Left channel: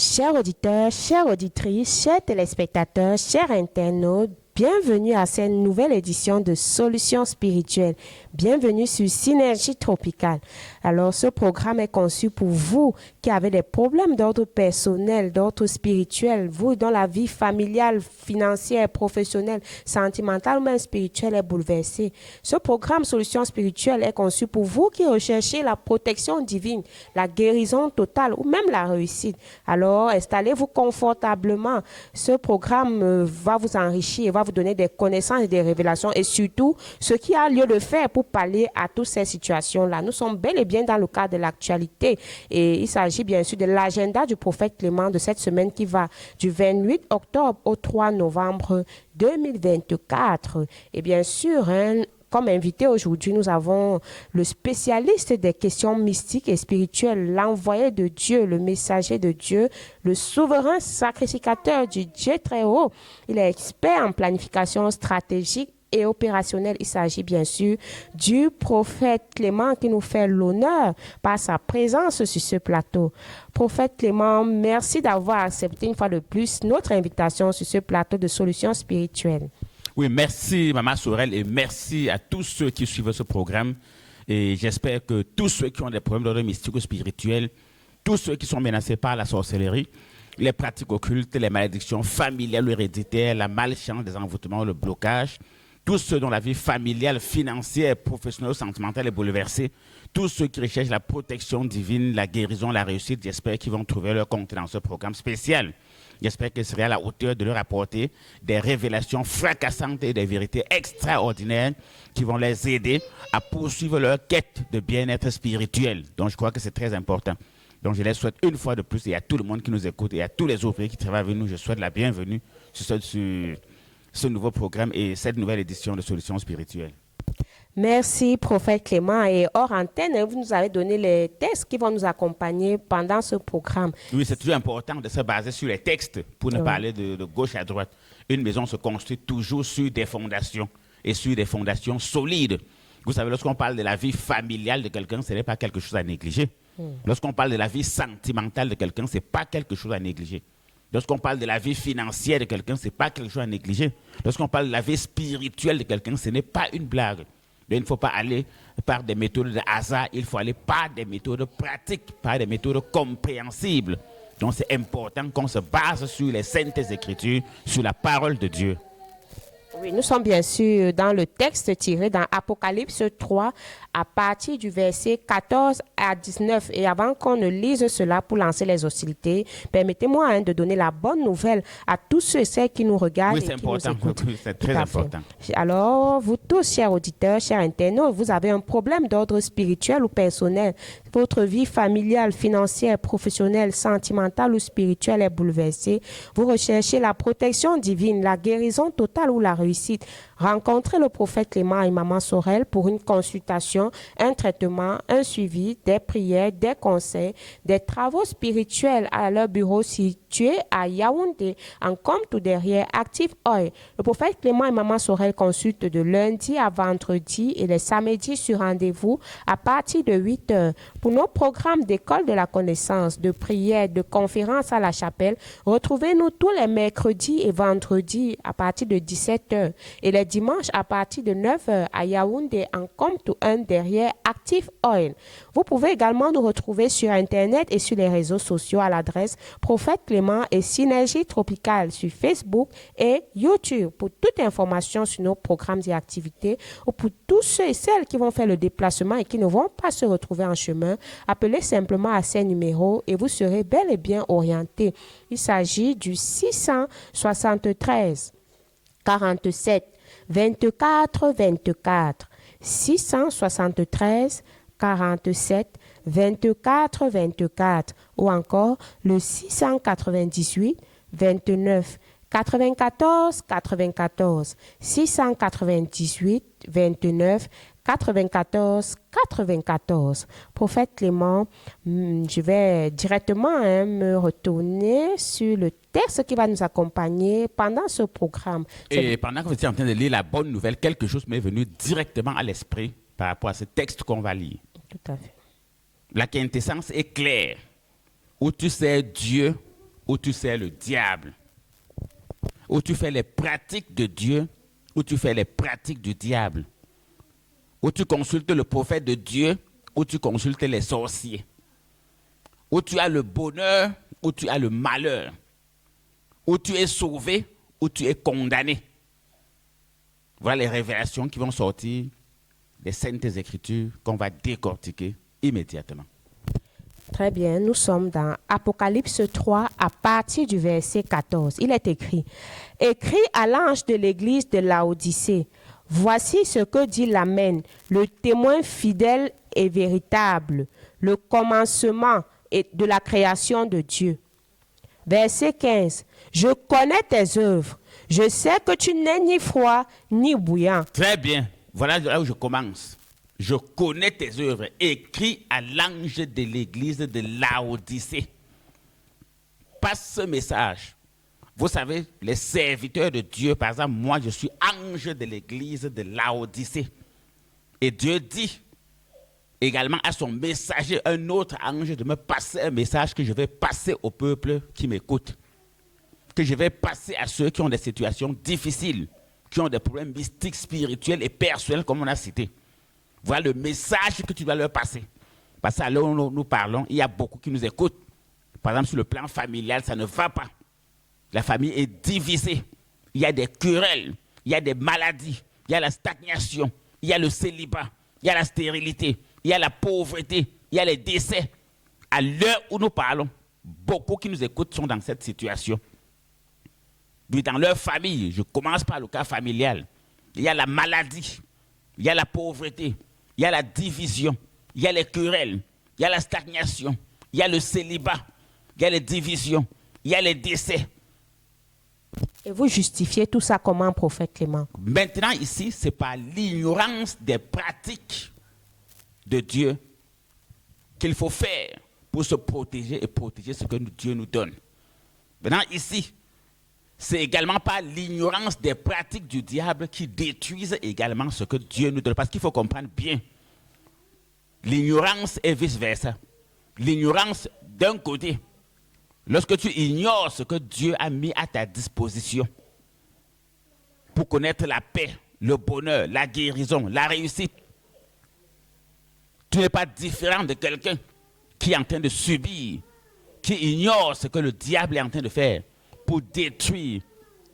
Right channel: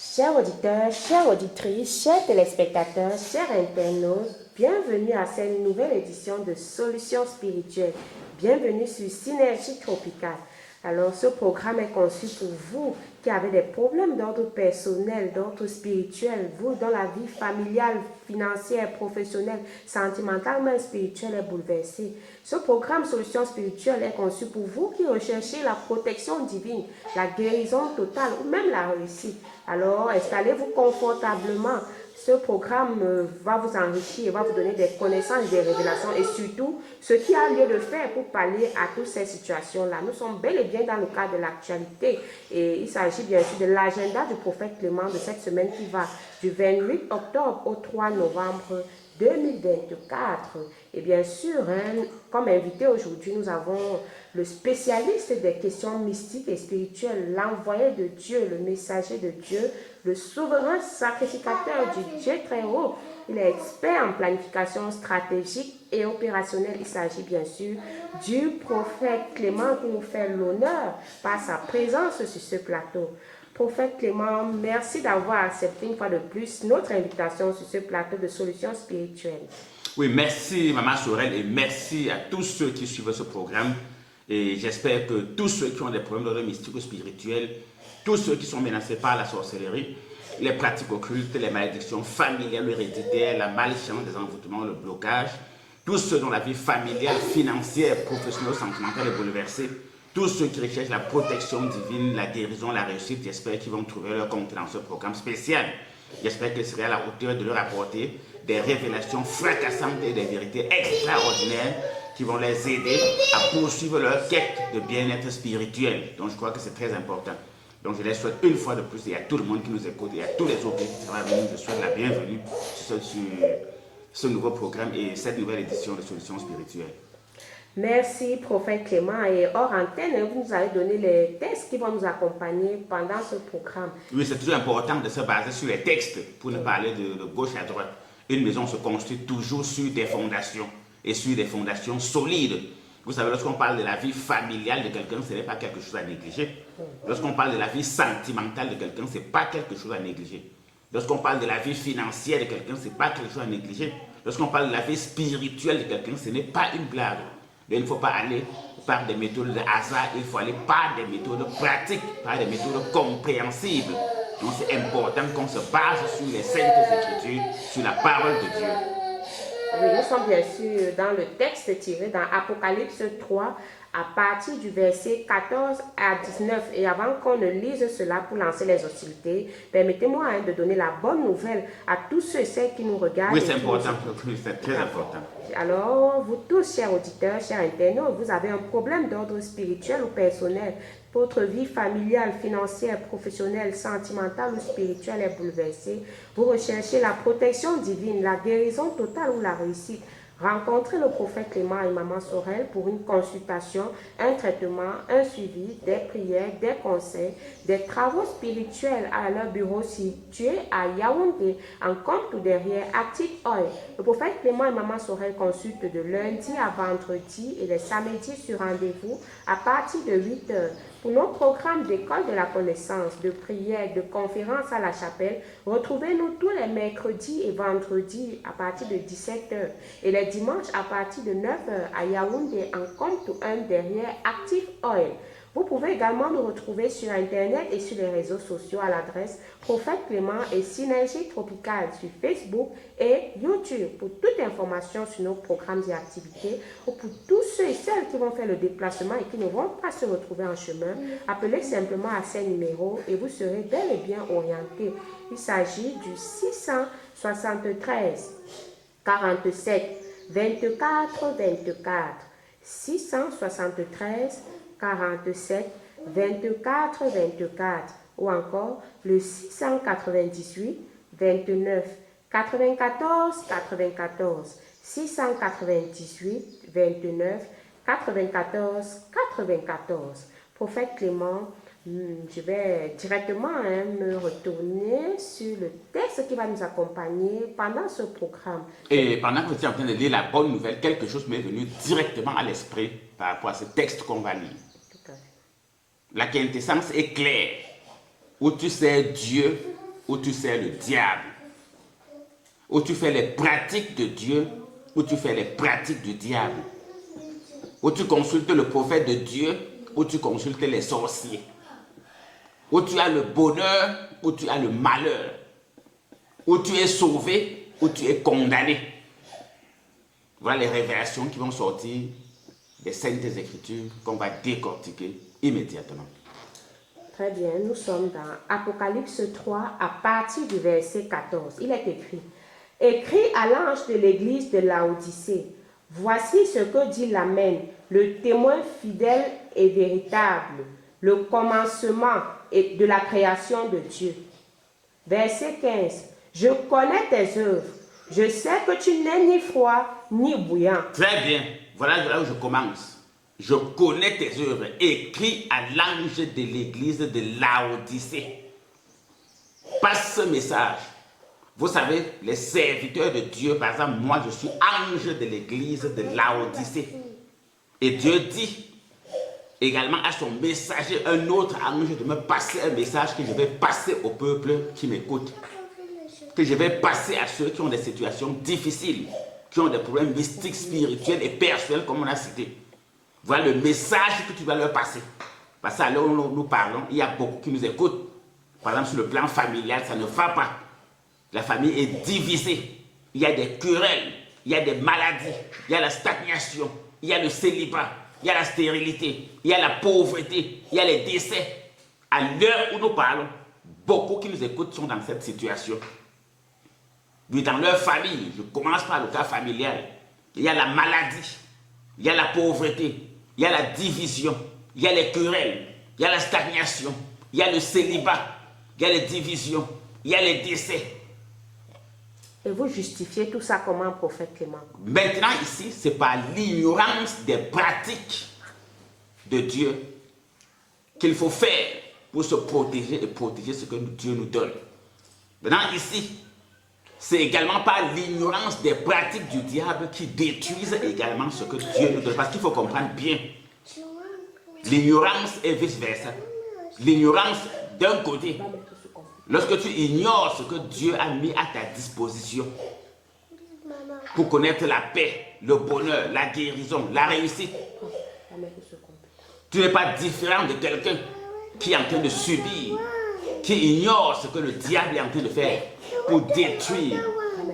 Chers auditeurs, chères auditrices, chers téléspectateurs, chers internautes, bienvenue à cette nouvelle édition de Solutions spirituelles. Bienvenue sur Synergie Tropicale. Alors, ce programme est conçu pour vous qui avez des problèmes d'ordre personnel, d'ordre spirituel, vous dont la vie familiale, financière, professionnelle, sentimentale, même spirituelle est bouleversée. Ce programme Solutions spirituelles est conçu pour vous qui recherchez la protection divine, la guérison totale ou même la réussite. Alors, installez-vous confortablement. Ce programme va vous enrichir, va vous donner des connaissances et des révélations et surtout ce qui a lieu de faire pour pallier à toutes ces situations-là. Nous sommes bel et bien dans le cadre de l'actualité et il s'agit bien sûr de l'agenda du prophète Clément de cette semaine qui va du 28 octobre au 3 novembre 2024. Et bien sûr, comme invité aujourd'hui, nous avons le spécialiste des questions mystiques et spirituelles, l'envoyé de Dieu, le messager de Dieu, le souverain sacrificateur du Dieu très haut. Il est expert en planification stratégique et opérationnelle. Il s'agit bien sûr du prophète Clément qui nous fait l'honneur par sa présence sur ce plateau. Prophète Clément, merci d'avoir accepté une fois de plus notre invitation sur ce plateau de Solutions spirituelles. Oui, merci Maman Sorel et merci à tous ceux qui suivent ce programme. Et j'espère que tous ceux qui ont des problèmes d'ordre mystique ou spirituel, tous ceux qui sont menacés par la sorcellerie, les pratiques occultes, les malédictions familiales ou héréditaires, la malchance, des envoûtements, le blocage, tous ceux dont la vie familiale, financière, professionnelle ou sentimentale est bouleversée, tous ceux qui recherchent la protection divine, la guérison, la réussite, j'espère qu'ils vont trouver leur compte dans ce programme spécial. J'espère qu'il serait à la hauteur de leur apporter des révélations fracassantes et des vérités extraordinaires qui vont les aider à poursuivre leur quête de bien-être spirituel. Donc je crois que c'est très important. Donc je les souhaite une fois de plus et à tout le monde qui nous écoute et à tous les autres qui travaillent avec nous, je souhaite la bienvenue sur ce nouveau programme et cette nouvelle édition de Solutions spirituelles. Merci, prophète Clément. Et hors antenne, vous nous avez donné les textes qui vont nous accompagner pendant ce programme. Oui, c'est toujours important de se baser sur les textes pour ne pas aller de gauche à droite. Une maison se construit toujours sur des fondations et sur des fondations solides. Vous savez, lorsqu'on parle de la vie familiale de quelqu'un, ce n'est pas quelque chose à négliger. Lorsqu'on parle de la vie sentimentale de quelqu'un, ce n'est pas quelque chose à négliger. Lorsqu'on parle de la vie financière de quelqu'un, ce n'est pas quelque chose à négliger. Lorsqu'on parle de la vie spirituelle de quelqu'un, ce n'est pas une blague. Donc, il ne faut pas aller par des méthodes de hasard, il faut aller par des méthodes pratiques, par des méthodes compréhensibles. Donc c'est important qu'on se base sur les saintes écritures, sur la parole de Dieu. Oui, nous sommes bien sûr dans le texte tiré dans Apocalypse 3 à partir du verset 14 à 19. Et avant qu'on ne lise cela pour lancer les hostilités, permettez-moi de donner la bonne nouvelle à tous ceux et celles qui nous regardent. Oui, c'est important. Oui, c'est très important. Alors, vous tous, chers auditeurs, chers internautes, vous avez un problème d'ordre spirituel ou personnel. Votre vie familiale, financière, professionnelle, sentimentale ou spirituelle est bouleversée. Vous recherchez la protection divine, la guérison totale ou la réussite. Rencontrez le prophète Clément et Maman Sorel pour une consultation, un traitement, un suivi, des prières, des conseils, des travaux spirituels à leur bureau situé à Yaoundé, en compte ou derrière Active Oil. Le prophète Clément et Maman Sorel consultent de lundi à vendredi et les samedis sur rendez-vous à partir de 8 heures. Pour nos programmes d'école de la connaissance, de prière, de conférences à la chapelle, retrouvez-nous tous les mercredis et vendredis à partir de 17 heures et les dimanches à partir de 9 heures à Yaoundé en compte 1 derrière Active Oil. Vous pouvez également nous retrouver sur Internet et sur les réseaux sociaux à l'adresse Prophète Clément et Synergie Tropicale sur Facebook et YouTube. Pour toute information sur nos programmes et activités ou pour tous ceux et celles qui vont faire le déplacement et qui ne vont pas se retrouver en chemin, appelez simplement à ces numéros et vous serez bel et bien orienté. Il s'agit du 673 47 24 24 673 47 24 24 ou encore le 698 29 94 94 698 29 94 94. Prophète Clément, je vais directement me retourner sur le texte qui va nous accompagner pendant ce programme. Et pendant que vous étiez en train de lire la bonne nouvelle, quelque chose m'est venu directement à l'esprit par rapport à ce texte qu'on va lire. Tout à fait. La quintessence est claire. Où tu sais Dieu, où tu sers le diable, où tu fais les pratiques de Dieu, où tu fais les pratiques du diable, où tu consultes le prophète de Dieu, où tu consultes les sorciers, où tu as le bonheur, où tu as le malheur, où tu es sauvé, où tu es condamné. Voilà les révélations qui vont sortir des Saintes Écritures qu'on va décortiquer immédiatement. Très bien, nous sommes dans Apocalypse 3 à partir du verset 14. Il est écrit: Écris à l'ange de l'église de Laodicée, voici ce que dit l'Amen, le témoin fidèle et véritable, le commencement de la création de Dieu. Verset 15. Je connais tes œuvres. Je sais que tu n'es ni froid ni bouillant. Très bien. Voilà là où je commence. Je connais tes œuvres. Écris à l'ange de l'église de Laodicée. Passe ce message. Vous savez, les serviteurs de Dieu, par exemple, moi je suis ange de l'église de Laodicée. Et Dieu dit également à son messager, un autre ange, de me passer un message que je vais passer au peuple qui m'écoute. Que je vais passer à ceux qui ont des situations difficiles, qui ont des problèmes mystiques, spirituels et personnels, comme on a cité. Voilà le message que tu dois leur passer. Parce qu'à l'heure où nous parlons, il y a beaucoup qui nous écoutent. Par exemple, sur le plan familial, ça ne va pas. La famille est divisée. Il y a des querelles, il y a des maladies, il y a la stagnation, il y a le célibat, il y a la stérilité, il y a la pauvreté, il y a les décès. À l'heure où nous parlons, beaucoup qui nous écoutent sont dans cette situation. Mais dans leur famille, je commence par le cas familial, il y a la maladie, il y a la pauvreté, il y a la division, il y a les querelles, il y a la stagnation, il y a le célibat, il y a les divisions, il y a les décès. Et vous justifiez tout ça comment, prophète Clément? Maintenant ici, c'est par l'ignorance des pratiques de Dieu qu'il faut faire pour se protéger et protéger ce que Dieu nous donne. Maintenant ici, c'est également par l'ignorance des pratiques du diable qui détruisent également ce que Dieu nous donne. Parce qu'il faut comprendre bien, l'ignorance est vice-versa. L'ignorance d'un côté, lorsque tu ignores ce que Dieu a mis à ta disposition pour connaître la paix, le bonheur, la guérison, la réussite, tu n'es pas différent de quelqu'un qui est en train de subir, qui ignore ce que le diable est en train de faire pour détruire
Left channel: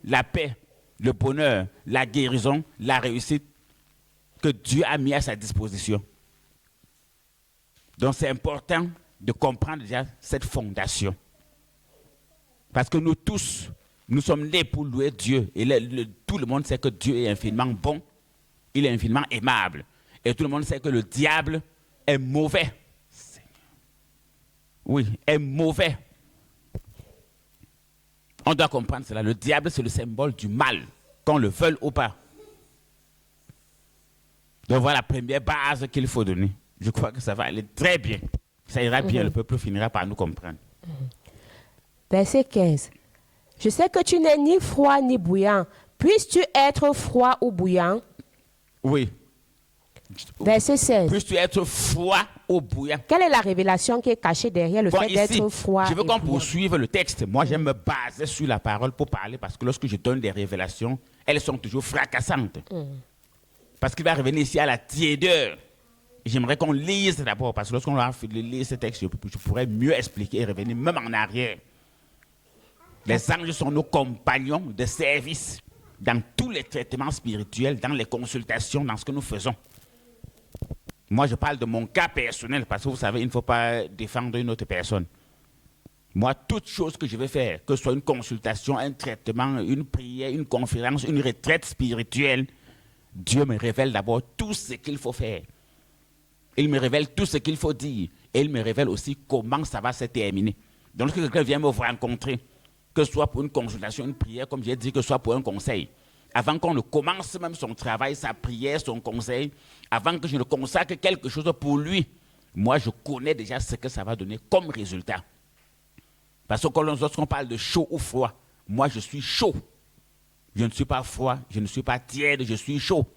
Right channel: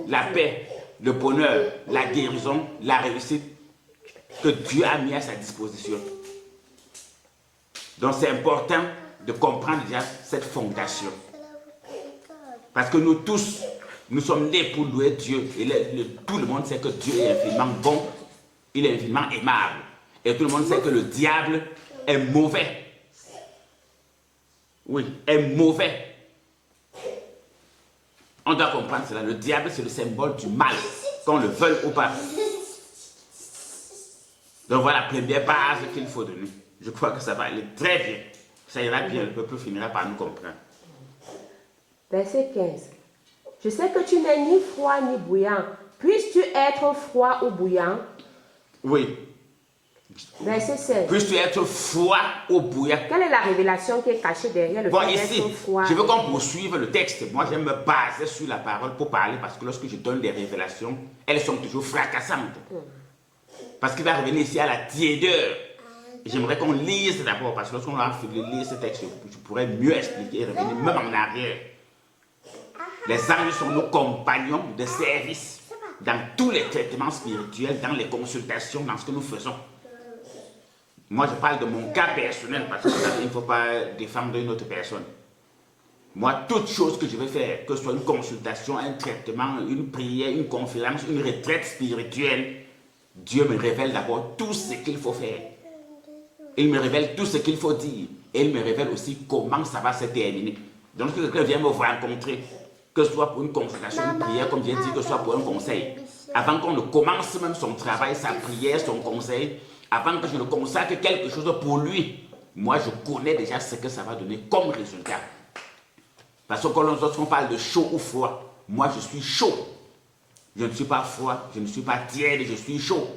la paix, le bonheur, la guérison, la réussite que Dieu a mis à sa disposition. Donc c'est important de comprendre déjà cette fondation. Parce que nous tous, nous sommes nés pour louer Dieu. Et tout le monde sait que Dieu est infiniment bon, il est infiniment aimable. Et tout le monde sait que le diable est mauvais. Oui, est mauvais. On doit comprendre cela. Le diable, c'est le symbole du mal, qu'on le veuille ou pas. Donc voilà la première base qu'il faut donner. Je crois que ça va aller très bien. Ça ira bien, le peuple finira par nous comprendre. Verset 15. Je sais que tu n'es ni froid ni bouillant. Puisses-tu être froid ou bouillant? Oui. Verset 16. Puisses-tu être froid ou bouillant? Quelle est la révélation qui est cachée derrière le fait Ici, d'être froid? je veux qu'on poursuive le texte. Moi, j'aime me baser sur la parole pour parler parce que lorsque je donne des révélations, elles sont toujours fracassantes. Parce qu'il va revenir ici à la tiédeur. J'aimerais qu'on lise d'abord parce que lorsqu'on va lire ce texte, je pourrais mieux expliquer et revenir même en arrière. Les anges sont nos compagnons de service dans tous les traitements spirituels, dans les consultations, dans ce que nous faisons. Moi, je parle de mon cas personnel parce que vous savez, il ne faut pas défendre une autre personne. Moi, toute chose que je vais faire, que ce soit une consultation, un traitement, une prière, une conférence, une retraite spirituelle, Dieu me révèle d'abord tout ce qu'il faut faire. Il me révèle tout ce qu'il faut dire. Et il me révèle aussi comment ça va se terminer. Donc, si quelqu'un vient me rencontrer, que ce soit pour une consultation, une prière, comme j'ai dit, que ce soit pour un conseil, avant qu'on ne commence même son travail, sa prière, son conseil, avant que je ne consacre quelque chose pour lui, moi, je connais déjà ce que ça va donner comme résultat. Parce que lorsqu'on parle de chaud ou froid, moi, je suis chaud. Je ne suis pas froid, je ne suis pas tiède, je suis chaud.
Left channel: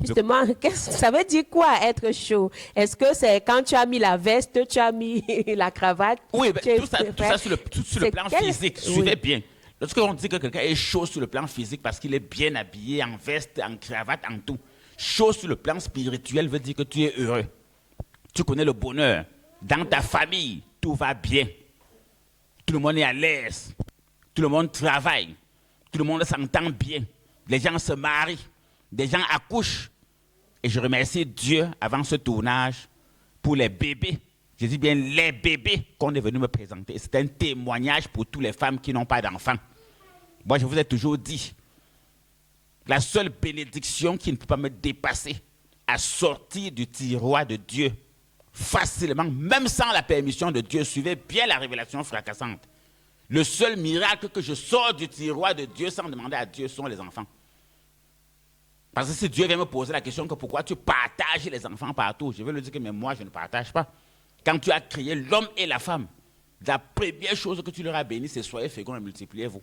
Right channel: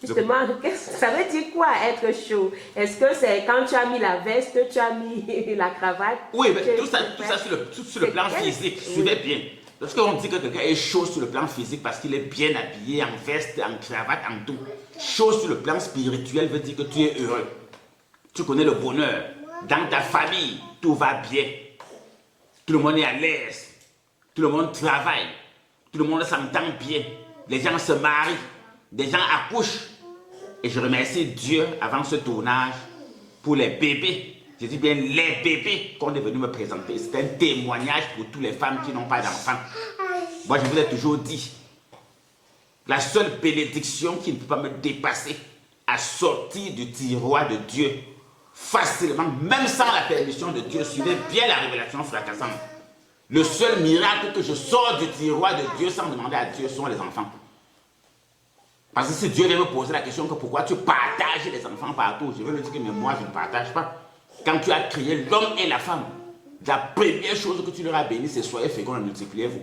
Justement, ça veut dire quoi être chaud? Est-ce que c'est quand tu as mis la veste, tu as mis la cravate? Oui, mais tout ça sur le plan physique, suivez bien. Lorsqu'on dit que quelqu'un est chaud sur le plan physique parce qu'il est bien habillé, en veste, en cravate, en tout, chaud sur le plan spirituel veut dire que tu es heureux. Tu connais le bonheur. Dans ta famille, tout va bien. Tout le monde est à l'aise. Tout le monde travaille. Tout le monde s'entend bien. Les gens se marient. Des gens accouchent. Et je remercie Dieu avant ce tournage pour les bébés. Je dis bien les bébés qu'on est venu me présenter. C'est un témoignage pour toutes les femmes qui n'ont pas d'enfants. Moi, je vous ai toujours dit, la seule bénédiction qui ne peut pas me dépasser, à sortir du tiroir de Dieu, facilement, même sans la permission de Dieu, suivez bien la révélation fracassante. Le seul miracle que je sors du tiroir de Dieu sans demander à Dieu sont les enfants. Parce que si Dieu vient me poser la question que pourquoi tu partages les enfants partout, je vais lui dire que mais moi je ne partage pas. Quand tu as créé l'homme et la femme, la première chose que tu leur as béni, c'est soyez féconds et multipliez-vous.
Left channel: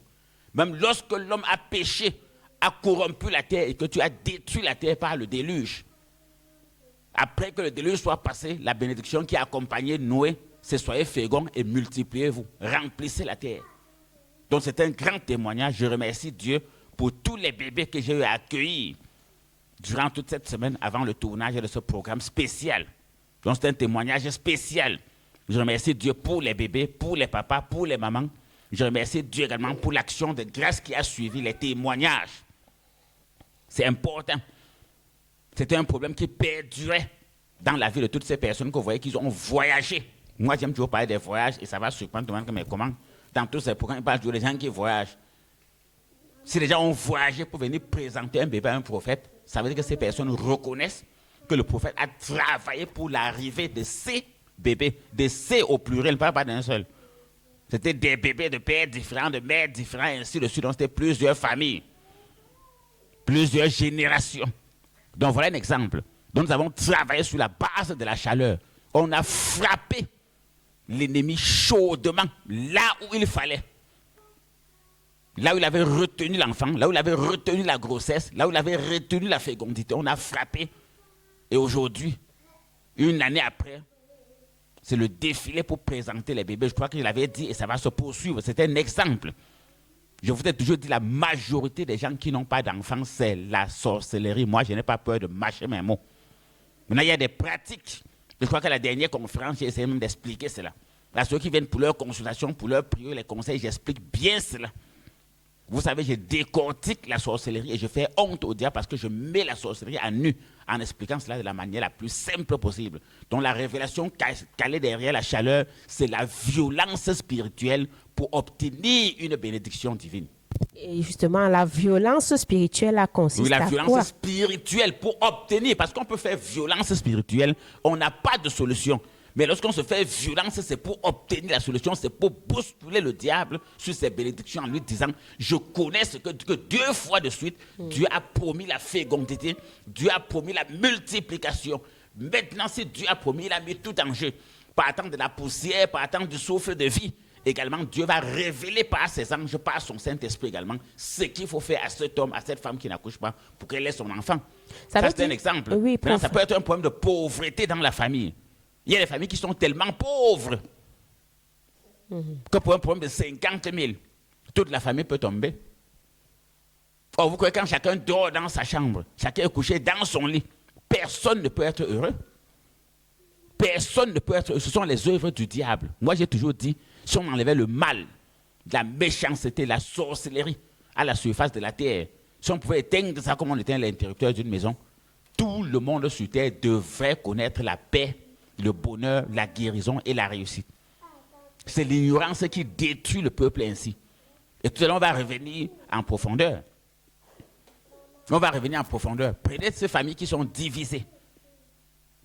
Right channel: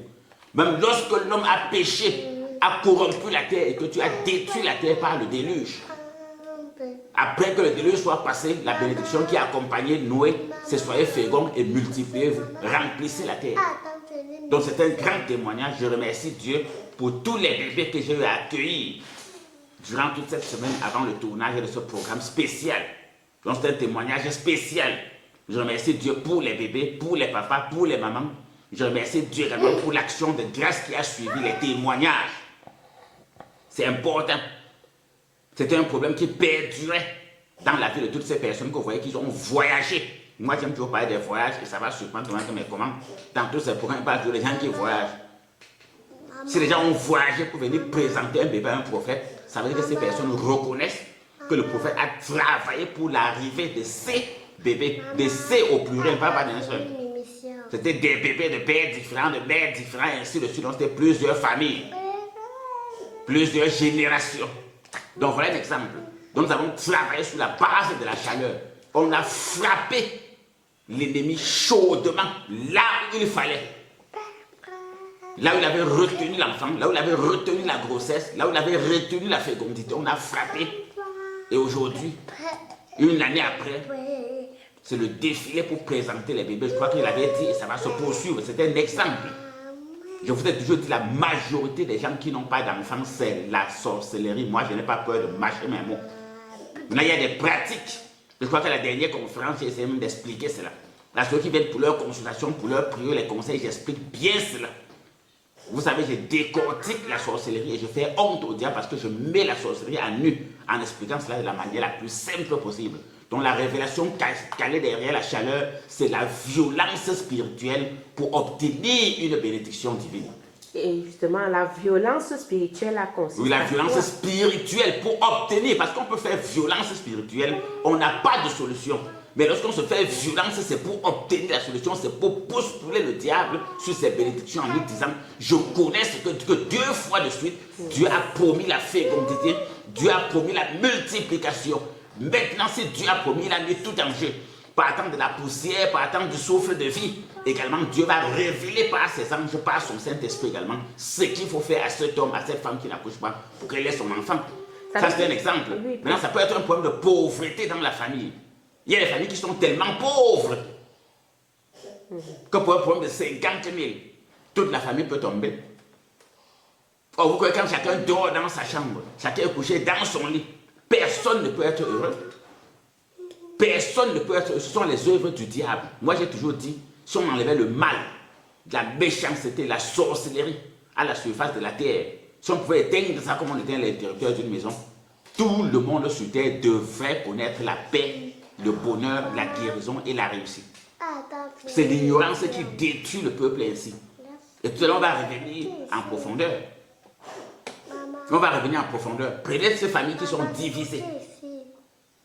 Même lorsque l'homme a péché, a corrompu la terre et que tu as détruit la terre par le déluge. Après que le déluge soit passé, la bénédiction qui a accompagné Noé, c'est soyez féconds et multipliez-vous. Remplissez la terre. Donc c'est un grand témoignage. Je remercie Dieu pour tous les bébés que j'ai eu à accueillir durant toute cette semaine avant le tournage de ce programme spécial. Donc c'est un témoignage spécial. Je remercie Dieu pour les bébés, pour les papas, pour les mamans. Je remercie Dieu également pour l'action de grâce qui a suivi les témoignages. C'est important. C'était un problème qui perdurait dans la vie de toutes ces personnes que vous voyez qui ont voyagé. Moi, j'aime toujours parler des voyages et ça va surprendre tout le monde. Mais comment? Dans tous ces programmes, il parle des gens qui voyagent. Si les gens ont voyagé pour venir présenter un bébé à un prophète, ça veut dire que ces personnes reconnaissent que le prophète a travaillé pour l'arrivée de ces bébés, de ces au pluriel, pas d'un seul. C'était des bébés de pères différents, de mères différents, et ainsi de suite. Donc c'était plusieurs familles, plusieurs générations. Donc voilà un exemple. Donc nous avons travaillé sur la base de la chaleur. On a frappé l'ennemi chaudement, là où il fallait. Là où il avait retenu l'enfant, là où il avait retenu la grossesse, là où il avait retenu la fécondité, on a frappé. Et aujourd'hui, une année après, c'est le défilé pour présenter les bébés. Je crois qu'il avait dit et ça va se poursuivre. C'était un exemple. Je vous ai toujours dit, la majorité des gens qui n'ont pas d'enfants, c'est la sorcellerie. Moi, je n'ai pas peur de mâcher mes mots. Maintenant, il y a des pratiques. Je crois qu'à la dernière conférence, j'ai essayé même d'expliquer cela. Là, ceux qui viennent pour leur consultation, pour leur prière, les conseils, j'explique bien cela. Vous savez, je décortique la sorcellerie et je fais honte au diable parce que je mets la sorcellerie à nu en expliquant cela de la manière la plus simple possible. Donc la révélation calée derrière la chaleur, c'est la violence spirituelle pour obtenir une bénédiction divine. Et justement, la violence spirituelle a consisté à quoi? Oui, la violence spirituelle pour obtenir, parce qu'on peut faire violence spirituelle, on n'a pas de solution. Mais lorsqu'on se fait violence, c'est pour obtenir la solution, c'est pour bousculer le diable sur ses bénédictions en lui disant « Je connais ce que 2 fois de suite, Dieu a promis la fécondité, Dieu a promis la multiplication. Maintenant, si Dieu a promis, il a mis tout en jeu. Partant de la poussière, partant du souffle de vie. Également, Dieu va révéler par ses anges, par son Saint-Esprit également, ce qu'il faut faire à cet homme, à cette femme qui n'accouche pas pour qu'elle ait son enfant. » Ça, c'est un exemple. Oui, maintenant, ça peut être un problème de pauvreté dans la famille. Il y a des familles qui sont tellement pauvres que pour un problème de 50 000, toute la famille peut tomber. Or, vous croyez quand chacun dort dans sa chambre, chacun est couché dans son lit, personne ne peut être heureux. Personne ne peut être heureux. Ce sont les œuvres du diable. Moi, j'ai toujours dit, si on enlevait le mal, la méchanceté, la sorcellerie à la surface de la terre, si on pouvait éteindre ça comme on éteint l'intérieur d'une maison, tout le monde sur terre devrait connaître la paix, le bonheur, la guérison et la réussite. C'est l'ignorance qui détruit le peuple ainsi. Et tout à l'heure, on va revenir en profondeur. On va revenir en profondeur. Prenez ces familles qui sont divisées.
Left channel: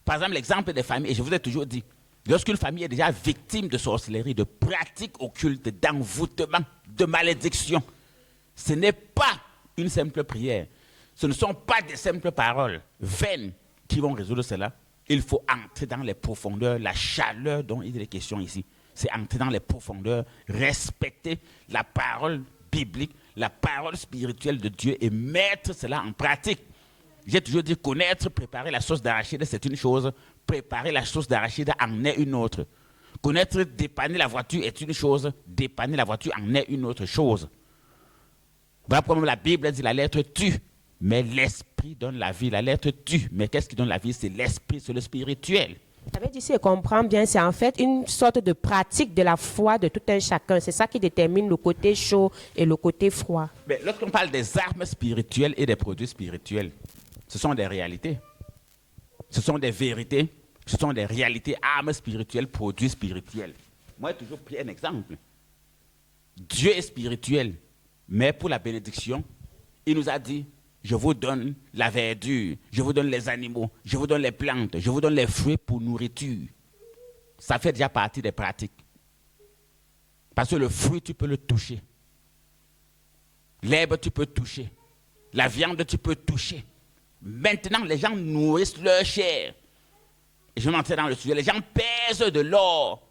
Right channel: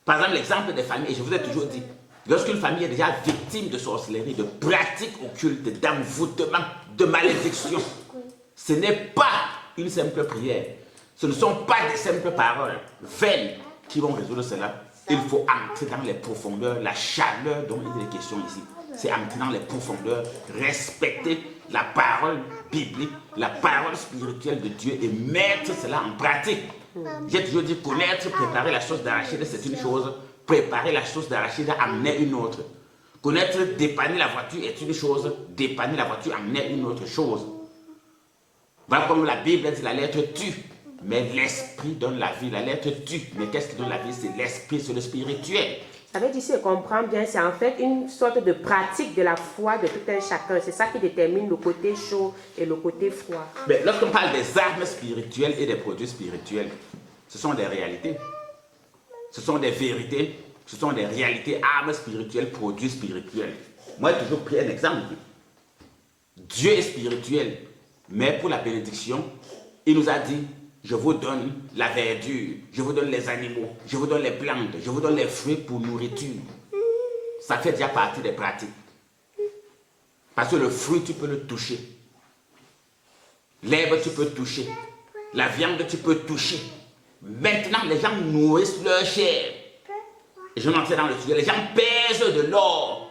Par exemple, l'exemple des familles, et je vous ai toujours dit, lorsqu'une famille est déjà victime de sorcellerie, de pratiques occultes, d'envoûtement, de malédiction, ce n'est pas une simple prière. Ce ne sont pas des simples paroles vaines qui vont résoudre cela. Il faut entrer dans les profondeurs, la chaleur dont il est question ici. C'est entrer dans les profondeurs, respecter la parole biblique, la parole spirituelle de Dieu et mettre cela en pratique. J'ai toujours dit connaître, préparer la sauce d'arachide, c'est une chose. Préparer la sauce d'arachide en est une autre. Connaître, dépanner la voiture est une chose. Dépanner la voiture en est une autre chose. Voilà comme la Bible dit, la lettre tue, mais l'esprit donne la vie. La lettre tue, mais qu'est-ce qui donne la vie? C'est l'esprit, c'est le spirituel. Ça veut dire, si je comprends bien, c'est en fait une sorte de pratique de la foi de tout un chacun. C'est ça qui détermine le côté chaud et le côté froid. Mais lorsqu'on parle des armes spirituelles et des produits spirituels, ce sont des réalités. Ce sont des vérités. Ce sont des réalités, armes spirituelles, produits spirituels. Moi, j'ai toujours pris un exemple. Dieu est spirituel, mais pour la bénédiction, il nous a dit, je vous donne la verdure, je vous donne les animaux, je vous donne les plantes, je vous donne les fruits pour nourriture. Ça fait déjà partie des pratiques. Parce que le fruit, tu peux le toucher. L'herbe, tu peux toucher. La viande, tu peux toucher. Maintenant, les gens nourrissent leur chair. Et je n'entrais dans le sujet. Les gens pèsent de l'or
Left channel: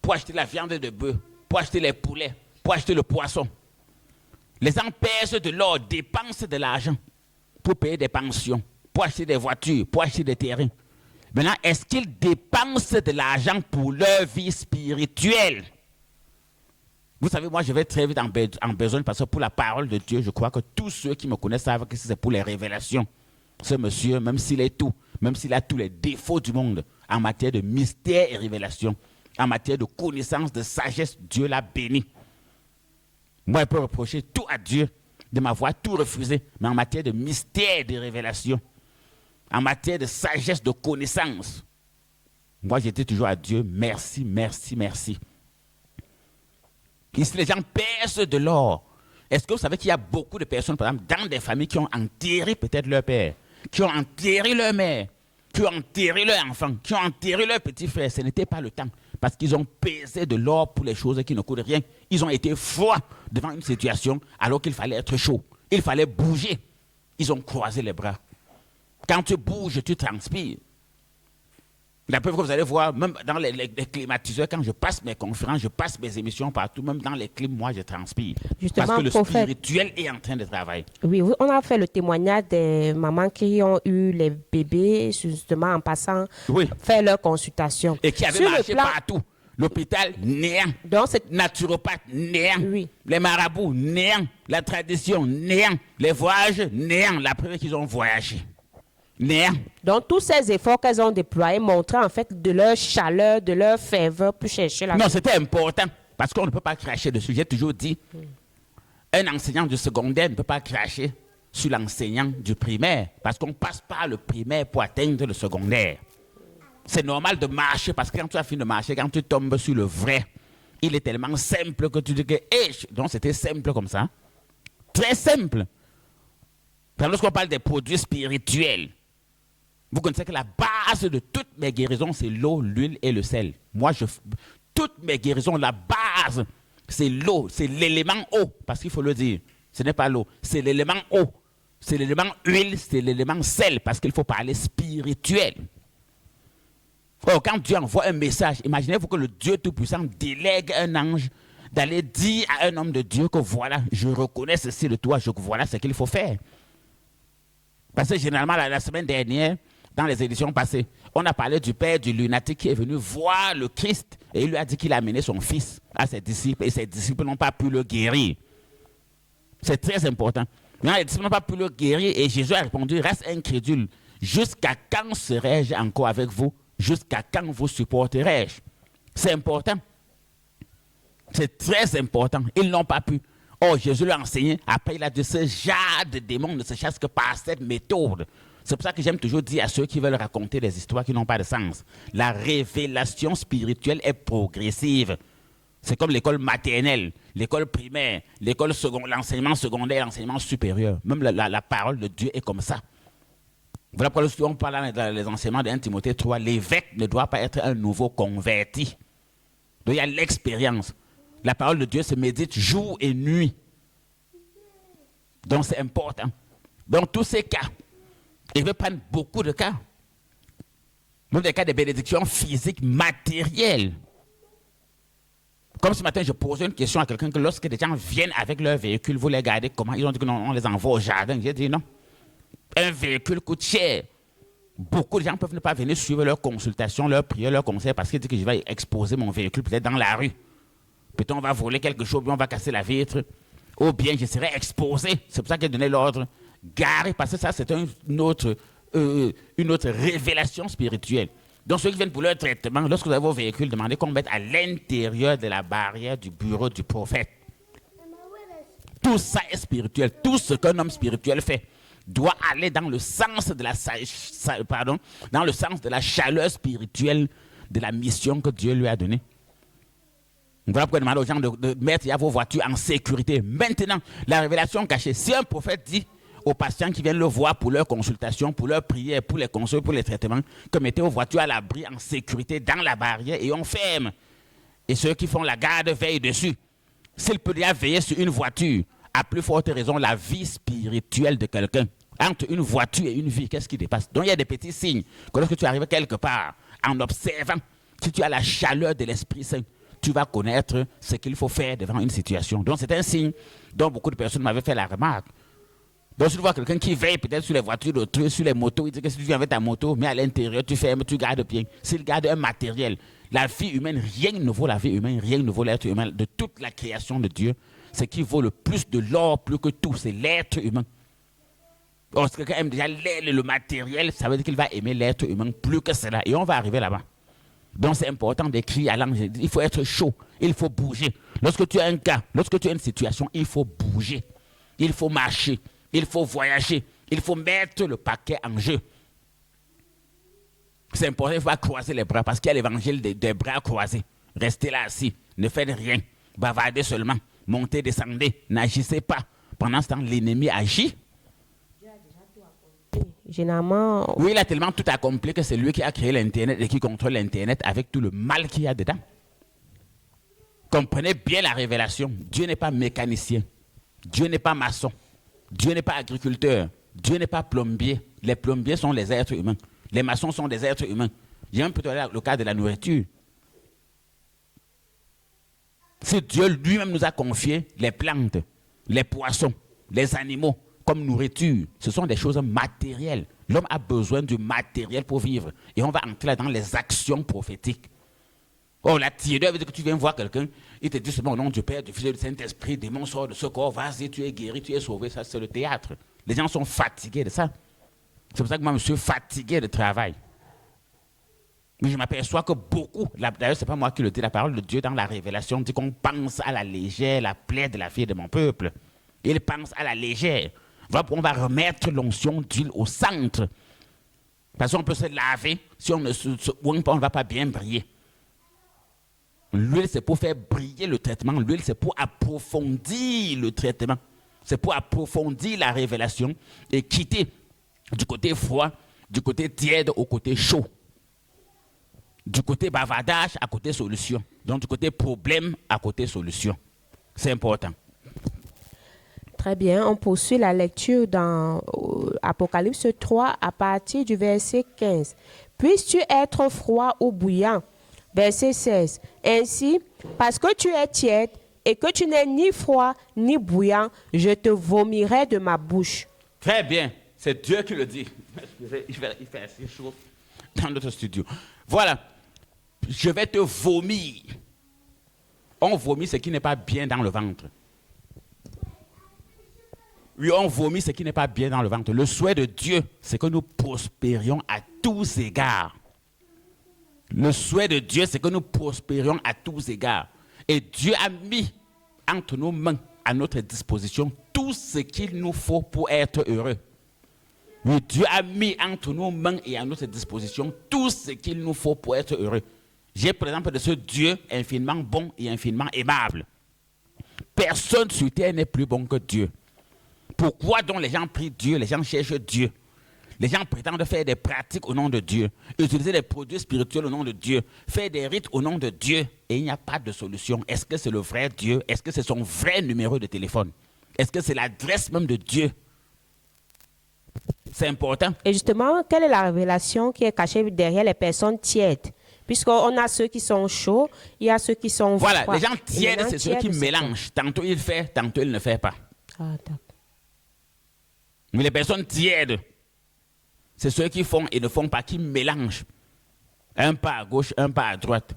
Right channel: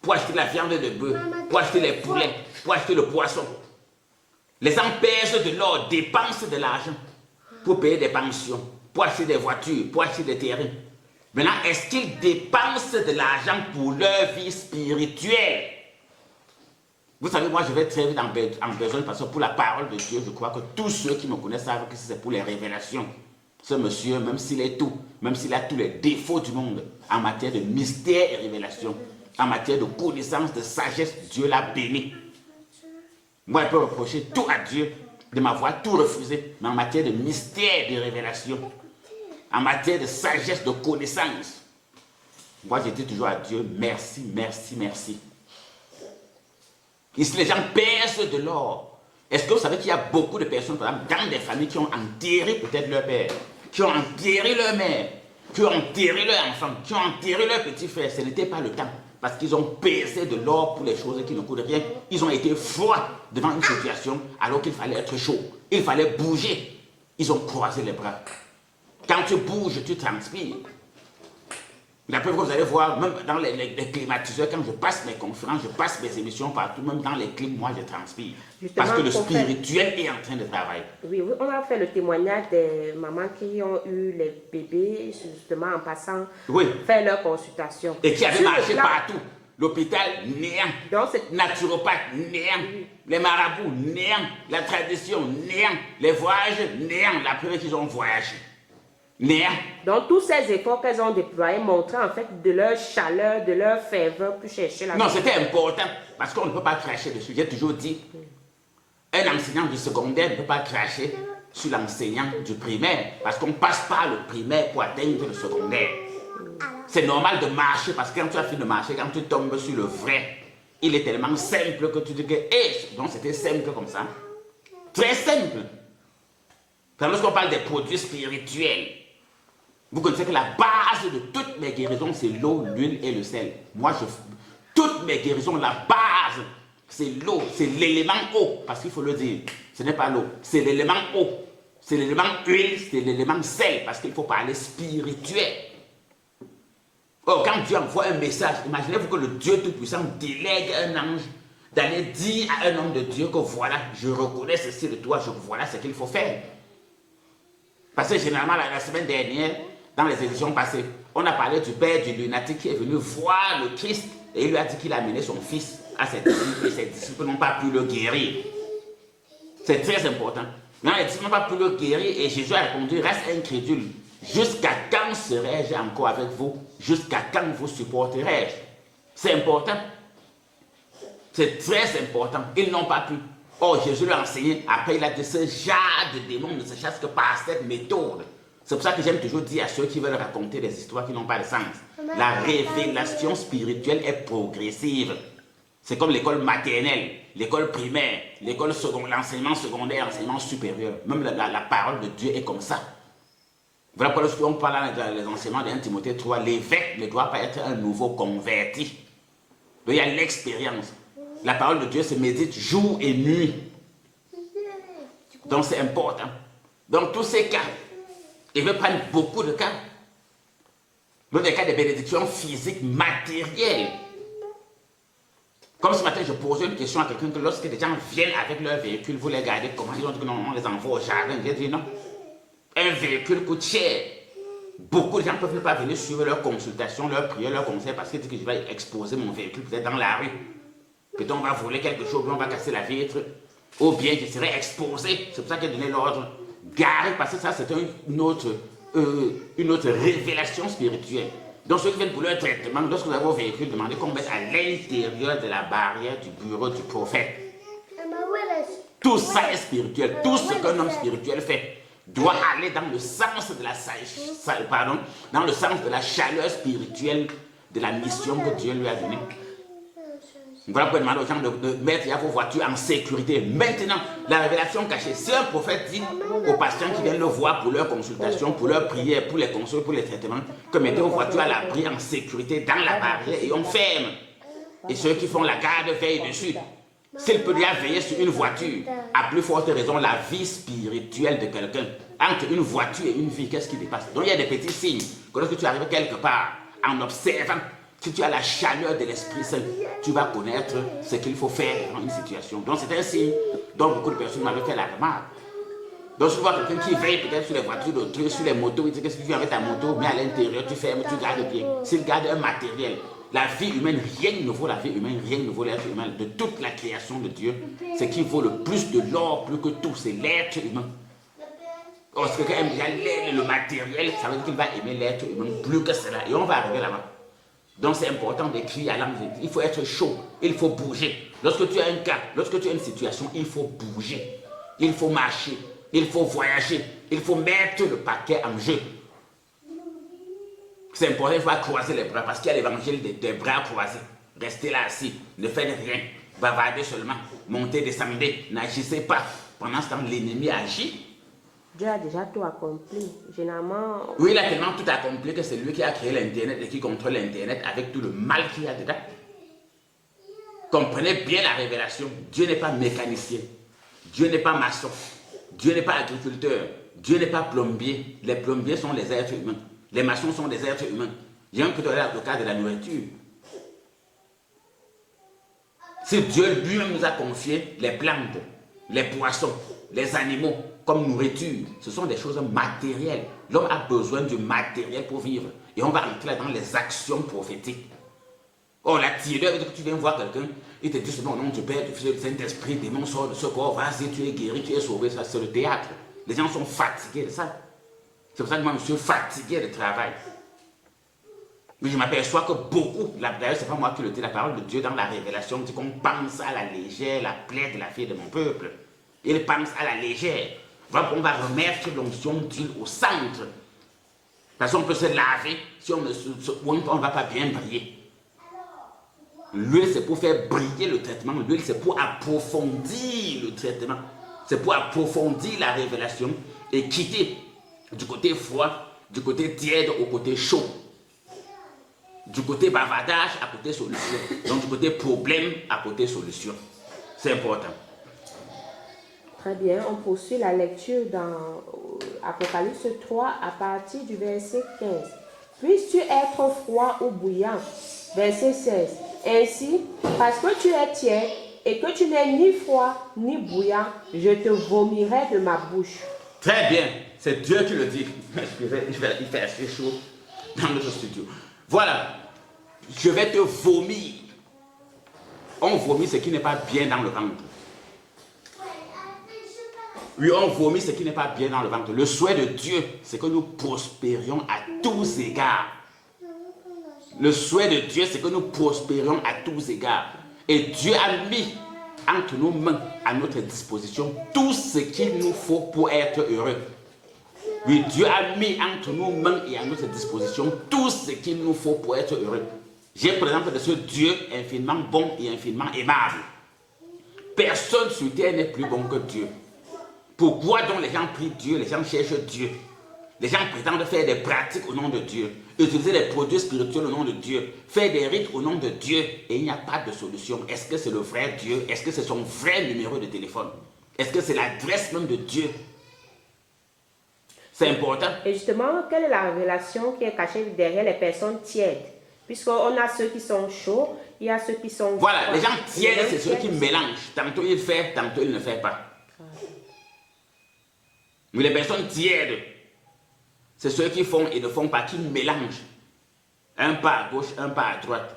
pour acheter la viande de bœuf, pour acheter les poulets, pour acheter le poisson. Les gens pèsent de l'or, dépensent de l'argent pour payer des pensions, pour acheter des voitures, pour acheter des terrains. Maintenant, est-ce qu'ils dépensent de l'argent pour leur vie spirituelle? Vous savez, moi, je vais très vite en besoin parce que pour la parole de Dieu, je crois que tous ceux qui me connaissent savent que c'est pour les révélations. Ce monsieur, même s'il est tout, même s'il a tous les défauts du monde en matière de mystère et révélation, en matière de connaissance, de sagesse, Dieu l'a béni. Moi, je peux reprocher tout à Dieu de m'avoir tout refusé, mais en matière de mystère et de révélation, en matière de sagesse, de connaissance, moi, j'étais toujours à Dieu, merci, merci, merci. Ici, les gens pèsent de l'or. Est-ce que vous savez qu'il y a beaucoup de personnes, par exemple, dans des familles qui ont enterré peut-être leur père, qui ont enterré leur mère, qui ont enterré leur enfant, qui ont enterré leur petit frère? Ce n'était pas le temps. Parce qu'ils ont pesé de l'or pour les choses qui ne coûtent rien. Ils ont été froids devant une situation alors qu'il fallait être chaud. Il fallait bouger. Ils ont croisé les bras. Quand tu bouges, tu transpires. La preuve que vous allez voir, même dans les climatiseurs, quand je passe mes conférences, je passe mes émissions partout, même dans les clims, moi je transpire. Justement, parce que le spirituel est en train de travailler. Oui, on a fait le témoignage des mamans qui ont eu les bébés, justement en passant, faire leur consultation. Et qui avaient marché partout. L'hôpital, néant. Donc, naturopathe, néant. Oui. Les marabouts, néant. La tradition, néant. Les voyages, néant. La preuve qu'ils ont voyagé. Néant. Donc, tous ces efforts qu'elles ont déployés montraient en fait de leur chaleur, de leur ferveur pour chercher la... Non, c'était important. Parce qu'on ne peut pas cracher dessus. J'ai toujours dit, un enseignant du secondaire ne peut pas cracher sur l'enseignant du primaire. Parce qu'on passe par le primaire pour atteindre le secondaire. C'est normal de marcher parce que quand tu as fini de marcher, quand tu tombes sur le vrai, il est tellement simple que tu dis que... donc c'était simple comme ça. Très simple. Lorsqu'on parle des produits spirituels, vous connaissez que la base de toutes mes guérisons, c'est l'eau, l'huile et le sel. Moi, toutes mes guérisons, la base, c'est l'eau, c'est l'élément eau. Parce qu'il faut le dire, ce n'est pas l'eau, c'est l'élément eau. C'est l'élément huile, c'est l'élément sel. Parce qu'il faut parler spirituel. Oh, quand Dieu envoie un message, imaginez-vous que le Dieu Tout-Puissant délègue un ange d'aller dire à un homme de Dieu que voilà, je reconnais ceci de toi, voilà ce qu'il faut faire. Parce que généralement, la semaine dernière, dans les éditions passées, on a parlé du père du lunatique qui est venu voir le Christ et il lui a dit qu'il a amené son fils à ses disciples et ses disciples n'ont pas pu le guérir. C'est très important. Non, les disciples n'ont pas pu le guérir et Jésus a répondu, reste incrédule. Jusqu'à quand serai-je encore avec vous? Jusqu'à quand vous supporterai-je? C'est important. C'est très important. Ils n'ont pas pu. Oh, Jésus lui a enseigné. Après, il a dit, ce genre de démons ne se chasse que par cette méthode. C'est pour ça que j'aime toujours dire à ceux qui veulent raconter des histoires qui n'ont pas de sens. La révélation spirituelle est progressive. C'est comme l'école maternelle, l'école primaire, l'école secondaire, l'enseignement secondaire, l'enseignement supérieur. Même la parole de Dieu est comme ça. Voilà pourquoi lorsqu'on parle dans les enseignements de 1 Timothée 3, l'évêque ne doit pas être un nouveau converti. Donc il y a l'expérience. La parole de Dieu se médite jour et nuit. Donc c'est important. Dans tous ces cas, il veut prendre beaucoup de cas. Même des cas de bénédiction physique, matérielle. Comme ce matin, je posais une question à quelqu'un que lorsque des gens viennent avec leur véhicule, vous les gardez comment? Ils ont dit que non, on les envoie au jardin. J'ai dit non. Un véhicule coûte cher. Beaucoup de gens ne peuvent pas venir suivre leur consultation, leur prière, leur conseil parce qu'ils disent que je vais exposer mon véhicule peut-être dans la rue. Peut-être on va voler quelque chose, on va casser la vitre. Ou bien je serai exposé. C'est pour ça qu'il a donné l'ordre. Garé, parce que ça c'est une autre révélation spirituelle. Donc ceux qui viennent pour leur traitement, lorsque vous avez vos véhicules, demandez qu'on mette à l'intérieur de la barrière du bureau du prophète. Tout ça est spirituel. Tout ce qu'un homme spirituel fait doit aller dans le sens de dans le sens de la chaleur spirituelle de la mission que Dieu lui a donnée. Voilà pourquoi demander aux gens de mettre vos voitures en sécurité. Maintenant, la révélation cachée. Si un prophète dit aux patients qui viennent le voir pour leur consultation, pour leur prière, pour les conseils, pour les traitements, que mettez vos voitures à l'abri en sécurité dans la barrière et on ferme. Et ceux qui font la garde veillent dessus. S'il peut déjà veiller sur une voiture, à plus forte raison, la vie spirituelle de quelqu'un. Entre une voiture et une vie, qu'est-ce qui dépasse? Donc il y a des petits signes que lorsque tu arrives quelque part, en observant, si tu as la chaleur de l'Esprit Saint, tu vas connaître ce qu'il faut faire devant une situation. Donc c'est un signe dont beaucoup de personnes m'avaient fait la remarque. Donc si tu vois quelqu'un qui veille peut-être sur les voitures d'autrui, sur les motos, il dit que si tu viens avec ta moto, mais à l'intérieur, tu fermes, tu gardes bien. S'il garde un matériel, la vie humaine, rien ne vaut la vie humaine, rien ne vaut l'être humain. De toute la création de Dieu, ce qui vaut le plus de l'or, plus que tout, c'est l'être humain. Or, si quelqu'un aime déjà le matériel, ça veut dire qu'il va aimer l'être humain plus que cela. Et on va arriver là-bas. Donc c'est important d'écrire à l'ange. Il faut être chaud, il faut bouger. Lorsque tu as un cas, lorsque tu as une situation, il faut bouger. Il faut marcher, il faut voyager, il faut mettre le paquet en jeu. C'est important, il faut croiser les bras parce qu'il y a l'évangile des bras croisés. Restez là assis, ne faites rien, bavardez seulement, montez, descendez, n'agissez pas. Pendant ce temps, l'ennemi agit. Dieu a déjà tout accompli. Généralement... Oui, il a tellement tout accompli que c'est lui qui a créé l'Internet et qui contrôle l'Internet avec tout le mal qu'il y a dedans. Comprenez bien la révélation. Dieu n'est pas mécanicien. Dieu n'est pas maçon. Dieu n'est pas agriculteur. Dieu n'est pas plombier. Les plombiers sont les êtres humains. Les maçons sont des êtres humains. J'ai un peu le cas de la nourriture. Si Dieu lui-même nous a confié les plantes, les poissons, les animaux, comme nourriture, ce sont des choses matérielles. L'homme a besoin du matériel pour vivre. Et on va entrer dans les actions prophétiques. Oh, la tireur veut dire que tu viens voir quelqu'un, il te dit c'est bon, au nom du Père, du Fils et du Saint-Esprit, démon sort de ce corps, vas-y, tu es guéri, tu es sauvé. Ça, c'est le théâtre. Les gens sont fatigués de ça. C'est pour ça que moi, je suis fatigué de travail. Mais je m'aperçois que beaucoup, d'ailleurs, c'est pas moi qui le dis, la parole de Dieu dans la révélation dit qu'on pense à la légère la plaie de la fille de mon peuple. Il pense à la légère. On va remettre l'onction d'huile au centre. Parce qu'on peut se laver, si on ne va pas bien briller. L'huile, c'est pour faire briller le traitement. L'huile, c'est pour approfondir le traitement. C'est pour approfondir la révélation et quitter du côté froid, du côté tiède au côté chaud. Du côté bavardage à côté solution. Donc du côté problème à côté solution. C'est important. Très bien, on poursuit la lecture dans Apocalypse 3 à partir du verset 15. Puisses-tu être froid ou bouillant? Verset 16. Ainsi, parce que tu es tiède et que tu n'es ni froid ni bouillant, je te vomirai de ma bouche. Très bien, c'est Dieu qui le dit. Il fait assez chaud dans notre studio. Voilà, je vais te vomir. On vomit ce qui n'est pas bien dans le ventre. Oui, on vomit ce qui n'est pas bien dans le ventre. Le souhait de Dieu, c'est que nous prospérions à tous égards. Le souhait de Dieu, c'est que nous prospérions à tous égards. Et Dieu a mis entre nos mains, à notre disposition, tout ce qu'il nous faut pour être heureux. Oui, Dieu a mis entre nos mains et à notre disposition tout ce qu'il nous faut pour être heureux. J'ai par exemple de ce Dieu infiniment bon et infiniment aimable. Personne sur terre n'est plus bon que Dieu. Pourquoi donc les gens prient Dieu, les gens cherchent Dieu? Les gens prétendent faire des pratiques au nom de Dieu, utiliser des produits spirituels au nom de Dieu, faire des rites au nom de Dieu, et il n'y a pas de solution. Est-ce que c'est le vrai Dieu? Est-ce que c'est son vrai numéro de téléphone? Est-ce que c'est l'adresse même de Dieu? C'est important. Et justement, quelle est la révélation qui est cachée derrière les personnes tièdes? Puisqu'on a ceux qui sont chauds, il y a ceux qui sont froids. Voilà, les gens tièdes, c'est ceux qui mélangent. Tantôt il fait, tantôt il ne fait pas. Attends. Mais les personnes tièdes, c'est ceux qui font et ne font pas, qui mélangent. Un pas à gauche, un pas à droite.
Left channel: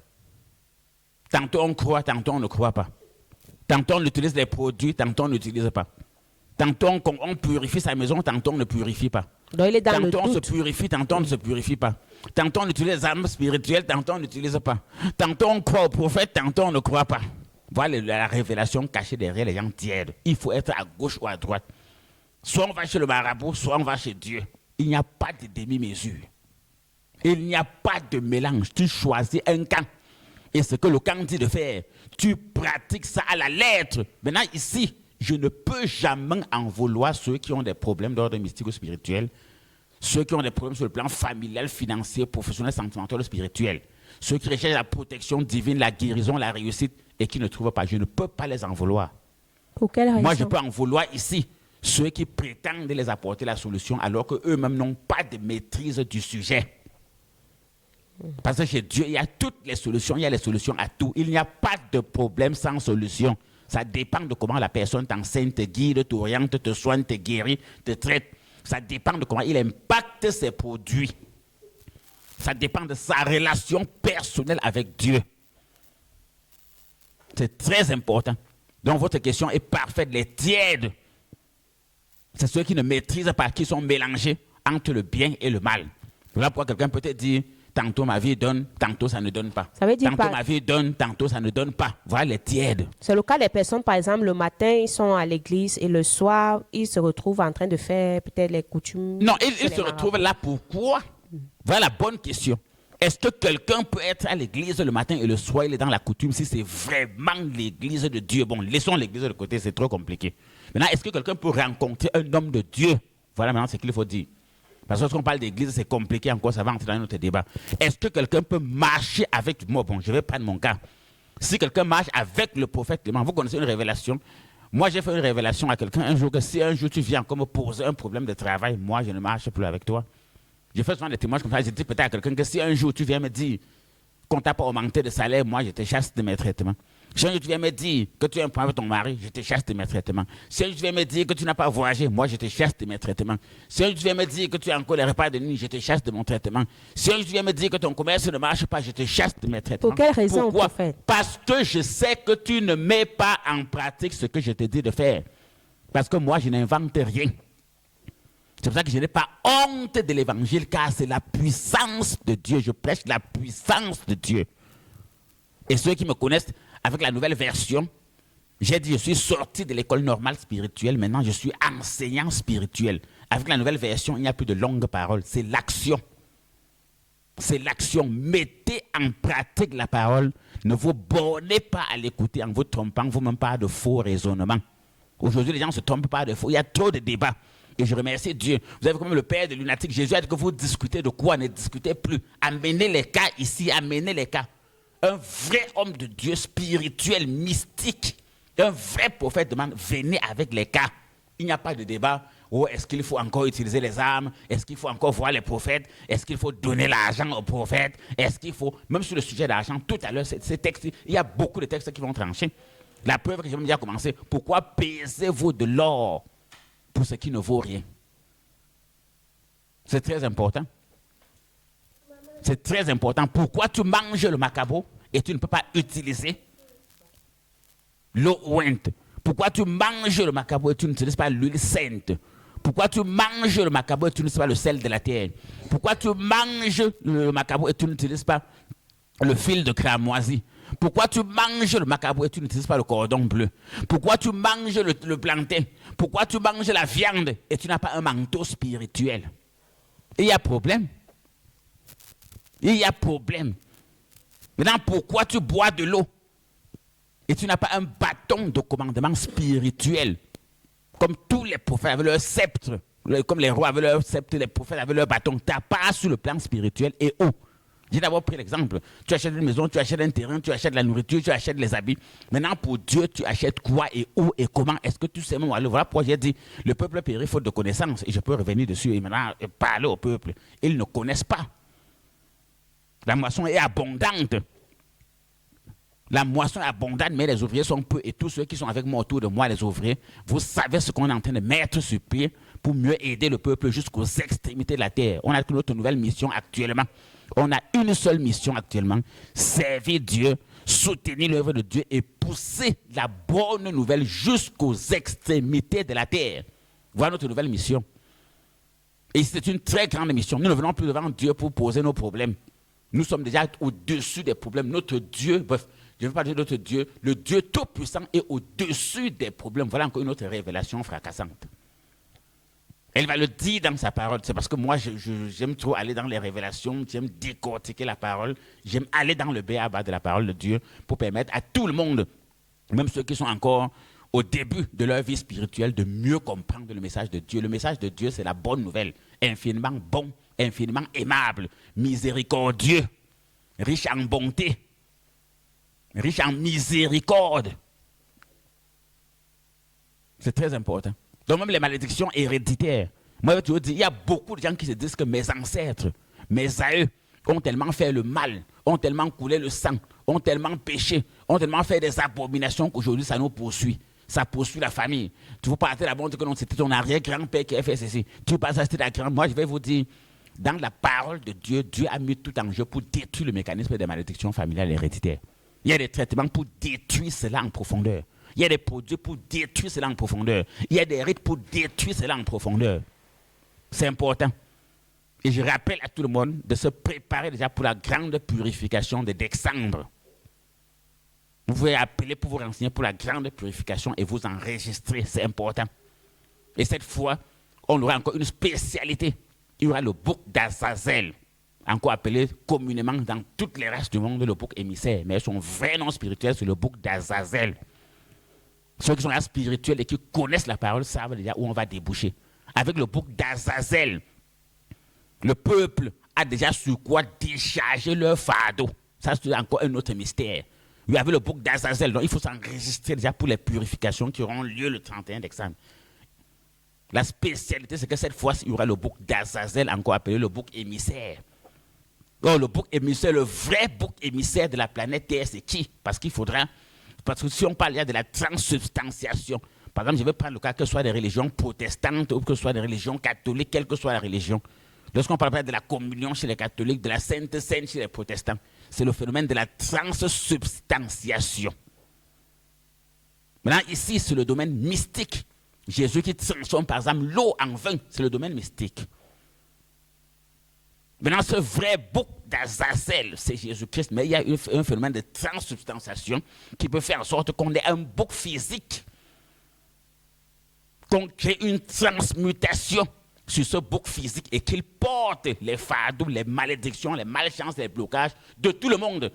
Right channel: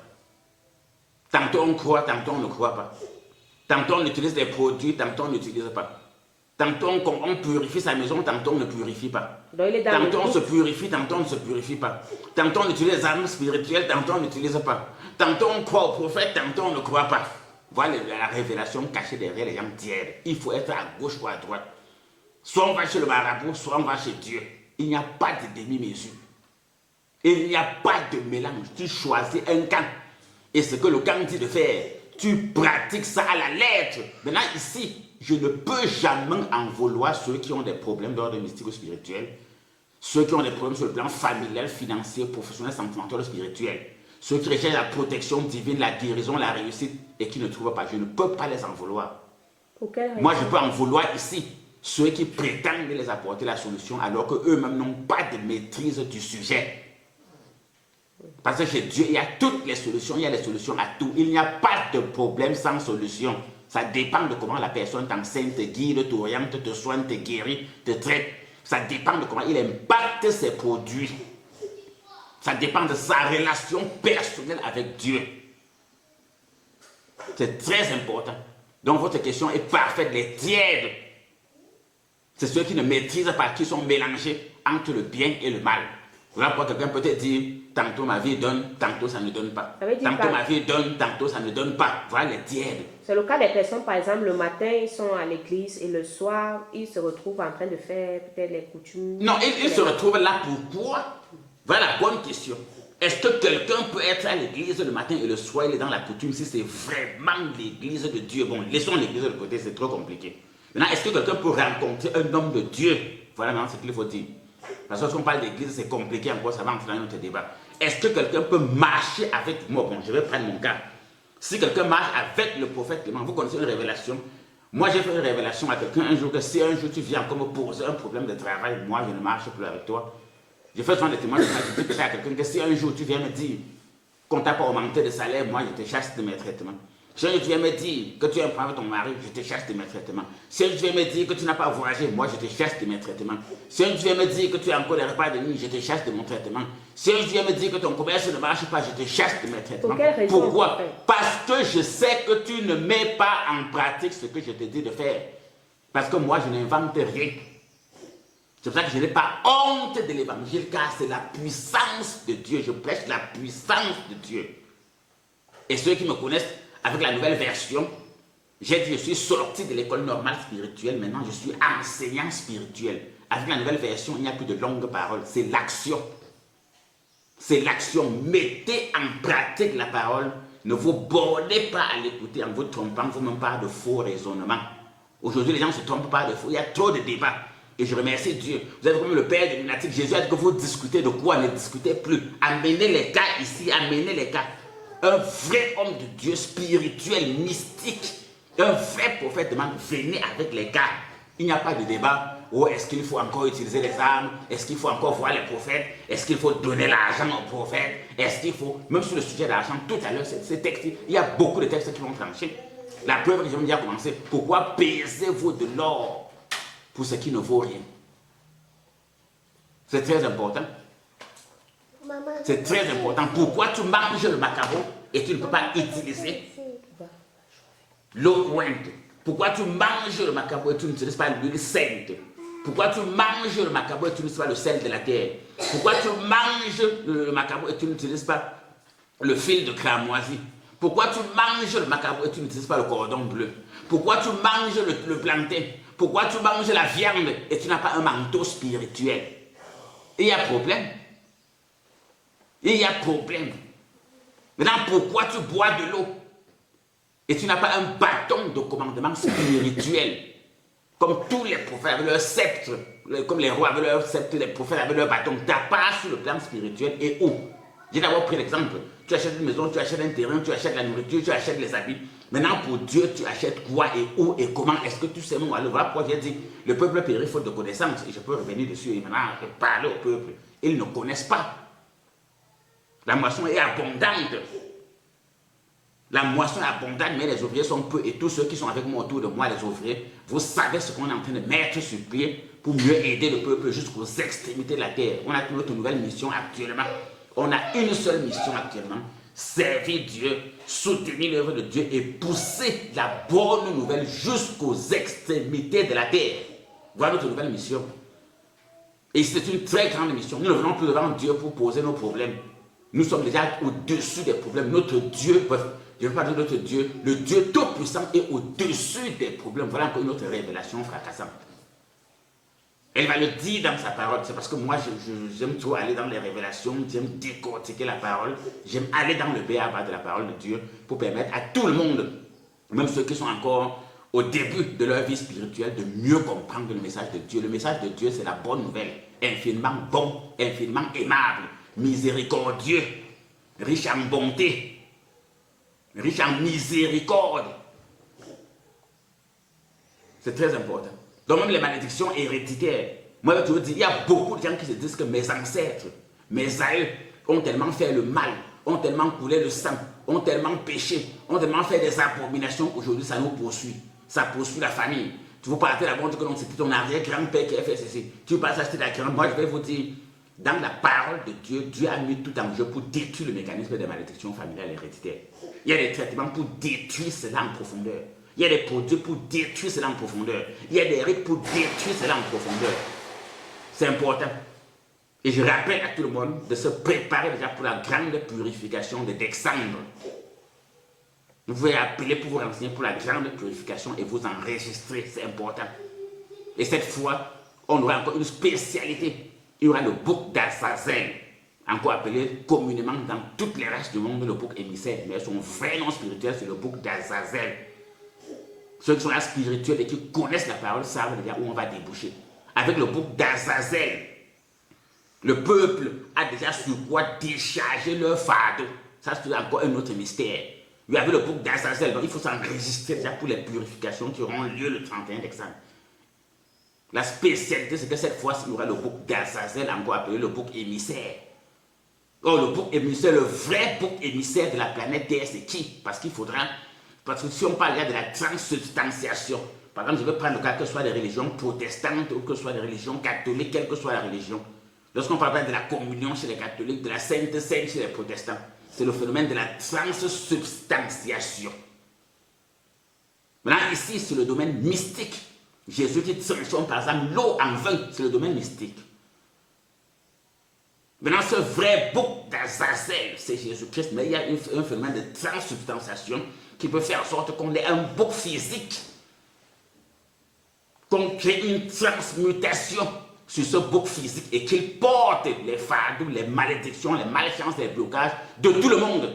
Tantôt on croit, tantôt on ne croit pas. Tantôt on utilise des produits, tantôt on n'utilise pas. Tantôt on purifie sa maison, tantôt on ne purifie pas. Tantôt on se purifie, tantôt on ne se purifie pas. Tantôt on utilise les armes spirituelles, tantôt on n'utilise pas. Tantôt on croit au prophète, tantôt on ne croit pas. Voilà la révélation cachée derrière les gens tièdes. Il faut être à gauche ou à droite. Soit on va chez le marabout, soit on va chez Dieu. Il n'y a pas de demi-mesure. Il n'y a pas de mélange. Tu choisis un camp. Et ce que le camp dit de faire, tu pratiques ça à la lettre. Maintenant ici, je ne peux jamais en vouloir ceux qui ont des problèmes d'ordre mystique ou spirituel, ceux qui ont des problèmes sur le plan familial, financier, professionnel, sentimental, spirituel, ceux qui recherchent la protection divine, la guérison, la réussite et qui ne trouvent pas. Je ne peux pas les en vouloir. Pour quelle raison? Moi, je peux en vouloir ici ceux qui prétendent les apporter la solution alors qu'eux-mêmes n'ont pas de maîtrise du sujet. Parce que chez Dieu, il y a toutes les solutions, il y a les solutions à tout. Il n'y a pas de problème sans solution. Ça dépend de comment la personne t'enseigne, te guide, t'oriente, te soigne, te guérit, te traite. Ça dépend de comment il impacte ses produits. Ça dépend de sa relation personnelle avec Dieu. C'est très important. Donc votre question est parfaite, les tièdes. C'est ceux qui ne maîtrisent pas, qui sont mélangés entre le bien et le mal. Voilà pourquoi quelqu'un peut te dire, tantôt ma vie donne, tantôt ça ne donne pas. Ça veut dire tantôt ma vie donne, tantôt ça ne donne pas. Voilà les tièdes. C'est le cas des personnes, par exemple, le matin, ils sont à l'église et le soir, ils se retrouvent en train de faire peut-être les coutumes. Non, ils se retrouvent là pourquoi? Voilà la bonne question. Est-ce que quelqu'un peut être à l'église le matin et le soir, il est dans la coutume si c'est vraiment l'église de Dieu? Bon, laissons l'église de côté, c'est trop compliqué. Maintenant, est-ce que quelqu'un peut rencontrer un homme de Dieu? Voilà maintenant ce qu'il faut dire. Parce que lorsqu'on parle d'église, c'est compliqué encore, ça va entrer dans notre débat. Est-ce que quelqu'un peut marcher avec moi? Bon, je vais prendre mon cas. Si quelqu'un marche avec le prophète Clément, vous connaissez une révélation. Moi, j'ai fait une révélation à quelqu'un un jour que si un jour tu viens encore me poser un problème de travail, moi, je ne marche plus avec toi. Je fais souvent des témoignages, je dis peut-être à quelqu'un que si un jour tu viens me dire qu'on t'a pas augmenté de salaire, moi, je te chasse de mes traitements. Si un jour tu viens me dire que tu as un problème avec ton mari, je te chasse de mes traitements. Si un jour tu viens me dire que tu n'as pas voyagé, moi, je te chasse de mes traitements. Si un jour tu viens me dire que tu as encore les repas de nuit, je te chasse de mon traitement. Si un jour tu viens me dire que ton commerce ne marche pas, je te chasse de mes traitements. Pour quelle raison? Pourquoi? Parce que je sais que tu ne mets pas en pratique ce que je te dis de faire. Parce que moi, je n'invente rien. C'est pour ça que je n'ai pas honte de l'évangile, car c'est la puissance de Dieu. Je prêche la puissance de Dieu. Et ceux qui me connaissent avec la nouvelle version, j'ai dit je suis sorti de l'école normale spirituelle, maintenant je suis enseignant spirituel. Avec la nouvelle version, il n'y a plus de longues paroles, c'est l'action. C'est l'action. Mettez en pratique la parole. Ne vous bornez pas à l'écouter en vous trompant vous-même par de faux raisonnements. Aujourd'hui, les gens se trompent par de faux. Il y a trop de débats. Et je remercie Dieu. Vous avez comme le père de lunatique. Jésus a dit que vous discutez de quoi? Ne discutez plus. Amenez les cas ici. Amenez les cas. Un vrai homme de Dieu spirituel, mystique, un vrai prophète demande, venez avec les cas. Il n'y a pas de débat. Oh, est-ce qu'il faut encore utiliser les armes? Est-ce qu'il faut encore voir les prophètes? Est-ce qu'il faut donner l'argent aux prophètes? Est-ce qu'il faut, même sur le sujet de l'argent, tout à l'heure, ces textes, il y a beaucoup de textes qui vont trancher. La preuve que j'ai déjà commencé, pourquoi pesez-vous de l'or pour ce qui ne vaut rien? C'est très important. C'est très important. Pourquoi tu manges le macabre et tu ne peux pas utiliser l'eau ointe? Pourquoi tu manges le macabre et tu n'utilises pas l'huile sainte? Pourquoi tu manges le macabre et tu n'utilises pas le sel de la terre? Pourquoi tu manges le macabre et tu n'utilises pas le fil de cramoisi? Pourquoi tu manges le macabre et tu n'utilises pas le cordon bleu? Pourquoi tu manges le plantain? Pourquoi tu manges la viande et tu n'as pas un manteau spirituel? Il y a problème. Il y a problème. Maintenant, pourquoi tu bois de l'eau et tu n'as pas un bâton de commandement spirituel? Comme tous les prophètes avaient leur sceptre, comme les rois avaient leur sceptre, les prophètes avaient leur bâton. Tu n'as pas sur le plan spirituel et où? J'ai d'abord pris l'exemple. Tu achètes une maison, tu achètes un terrain, tu achètes la nourriture, tu achètes les habits. Maintenant, pour Dieu, tu achètes quoi et où et comment? Est-ce que tu sais mon aller? Voilà pourquoi j'ai dit, le peuple périt faute de connaissances. Et je peux revenir dessus et maintenant parler au peuple. Ils ne connaissent pas. La moisson est abondante. La moisson est abondante, mais les ouvriers sont peu. Et tous ceux qui sont avec moi autour de moi, les ouvriers, vous savez ce qu'on est en train de mettre sur pied pour mieux aider le peuple jusqu'aux extrémités de la terre. On a toute notre nouvelle mission actuellement. On a une seule mission actuellement, servir Dieu, soutenir l'œuvre de Dieu et pousser la bonne nouvelle jusqu'aux extrémités de la terre. Voilà notre nouvelle mission. Et c'est une très grande mission. Nous ne venons plus devant Dieu pour poser nos problèmes. Nous sommes déjà au-dessus des problèmes. Notre Dieu, je ne veux pas dire notre Dieu, le Dieu Tout-Puissant est au-dessus des problèmes. Voilà encore une autre révélation fracassante. Elle va le dire dans sa parole. C'est parce que moi, j'aime trop aller dans les révélations, j'aime décortiquer la parole, j'aime aller dans le b.a.-ba de la parole de Dieu pour permettre à tout le monde, même ceux qui sont encore au début de leur vie spirituelle, de mieux comprendre le message de Dieu. Le message de Dieu, c'est la bonne nouvelle, infiniment bon, infiniment aimable, miséricordieux, riche en bonté, riche en miséricorde. C'est très important. Donc même les malédictions héréditaires. Moi, je veux dire, il y a beaucoup de gens qui se disent que mes ancêtres, mes aïeux, ont tellement fait le mal, ont tellement coulé le sang, ont tellement péché, ont tellement fait des abominations qu'aujourd'hui, ça nous poursuit. Ça poursuit la famille. Tu veux parler là-bas, que non, c'était ton arrière-grand-père qui a fait ceci. Tu veux pas acheter la grand. Moi, je vais vous dire, dans la parole de Dieu, Dieu a mis tout en jeu pour détruire le mécanisme des malédictions familiales héréditaires. Il y a des traitements pour détruire cela en profondeur. Il y a des produits pour détruire cela en profondeur. Il y a des rites pour détruire cela en profondeur. C'est important. Et je rappelle à tout le monde de se préparer déjà pour la grande purification de décembre. Vous pouvez appeler pour vous renseigner pour la grande purification et vous enregistrer. C'est important. Et cette fois, on aura encore une spécialité. Il y aura le bouc d'Azazel, encore appelé communément dans toutes les races du monde le bouc émissaire. Mais son vrai nom spirituel, c'est le bouc d'Azazel. Ceux qui sont là spirituels et qui connaissent la parole savent déjà où on va déboucher. Avec le bouc d'Azazel, le peuple a déjà sur quoi décharger leur fardeau. Ça, c'est encore un autre mystère. Il y avait le bouc d'Azazel, donc il faut s'enregistrer déjà pour les purifications qui auront lieu le 31 décembre. La spécialité, c'est que cette fois, il y aura le bouc d'Azazel, encore appelé le bouc émissaire. Donc, le bouc émissaire, le vrai bouc émissaire de la planète Terre, c'est qui? Parce qu'il faudra. Parce que si on parle là de la transsubstantiation, par exemple, je vais prendre le cas que ce soit des religions protestantes ou que ce soit des religions catholiques, quelle que soit la religion. Lorsqu'on parle de la communion chez les catholiques, de la Sainte Seine chez les protestants, c'est le phénomène de la transsubstantiation. Maintenant, ici, c'est le domaine mystique. Jésus qui transforme par exemple l'eau en vin, c'est le domaine mystique. Maintenant, ce vrai bouc d'Azazel, c'est Jésus-Christ, mais il y a un phénomène de transsubstantiation qui peut faire en sorte qu'on ait un bouc physique, qu'on crée une transmutation sur ce bouc physique et qu'il porte les fardeaux, les malédictions, les malchances, les blocages de tout le monde.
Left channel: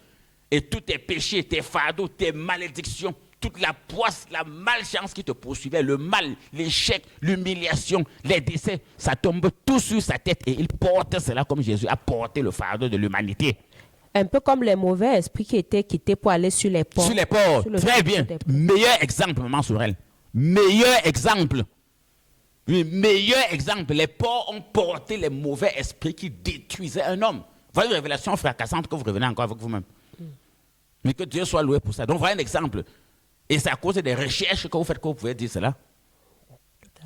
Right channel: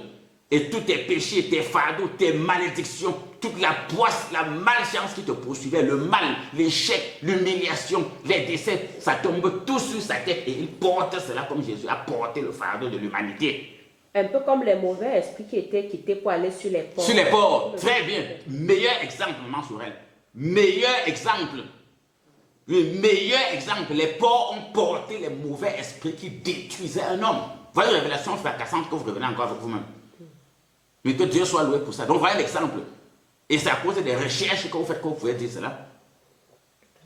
Et tous tes péchés, tes fardeaux, tes malédictions, toute la poisse, la malchance qui te poursuivait, le mal, l'échec, l'humiliation, les décès, ça tombe tout sur sa tête et il porte cela comme Jésus a porté le fardeau de l'humanité. Un peu comme les mauvais esprits qui étaient quittés pour aller sur les ports. Sur les ports, très bien. Meilleur exemple, maman Sorel. Meilleur exemple. Le meilleur exemple. Les porcs ont porté les mauvais esprits qui détruisaient un homme. Voilà une révélation fracassante que vous revenez encore avec vous-même. Mais que Dieu soit loué pour ça. Donc voilà un exemple. Et c'est à cause des recherches que vous faites que vous pouvez dire cela.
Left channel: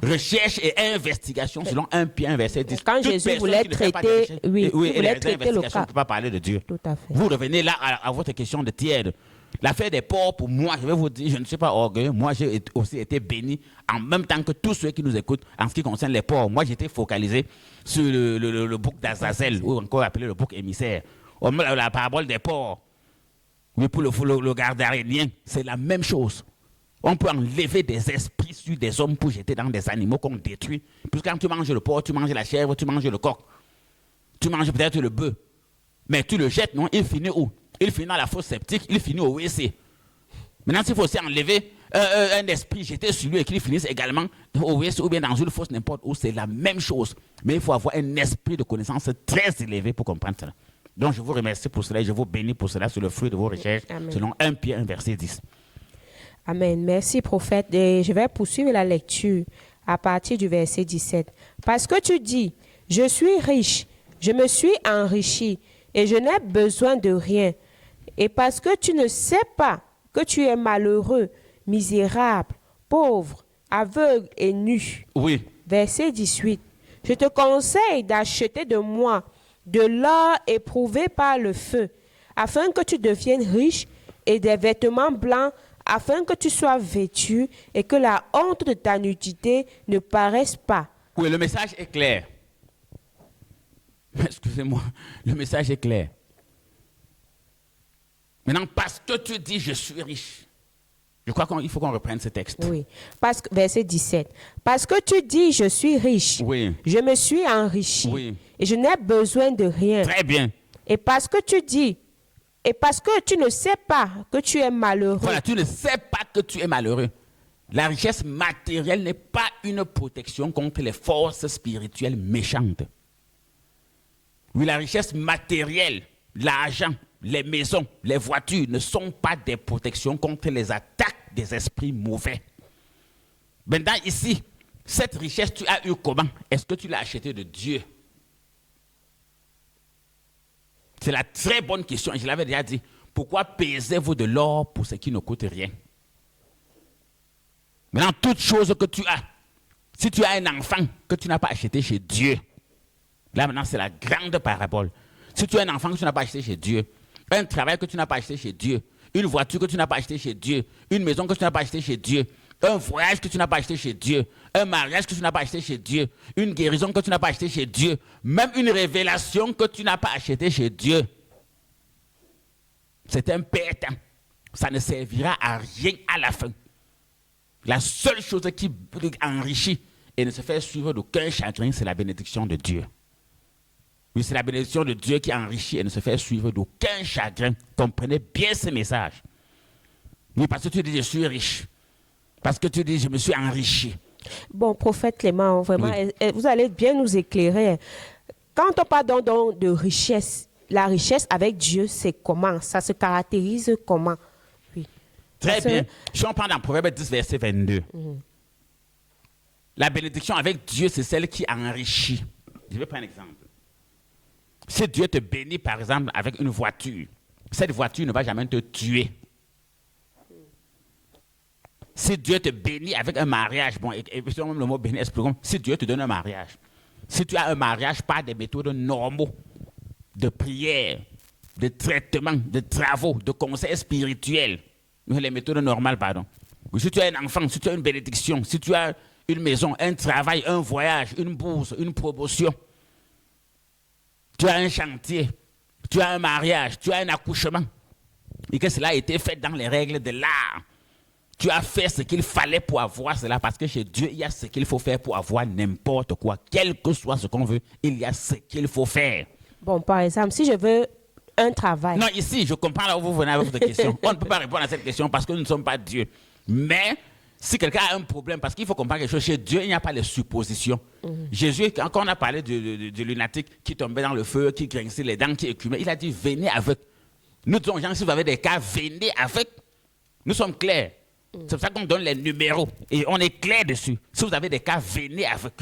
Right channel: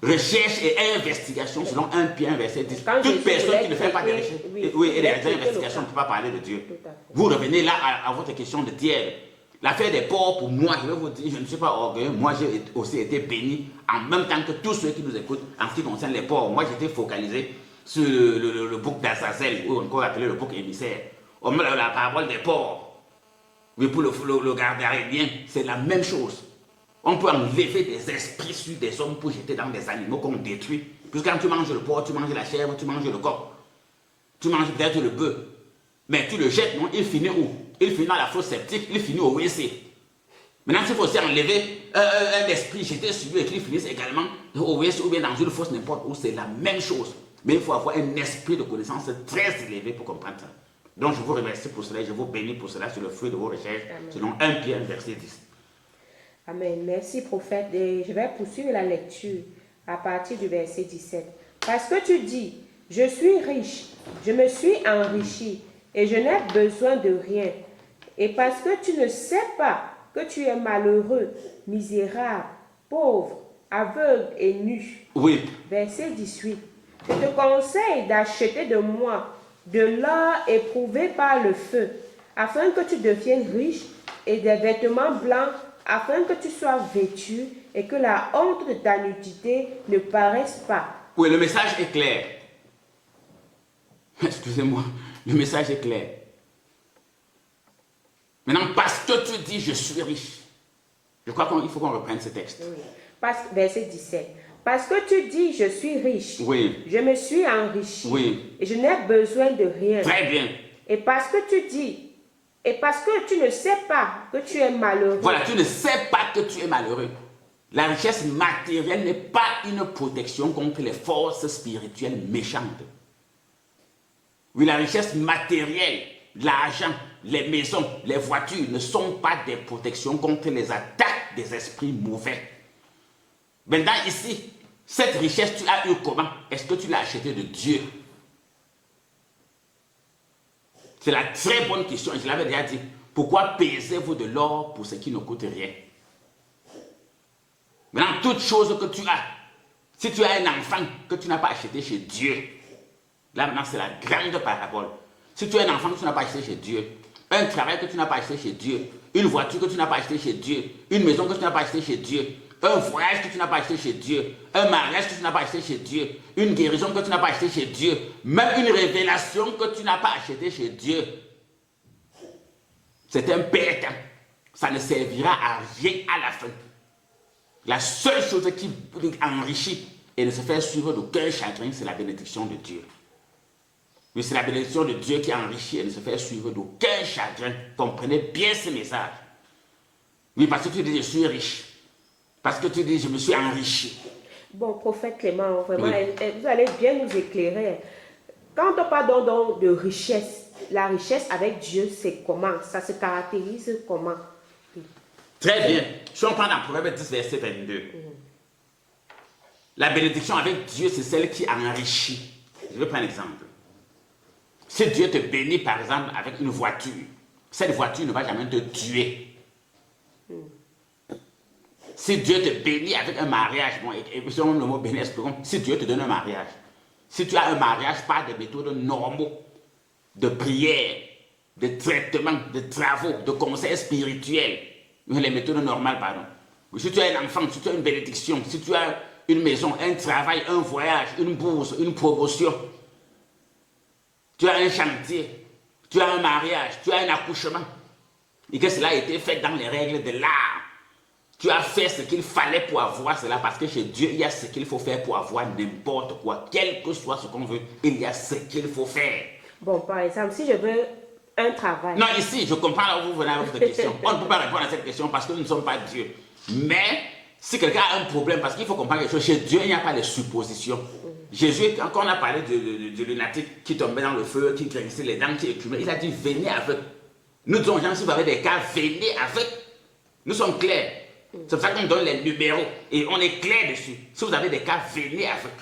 Recherche et investigation selon 1 Pierre verset 10. Quand Jésus voulait traiter, et les investigations ne peuvent pas parler de Dieu. Tout à fait. Vous revenez là à votre question de tiers. L'affaire des porcs, pour moi, je vais vous dire, je ne suis pas orgueilleux. Moi, j'ai aussi été béni en même temps que tous ceux qui nous écoutent en ce qui concerne les porcs. Moi, j'étais focalisé sur le bouc d'Azazel, ou encore appelé le bouc émissaire. La parabole des porcs. Mais pour le gardarénien, c'est la même chose. On peut enlever des esprits sur des hommes pour jeter dans des animaux qu'on détruit. Parce que quand tu manges le porc, tu manges la chèvre, tu manges le coq. Tu manges peut-être le bœuf. Mais tu le jettes, non? Il finit où? Il finit dans la fosse septique, il finit au WC. Maintenant, s'il faut aussi enlever un esprit jeté sur lui et qu'il finisse également au WC ou bien dans une fosse n'importe où, c'est la même chose. Mais il faut avoir un esprit de connaissance très élevé pour comprendre ça. Donc, je vous remercie pour cela et je vous bénis pour cela sur le fruit de vos recherches. Amen. Selon 1 Pierre 1, verset 10. Amen. Merci, prophète. Et je vais poursuivre la lecture à partir du verset 17. Parce que tu dis, je suis riche, je me suis enrichi et je n'ai besoin de rien. Et parce que tu ne sais pas que tu es malheureux, misérable, pauvre, aveugle et nu. Oui. Verset 18. Je te conseille d'acheter de moi de l'or éprouvé par le feu, afin que tu deviennes riche, et des vêtements blancs, afin que tu sois vêtu et que la honte de ta nudité ne paraisse pas. Oui, le message est clair. Excusez-moi, le message est clair. Maintenant, parce que tu dis je suis riche, je crois qu'il faut qu'on reprenne ce texte. Oui. Verset 17. Parce que tu dis je suis riche, Oui. je me suis enrichi, Oui. et je n'ai besoin de rien. Très bien. Et parce que tu dis, et parce que tu ne sais pas que tu es malheureux. Voilà, tu ne sais pas que tu es malheureux. La richesse matérielle n'est pas une protection contre les forces spirituelles méchantes. Oui, la richesse matérielle, l'argent, les maisons, les voitures ne sont pas des protections contre les attaques des esprits mauvais. Maintenant, ici, cette richesse, tu as eu comment? Est-ce que tu l'as achetée de Dieu? C'est la très bonne question. Je l'avais déjà dit. Pourquoi pesez-vous de l'or pour ce qui ne coûte rien? Maintenant, toute chose que tu as, si tu as un enfant que tu n'as pas acheté chez Dieu, là maintenant c'est la grande parabole. Si tu as un enfant que tu n'as pas acheté chez Dieu, un travail que tu n'as pas acheté chez Dieu, une voiture que tu n'as pas acheté chez Dieu, une maison que tu n'as pas acheté chez Dieu, un voyage que tu n'as pas acheté chez Dieu, un mariage que tu n'as pas acheté chez Dieu, une guérison que tu n'as pas acheté chez Dieu, même une révélation que tu n'as pas acheté chez Dieu, c'est un bête. Ça ne servira à rien à la fin. La seule chose qui enrichit et ne se fait suivre d'aucun chagrin, c'est la bénédiction de Dieu. Oui, c'est la bénédiction de Dieu qui enrichit et ne se fait suivre d'aucun chagrin. Comprenez bien ce message. Oui, parce que tu dis je suis riche. Parce que tu dis je me suis enrichi. Bon, prophète Clément, vraiment, Oui. vous allez bien nous éclairer. Quand on parle donc de richesse, la richesse avec Dieu, c'est comment? Ça se caractérise comment? Oui. Très bien. Si on prend dans Proverbe 10, verset 22. La bénédiction avec Dieu, c'est celle qui enrichit. Je vais prendre un exemple. Si Dieu te bénit, par exemple, avec une voiture, cette voiture ne va jamais te tuer. Si Dieu te bénit avec un mariage, bon, et si on le mot béni, expliquons, si Dieu te donne un mariage, si tu as un mariage par des méthodes normaux, de prière, de traitement, de travaux, de conseils spirituels, les méthodes normales, pardon. Si tu as un enfant, si tu as une bénédiction, si tu as une maison, un travail, un voyage, une bourse, une promotion, tu as un chantier, tu as un mariage, tu as un accouchement, et que cela a été fait dans les règles de l'art, tu as fait ce qu'il fallait pour avoir cela, parce que chez Dieu, il y a ce qu'il faut faire pour avoir n'importe quoi. Quel que soit ce qu'on veut, il y a ce qu'il faut faire. Bon, par exemple, si je veux un travail. Non, ici, je comprends là où vous venez avec votre question. On ne peut pas répondre à cette question parce que nous ne sommes pas Dieu. Mais, si quelqu'un a un problème, parce qu'il faut comprendre quelque chose, chez Dieu, il n'y a pas de suppositions. Jésus, quand on a parlé du lunatique qui tombait dans le feu, qui grinçait les dents, qui écumait, il a dit, venez avec. Nous disons aux gens, si vous avez des cas, venez avec. Nous sommes clairs. C'est pour ça qu'on donne les numéros. Et on est clair dessus. Si vous avez des cas, venez avec.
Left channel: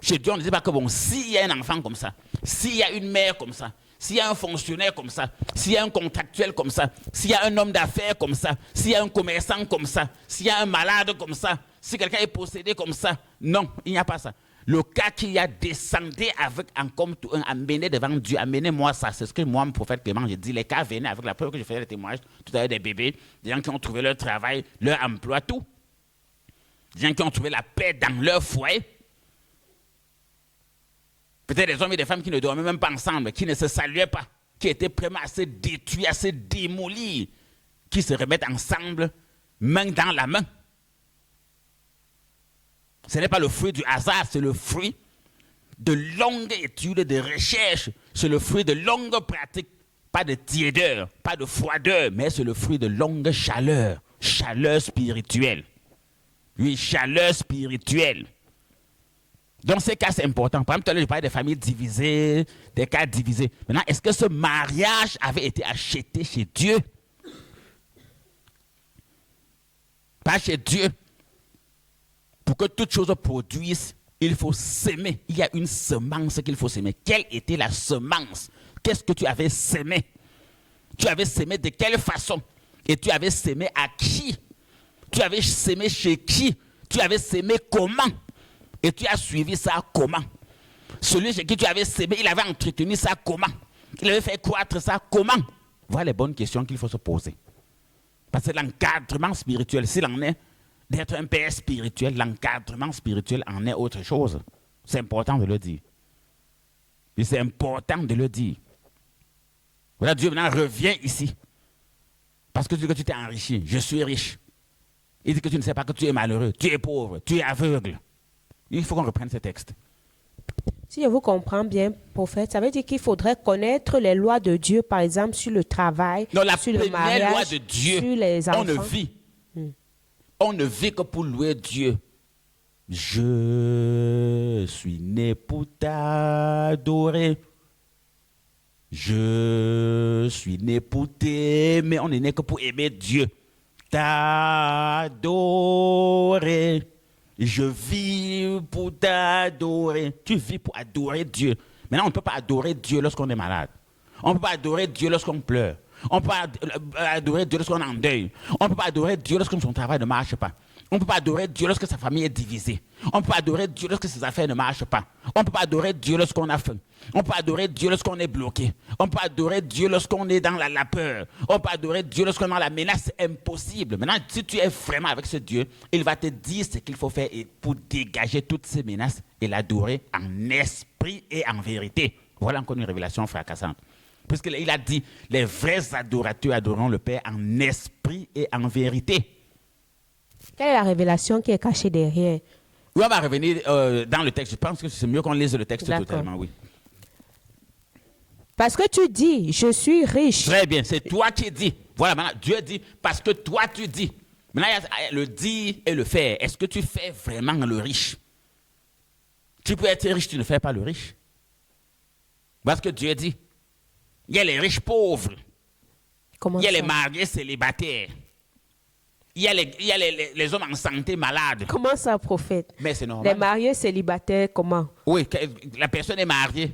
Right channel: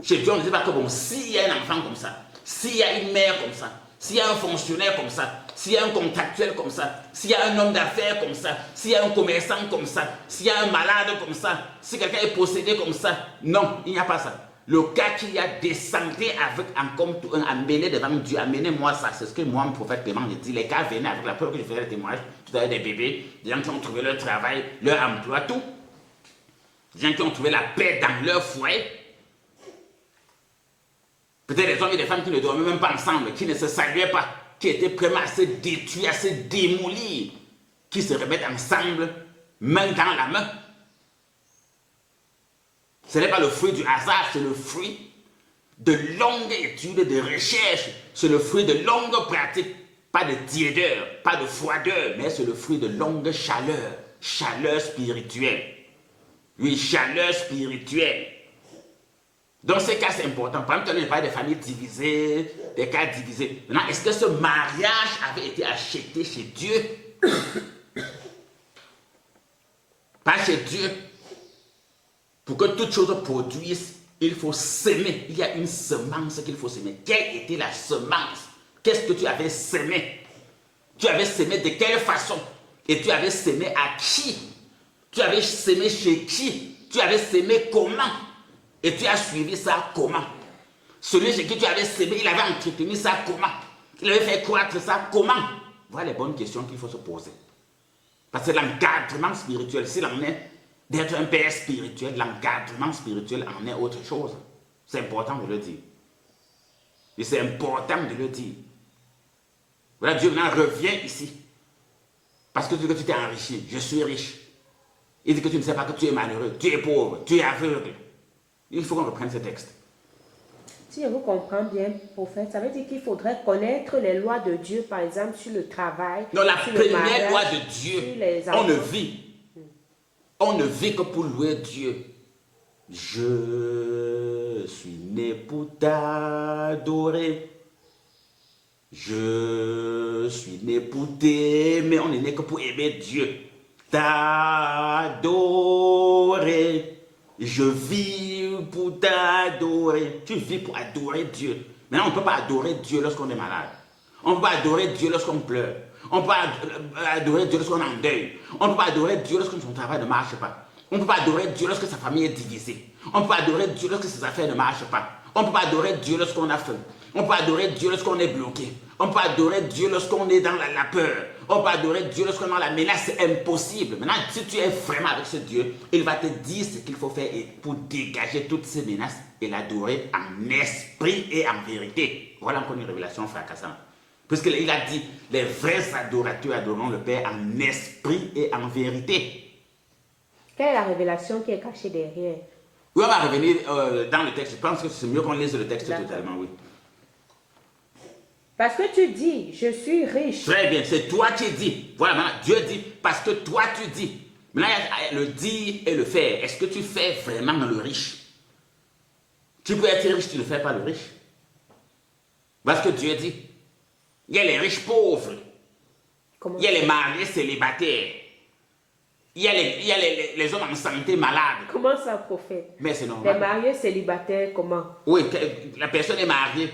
Chez Dieu, on ne dit pas que bon, s'il y a un enfant comme ça, s'il y a une mère comme ça, s'il y a un fonctionnaire comme ça, s'il y a un contractuel comme ça, s'il y a un homme d'affaires comme ça, s'il y a un commerçant comme ça, s'il y a un malade comme ça, si quelqu'un est possédé comme ça, non, il n'y a pas ça. Le cas qu'il y a, descendez avec amenez devant Dieu, amenez-moi ça. C'est ce que moi, mon prophète Clément, j'ai dit. Les cas venaient avec la preuve que j'ai fait le témoignage. Tout à l'heure, des bébés, des gens qui ont trouvé leur travail, leur emploi, tout. Des gens qui ont trouvé la paix dans leur foyer. Peut-être des hommes et des femmes qui ne dormaient même pas ensemble, qui ne se saluaient pas, qui étaient vraiment assez détruits, assez démolis, qui se remettent ensemble, main dans la main. Ce n'est pas le fruit du hasard, c'est le fruit de longues études, de recherches, c'est le fruit de longues pratiques, pas de tiédeur, pas de froideur, mais c'est le fruit de longues chaleurs, chaleur spirituelle. Oui, chaleur spirituelle. Donc ces cas, c'est important. Par exemple, tout à l'heure, je parlais des familles divisées, des cas divisés. Maintenant, est-ce que ce mariage avait été acheté chez Dieu? Pas chez Dieu. Pour que toute chose produise, il faut s'aimer. Il y a une semence qu'il faut s'aimer. Quelle était la semence? Qu'est-ce que tu avais sémé? Tu avais sémé de quelle façon? Et tu avais sémé à qui? Tu avais sémé chez qui? Tu avais sémé comment? Et tu as suivi ça comment? Celui chez qui tu avais sémé, il avait entretenu ça comment? Il avait fait croître ça comment? Voilà les bonnes questions qu'il faut se poser. Parce que l'encadrement spirituel, s'il en est d'être un père spirituel, l'encadrement spirituel en est autre chose. C'est important de le dire. Et c'est important de le dire. Voilà, Dieu maintenant revient ici. Parce que tu dis que tu t'es enrichi. Je suis riche. Il dit que tu ne sais pas que tu es malheureux. Tu es pauvre. Tu es aveugle. Il faut qu'on reprenne ce texte. Si je vous comprends bien, prophète, ça veut dire qu'il faudrait connaître les lois de Dieu, par exemple, sur le travail, Non, la sur le première mariage, loi de Dieu, sur les enfants. On ne vit que pour louer Dieu. Je suis né pour t'adorer. Je suis né pour t'aimer. On n'est né que pour aimer Dieu. T'adorer. Je vis pour t'adorer. Tu vis pour adorer Dieu. Maintenant, on ne peut pas adorer Dieu lorsqu'on est malade. On ne peut pas adorer Dieu lorsqu'on pleure. On ne peut pas adorer Dieu lorsqu'on est en deuil. On ne peut pas adorer Dieu lorsque son travail ne marche pas. On ne peut pas adorer Dieu lorsque sa famille est divisée. On ne peut pas adorer Dieu lorsque ses affaires ne marchent pas. On ne peut pas adorer Dieu lorsqu'on a faim. On peut pas adorer Dieu lorsqu'on est bloqué. On peut adorer Dieu lorsqu'on est dans la peur. On peut adorer Dieu lorsqu'on est dans la menace. C'est impossible. Maintenant, si tu es vraiment avec ce Dieu, il va te dire ce qu'il faut faire pour dégager toutes ces menaces et l'adorer en esprit et en vérité. Voilà encore une révélation fracassante. Parce qu'il a dit, les vrais adorateurs adoreront le Père en esprit et en vérité. Quelle est la révélation qui est cachée derrière? Oui, on va revenir dans le texte. Je pense que c'est mieux qu'on lise le texte totalement, oui. Parce que tu dis, je suis riche. Très bien, c'est toi qui dis. Voilà, maintenant, Dieu dit, parce que toi tu dis. Maintenant, il y a le dire et le faire. Est-ce que tu fais vraiment le riche? Tu peux être riche, tu ne fais pas le riche. Parce que Dieu dit, il y a les riches pauvres. Comment il y a ça? les mariés célibataires. Il y a les hommes en santé malades. Comment ça, prophète? Mais c'est normal. Les mariés célibataires, comment? Oui, la personne est mariée.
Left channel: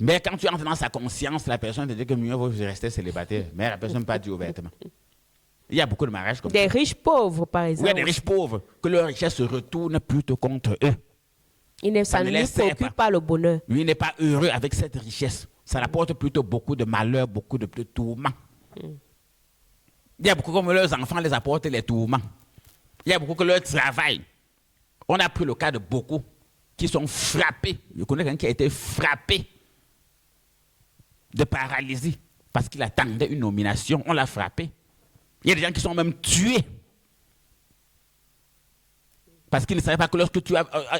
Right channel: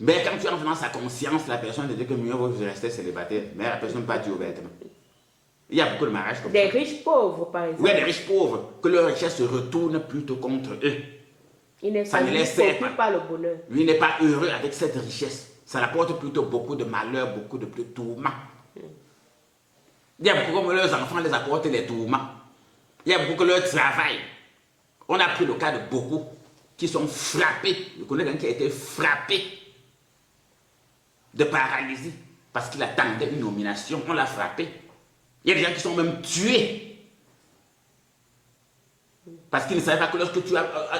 Mais quand tu entres dans sa conscience, la personne te dit que mieux vaut rester célibataire. Mais la personne ne peut pas dire ouvertement. Il y a beaucoup de mariages comme ça. Des riches pauvres, par exemple. Oui, des riches pauvres, que leur richesse se retourne plutôt contre eux. Ils ne Ça ne les sert procurent pas le bonheur. Lui n'est pas heureux avec cette richesse. Ça apporte plutôt beaucoup de malheur, beaucoup de tourments. Il y a beaucoup comme leurs enfants les apportent les tourments. Il y a beaucoup que leur travail. On a pris le cas de beaucoup qui sont frappés. Je connais quelqu'un qui a été frappé de paralysie parce qu'il attendait une nomination. On l'a frappé. Il y a des gens qui sont même tués parce qu'ils ne savaient pas que lorsque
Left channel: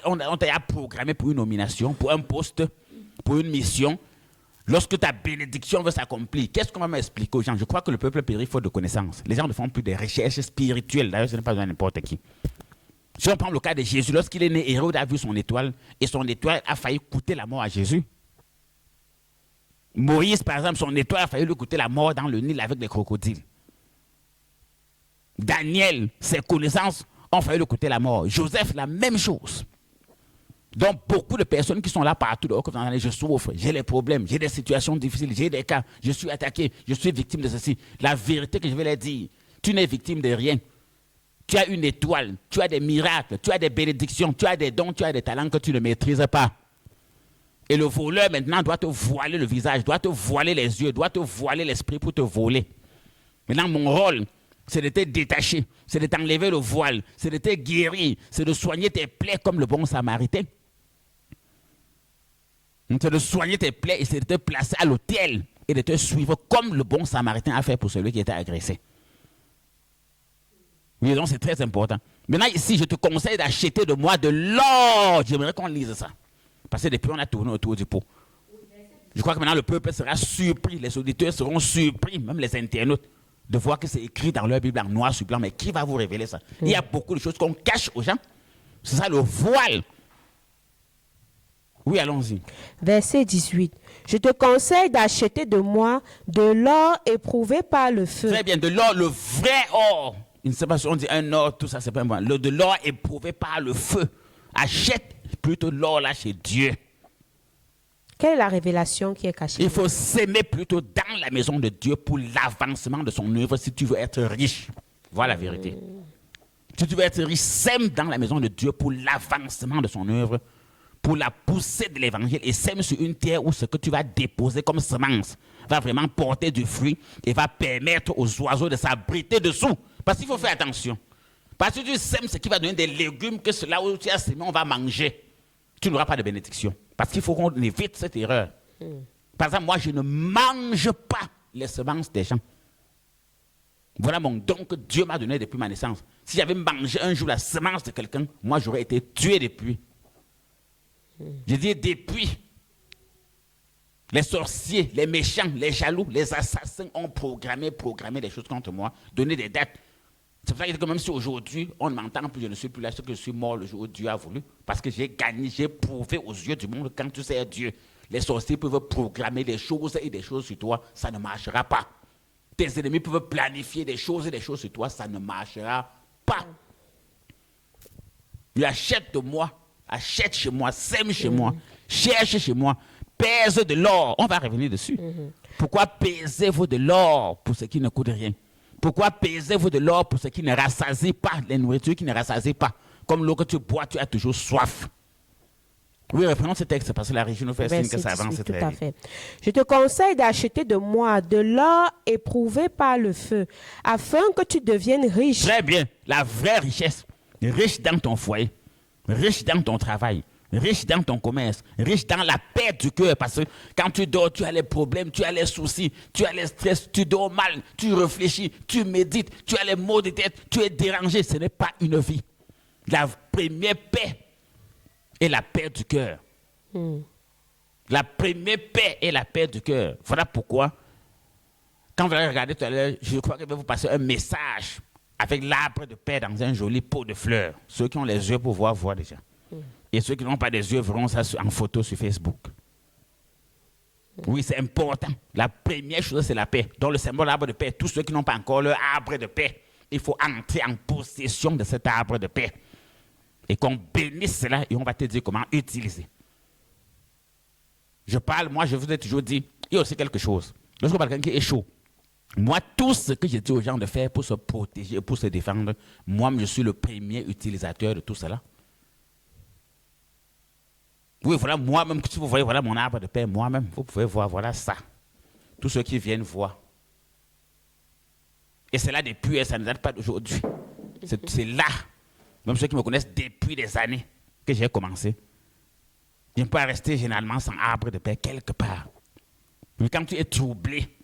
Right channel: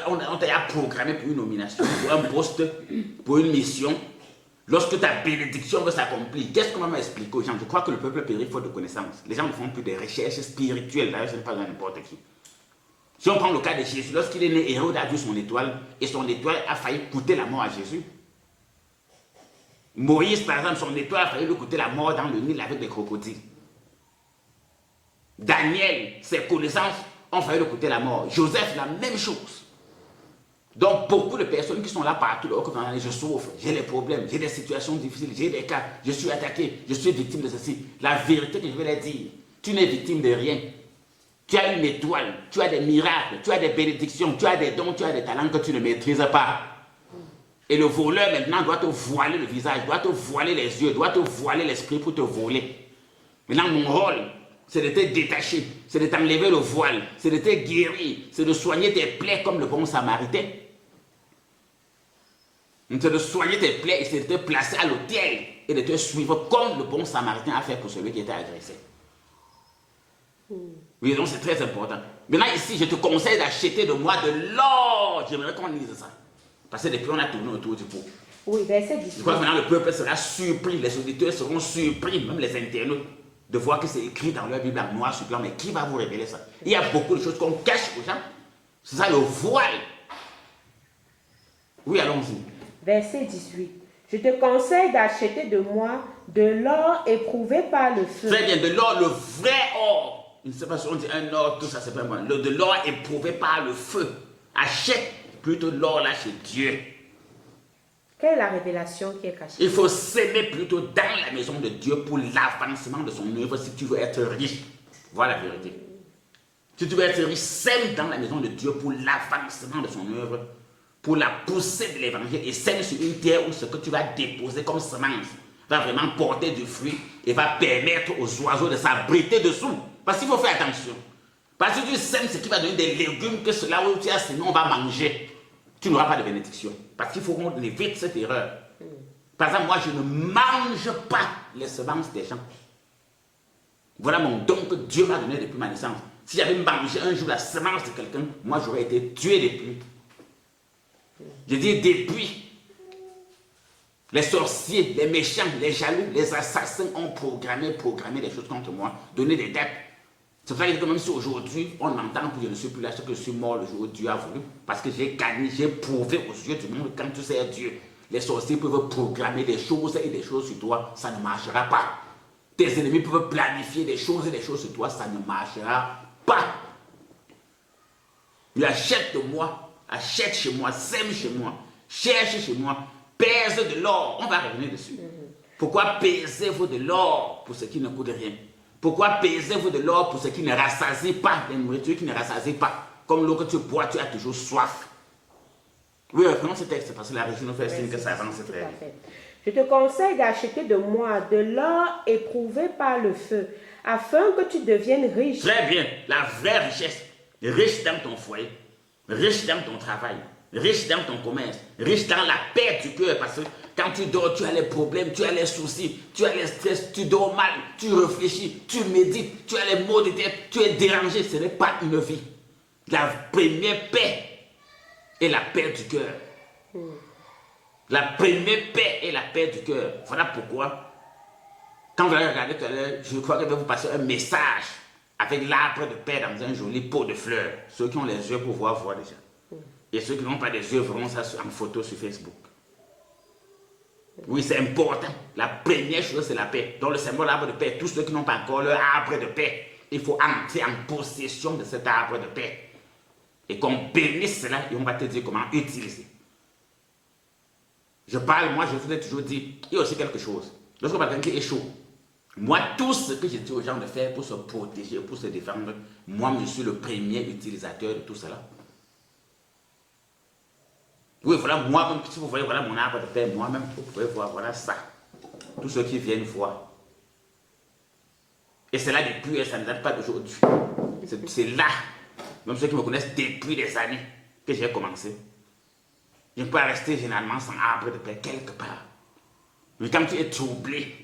on t'a programmé pour une nomination, pour un poste, pour une mission, lorsque ta bénédiction veut s'accomplir, qu'est-ce qu'on va m'expliquer aux gens? Je crois que le peuple périt faute de connaissances. Les gens ne font plus des recherches spirituelles. D'ailleurs, ce n'est pas n'importe qui. Si on prend le cas de Jésus, lorsqu'il est né, Hérode a vu son étoile et son étoile a failli coûter la mort à Jésus. Moïse, par exemple, son étoile a failli lui coûter la mort dans le Nil avec des crocodiles. Daniel, ses connaissances ont failli lui coûter la mort. Joseph, la même chose. Donc, beaucoup de personnes qui sont là partout, je souffre, j'ai des problèmes, j'ai des situations difficiles, j'ai des cas, je suis attaqué, je suis victime de ceci. La vérité que je vais leur dire, tu n'es victime de rien. Tu as une étoile, tu as des miracles, tu as des bénédictions, tu as des dons, tu as des talents que tu ne maîtrises pas. Et le voleur maintenant doit te voiler le visage, doit te voiler les yeux, doit te voiler l'esprit pour te voler. Maintenant, mon rôle, c'est de te détacher, c'est de t'enlever le voile, c'est de te guérir, c'est de soigner tes plaies comme le bon samaritain. C'est de soigner tes plaies et c'est de te placer à l'autel et de te suivre comme le bon samaritain a fait pour celui qui était agressé. Oui, donc c'est très important. Maintenant, ici, je te conseille d'acheter de moi de l'or. J'aimerais qu'on lise ça. Parce que depuis, on a tourné autour du pot. Oui, verset 10. Je crois que maintenant, le peuple sera surpris, les auditeurs seront surpris, même les internautes, de voir que c'est écrit dans leur Bible en noir sur blanc. Mais qui va vous révéler ça? Il y a beaucoup de choses qu'on cache aux gens. C'est ça le voile. Oui, allons-y. Verset 18. Je te conseille d'acheter de moi de l'or éprouvé par le feu. Très bien, de l'or, le vrai or. Je ne sais pas si on dit un or, tout ça, c'est pas moi. De l'or éprouvé par le feu. Achète plutôt l'or là chez Dieu. Quelle est la révélation qui est cachée? Il faut s'aimer plutôt dans la maison de Dieu pour l'avancement de son œuvre si tu veux être riche. Voilà la vérité. Si tu veux être riche, sème dans la maison de Dieu pour l'avancement de son œuvre, pour la poussée de l'évangile, et sème sur une terre où ce que tu vas déposer comme semence va vraiment porter du fruit et va permettre aux oiseaux de s'abriter dessous. Parce qu'il faut faire attention. Parce que tu sèmes ce qui va donner des légumes que cela où tu as, sinon on va manger. Tu n'auras pas de bénédiction. Parce qu'il faut qu'on évite cette erreur. Par exemple, moi, je ne mange pas les semences des gens. Voilà mon don que Dieu m'a donné depuis ma naissance. Si j'avais mangé un jour la semence de quelqu'un, moi, j'aurais été tué depuis. Je dis depuis. Les sorciers, les méchants, les jaloux, les assassins ont programmé des choses contre moi, donné des dettes. C'est pour ça que même si aujourd'hui, on m'entend plus, je ne suis plus là, c'est que je suis mort le jour où Dieu a voulu. Parce que j'ai gagné, j'ai prouvé aux yeux du monde quand tu sais Dieu. Les sorciers peuvent programmer des choses et des choses sur toi, ça ne marchera pas. Tes ennemis peuvent planifier des choses et des choses sur toi, ça ne marchera pas. Il achète de moi, achète chez moi, sème chez moi, cherche chez moi, pèse de l'or. On va revenir dessus. Pourquoi pesez-vous de l'or pour ce qui ne coûte rien? Pourquoi pesez-vous de l'or pour ce qui ne rassasie pas, les nourritures qui ne rassasient pas? Comme l'eau que tu bois, tu as toujours soif. Oui, reprenons ce texte parce que la régie nous fait signe que ça avance très bien. Fait. Je te conseille d'acheter de moi de l'or éprouvé par le feu, afin que tu deviennes riche. Très bien, la vraie richesse. Riche dans ton foyer, riche dans ton travail, riche dans ton commerce, riche dans la paix du cœur. Parce que quand tu dors, tu as les problèmes, tu as les soucis, tu as les stress, tu dors mal, tu réfléchis, tu médites, tu as les maux de tête, tu es dérangé. Ce n'est pas une vie. La première paix est la paix du cœur. La première paix est la paix du cœur. Voilà pourquoi, quand vous allez regarder tout à l'heure, je crois que je vais vous passer un message avec l'arbre de paix dans un joli pot de fleurs. Ceux qui ont les yeux pour voir, voient déjà. Et ceux qui n'ont pas des yeux verront ça en photo sur Facebook. Oui, c'est important. La première chose, c'est la paix. Dans le symbole arbre de paix, tous ceux qui n'ont pas encore leur arbre de paix, il faut entrer en possession de cet arbre de paix. Et qu'on bénisse cela et on va te dire comment utiliser. Moi je vous ai toujours dit, il y a aussi quelque chose. Lorsqu'on parle de quelqu'un qui est chaud, moi, tout ce que j'ai dit aux gens de faire pour se protéger, pour se défendre, moi, je suis le premier utilisateur de tout cela. Oui, voilà, moi-même, si vous voyez, voilà mon arbre de paix, moi-même, vous pouvez voir, voilà ça. Tous ceux qui viennent voir. Et c'est là depuis, ça ne date pas d'aujourd'hui. C'est là, même ceux qui me connaissent depuis des années, que j'ai commencé. Je ne peux pas rester généralement sans arbre de paix quelque part. Mais quand tu es troublé,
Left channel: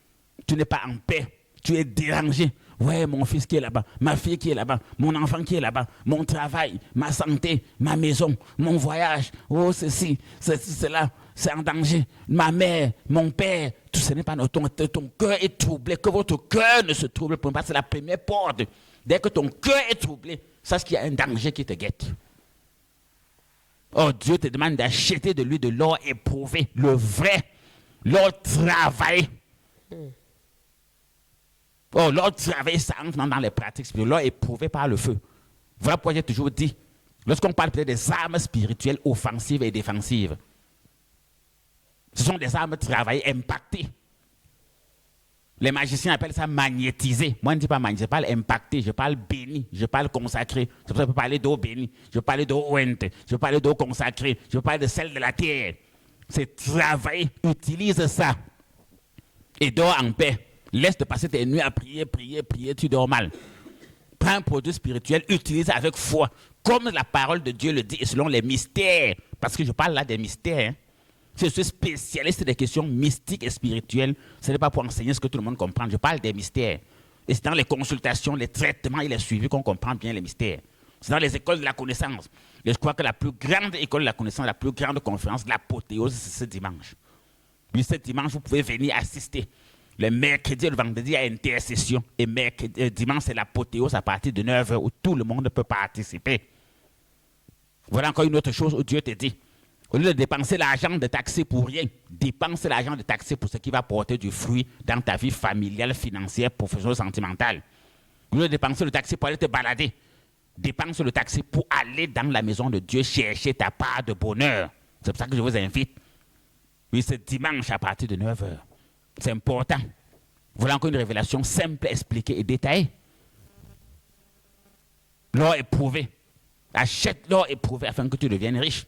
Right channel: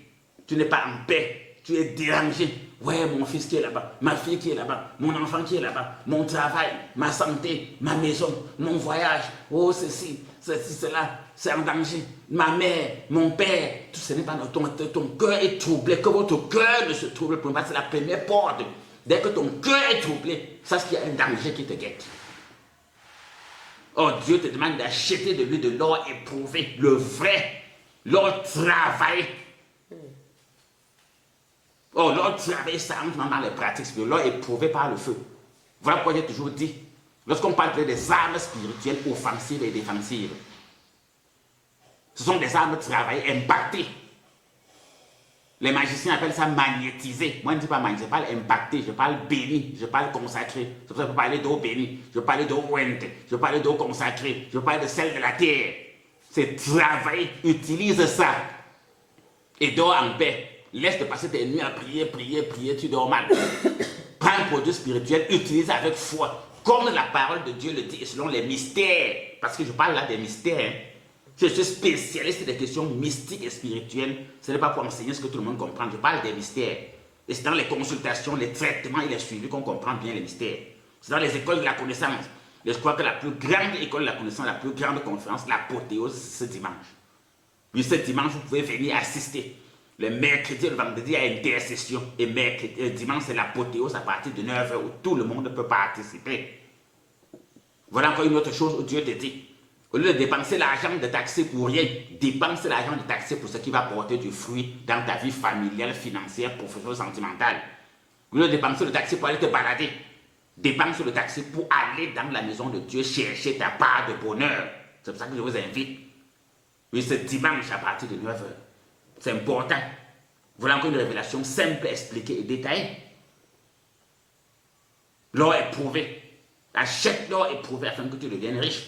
tu n'es pas en paix, tu es dérangé. Ouais, mon fils qui est là-bas, ma fille qui est là-bas, mon enfant qui est là-bas, mon travail, ma santé, ma maison, mon voyage, oh ceci, cela, c'est en danger. Ma mère, mon père, tout ce n'est pas ton cœur est troublé, que votre cœur ne se trouble pas, c'est la première porte. Dès que ton cœur est troublé, sache qu'il y a un danger qui te guette. Oh, Dieu te demande d'acheter de lui de l'or éprouvé, le vrai, l'or travaillé. Oh, l'or travaillé, ça entre dans les pratiques spirituelles, l'or éprouvé par le feu. Voilà pourquoi j'ai toujours dit, lorsqu'on parle des armes spirituelles offensives et défensives, ce sont des armes travaillées, impactées. Les magiciens appellent ça magnétisé. Moi, je ne dis pas magnétisé, je parle impacté, je parle béni, je parle consacré. C'est pour ça que je peux parler d'eau bénie, je peux parler d'eau ouente, je peux parler d'eau consacrée, je peux parler de celle de la terre. C'est travailler, utilise ça. Et dors en paix. Laisse te passer tes nuits à prier, tu dors mal. Prends un produit spirituel, utilise avec foi. Comme la parole de Dieu le dit, et selon les mystères. Parce que je parle là des mystères. Je suis spécialiste des questions mystiques et spirituelles. Ce n'est pas pour enseigner ce que tout le monde comprend. Je parle des mystères. Et c'est dans les consultations, les traitements et les suivis qu'on comprend bien les mystères. C'est dans les écoles de la connaissance. Et je crois que la plus grande école de la connaissance, la plus grande conférence, l'apothéose, c'est ce dimanche. Mais ce dimanche, vous pouvez venir assister. Le mercredi et le vendredi, il y a une intercession. Et dimanche, c'est l'apothéose à partir de 9h où tout le monde peut participer. Voilà encore une autre chose où Dieu te dit. Au lieu de dépenser l'argent de taxi pour rien, dépense l'argent de taxi pour ce qui va porter du fruit dans ta vie familiale, financière, professionnelle, sentimentale. Au lieu de dépenser le taxi pour aller te balader, dépense le taxi pour aller dans la maison de Dieu chercher ta part de bonheur. C'est pour ça que je vous invite. Oui, ce dimanche à partir de 9h. C'est important. Voilà encore une révélation simple, expliquée et détaillée. L'or éprouvé. Achète l'or éprouvé afin que tu deviennes riche.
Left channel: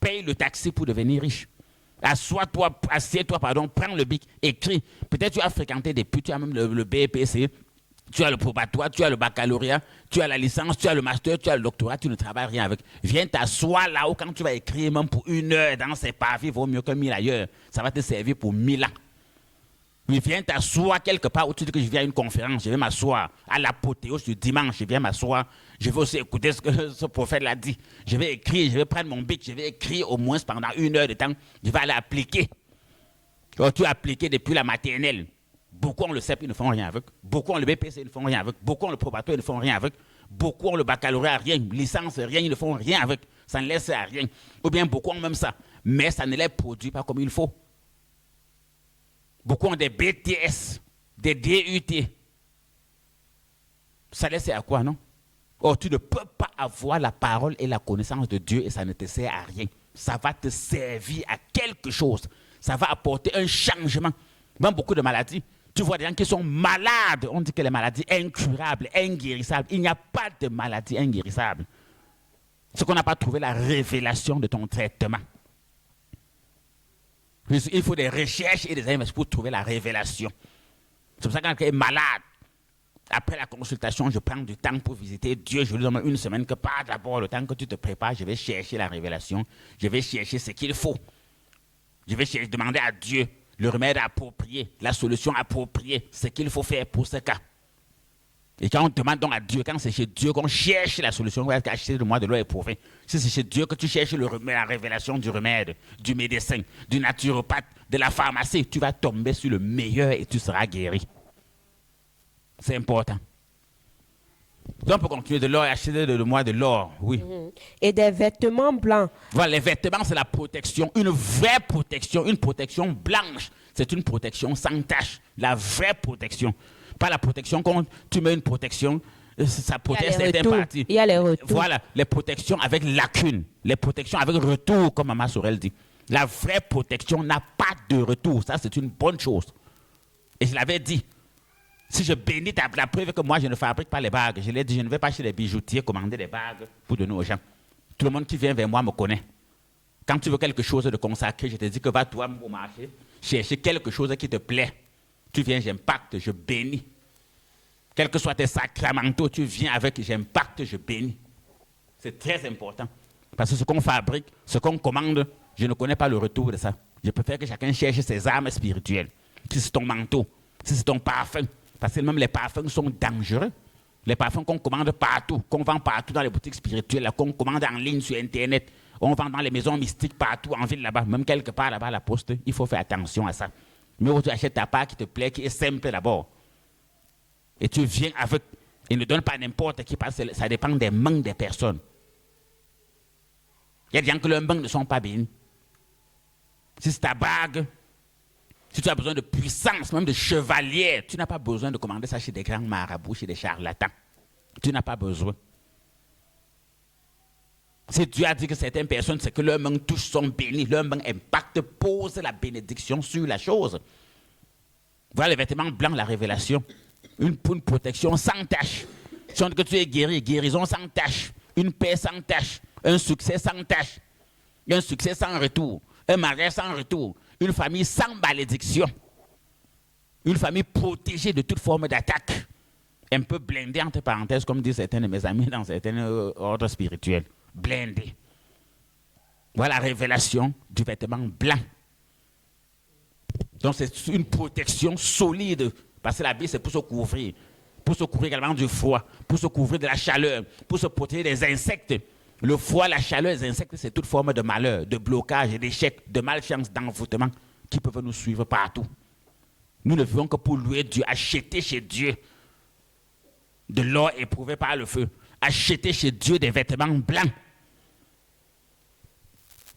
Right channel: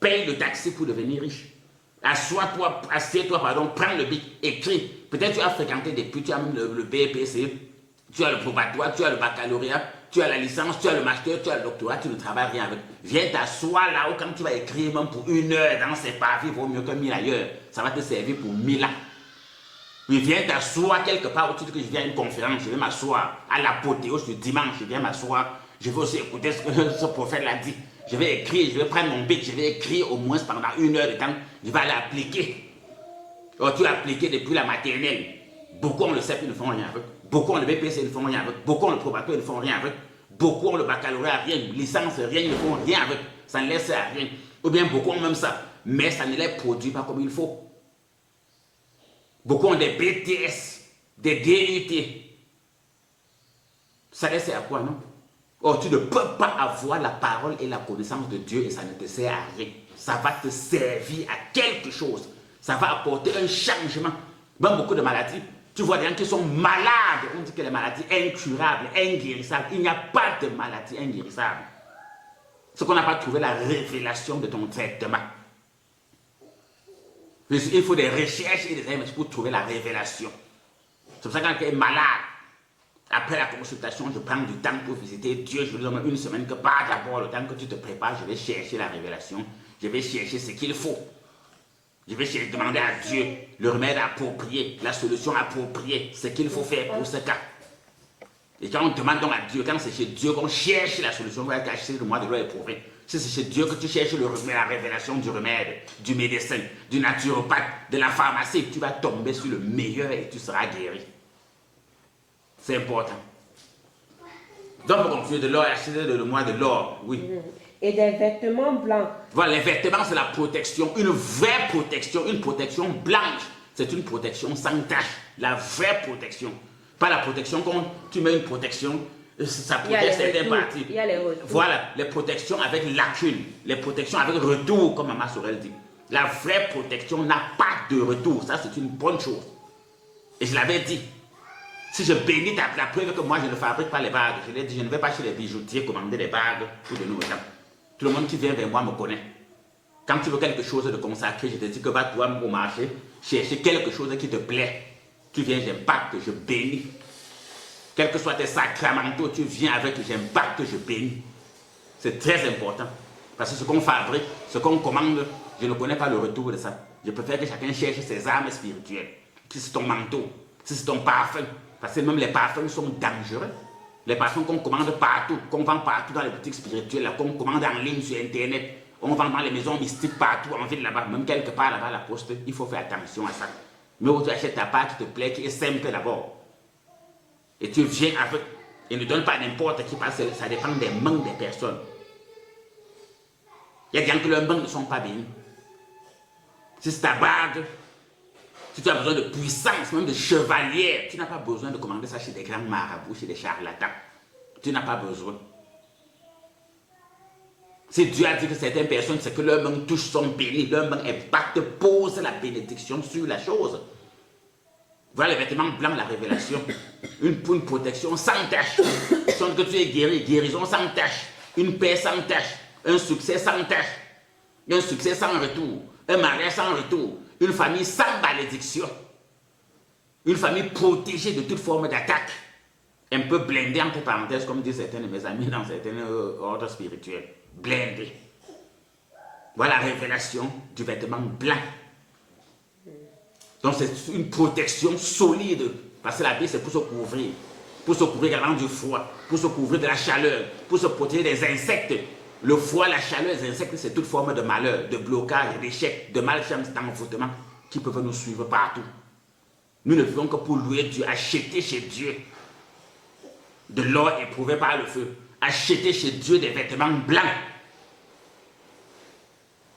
Paye le taxi pour devenir riche. Assieds-toi, prends le bic, écris. Peut-être tu as fréquenté des putes, tu as même le BPC, tu as le probatoire, tu as le baccalauréat, tu as la licence, tu as le master, tu as le doctorat, tu ne travailles rien avec. Viens t'asseoir là où quand tu vas écrire même pour 1 heure dans ces pavis, vaut mieux que 1000 ailleurs. Ça va te servir pour 1000 ans. Mais viens t'asseoir quelque part où tu dis que je viens à une conférence, je vais m'asseoir à l'apothéose du dimanche, je viens m'asseoir, je vais aussi écouter ce que ce prophète l'a dit. Je vais écrire, je vais prendre mon bic, je vais écrire au moins pendant 1 heure de temps, je vais aller appliquer. Alors, tu as appliqué depuis la maternelle. Beaucoup ont le CEP, ils ne font rien avec. Beaucoup ont le BPC, ils ne font rien avec. Beaucoup ont le probatoire, ils ne font rien avec. Beaucoup ont le baccalauréat, rien. Licence, rien, ils ne font rien avec. Ça ne laisse à rien. Ou bien beaucoup ont même ça. Mais ça ne les produit pas comme il faut. Beaucoup ont des BTS, des DUT. Ça laisse à quoi, non? Or, tu ne peux pas avoir la parole et la connaissance de Dieu et ça ne te sert à rien. Ça va te servir à quelque chose. Ça va apporter un changement. Même beaucoup de maladies. Tu vois des gens qui sont malades. On dit que les maladies incurables, inguérissables. Il n'y a pas de maladie inguérissable. C'est qu'on n'a pas trouvé la révélation de ton traitement. Il faut des recherches et des investigations pour trouver la révélation. C'est pour ça que quand quelqu'un est malade, après la consultation, je prends du temps pour visiter Dieu. Je lui donne 1 semaine que pas d'abord le temps que tu te prépares, je vais chercher la révélation. Je vais chercher ce qu'il faut. Je vais demander à Dieu le remède approprié, la solution appropriée, ce qu'il faut faire pour ce cas. Et quand on demande donc à Dieu, quand c'est chez Dieu qu'on cherche la solution, on va cacher de moi de l'eau éprouvé. Si c'est chez Dieu que tu cherches la révélation du remède, du médecin, du naturopathe, de la pharmacie, tu vas tomber sur le meilleur et tu seras guéri. C'est important. Donc pour conclure, de l'or, acheter de moi de l'or, oui. Et des vêtements blancs. Voilà, les vêtements, c'est la protection, une vraie protection, une protection blanche. C'est une protection sans tache, la vraie protection. Pas la protection quand tu mets une protection, ça protège certaines parties. Il y a les retours. Voilà, les protections avec lacune, les protections avec retour, comme Maman Sorel dit. La vraie protection n'a pas de retour, ça c'est une bonne chose. Et je l'avais dit. Si je bénis la preuve que moi je ne fabrique pas les bagues, je l'ai dit, je ne vais pas chez les bijoutiers commander des bagues pour donner aux gens. Tout le monde qui vient vers moi me connaît. Quand tu veux quelque chose de consacré, je te dis que va toi au marché, chercher quelque chose qui te plaît. Tu viens, j'impacte, je bénis. Quels que soient tes sacramentaux, tu viens avec, j'impacte, je bénis. C'est très important. Parce que ce qu'on fabrique, ce qu'on commande, je ne connais pas le retour de ça. Je préfère que chacun cherche ses armes spirituelles. Si c'est ton manteau, si c'est ton parfum. Parce que même les parfums sont dangereux. Les parfums qu'on commande partout, qu'on vend partout dans les boutiques spirituelles, qu'on commande en ligne sur Internet, on vend dans les maisons mystiques partout en ville là-bas, même quelque part là-bas à la poste, il faut faire attention à ça. Mais quand tu achètes ta part qui te plaît, qui est simple d'abord, et tu viens avec, et ne donne pas n'importe qui, parce que ça dépend des mains des personnes. Il y a des gens que leurs mains ne sont pas bénies. Si c'est ta bague, si tu as besoin de puissance, même de chevalier, tu n'as pas besoin de commander ça chez des grands marabouts, chez des charlatans. Tu n'as pas besoin. Si Dieu a dit que certaines personnes, c'est que leurs mains touchent sont bénies, leurs mains impactent, posent la bénédiction sur la chose. Voilà les vêtements blancs, la révélation. Une protection sans tache. Sans que tu es guéri, guérison sans tache. Une paix sans tache. Un succès sans tache. Un succès sans retour. Un mariage sans retour. Une famille sans malédiction. Une famille protégée de toute forme d'attaque. Un peu blindée, entre parenthèses, comme disent certains de mes amis dans certains ordres spirituels. Blindée. Voilà la révélation du vêtement blanc. Donc c'est une protection solide. Parce que la vie, c'est pour se couvrir. Pour se couvrir également du froid. Pour se couvrir de la chaleur. Pour se protéger des insectes. Le froid, la chaleur, les insectes, c'est toute forme de malheur, de blocage, d'échec, de malchance, d'envoûtement qui peuvent nous suivre partout. Nous ne vivons que pour louer Dieu, acheter chez Dieu de l'or éprouvé par le feu. Acheter chez Dieu des vêtements blancs.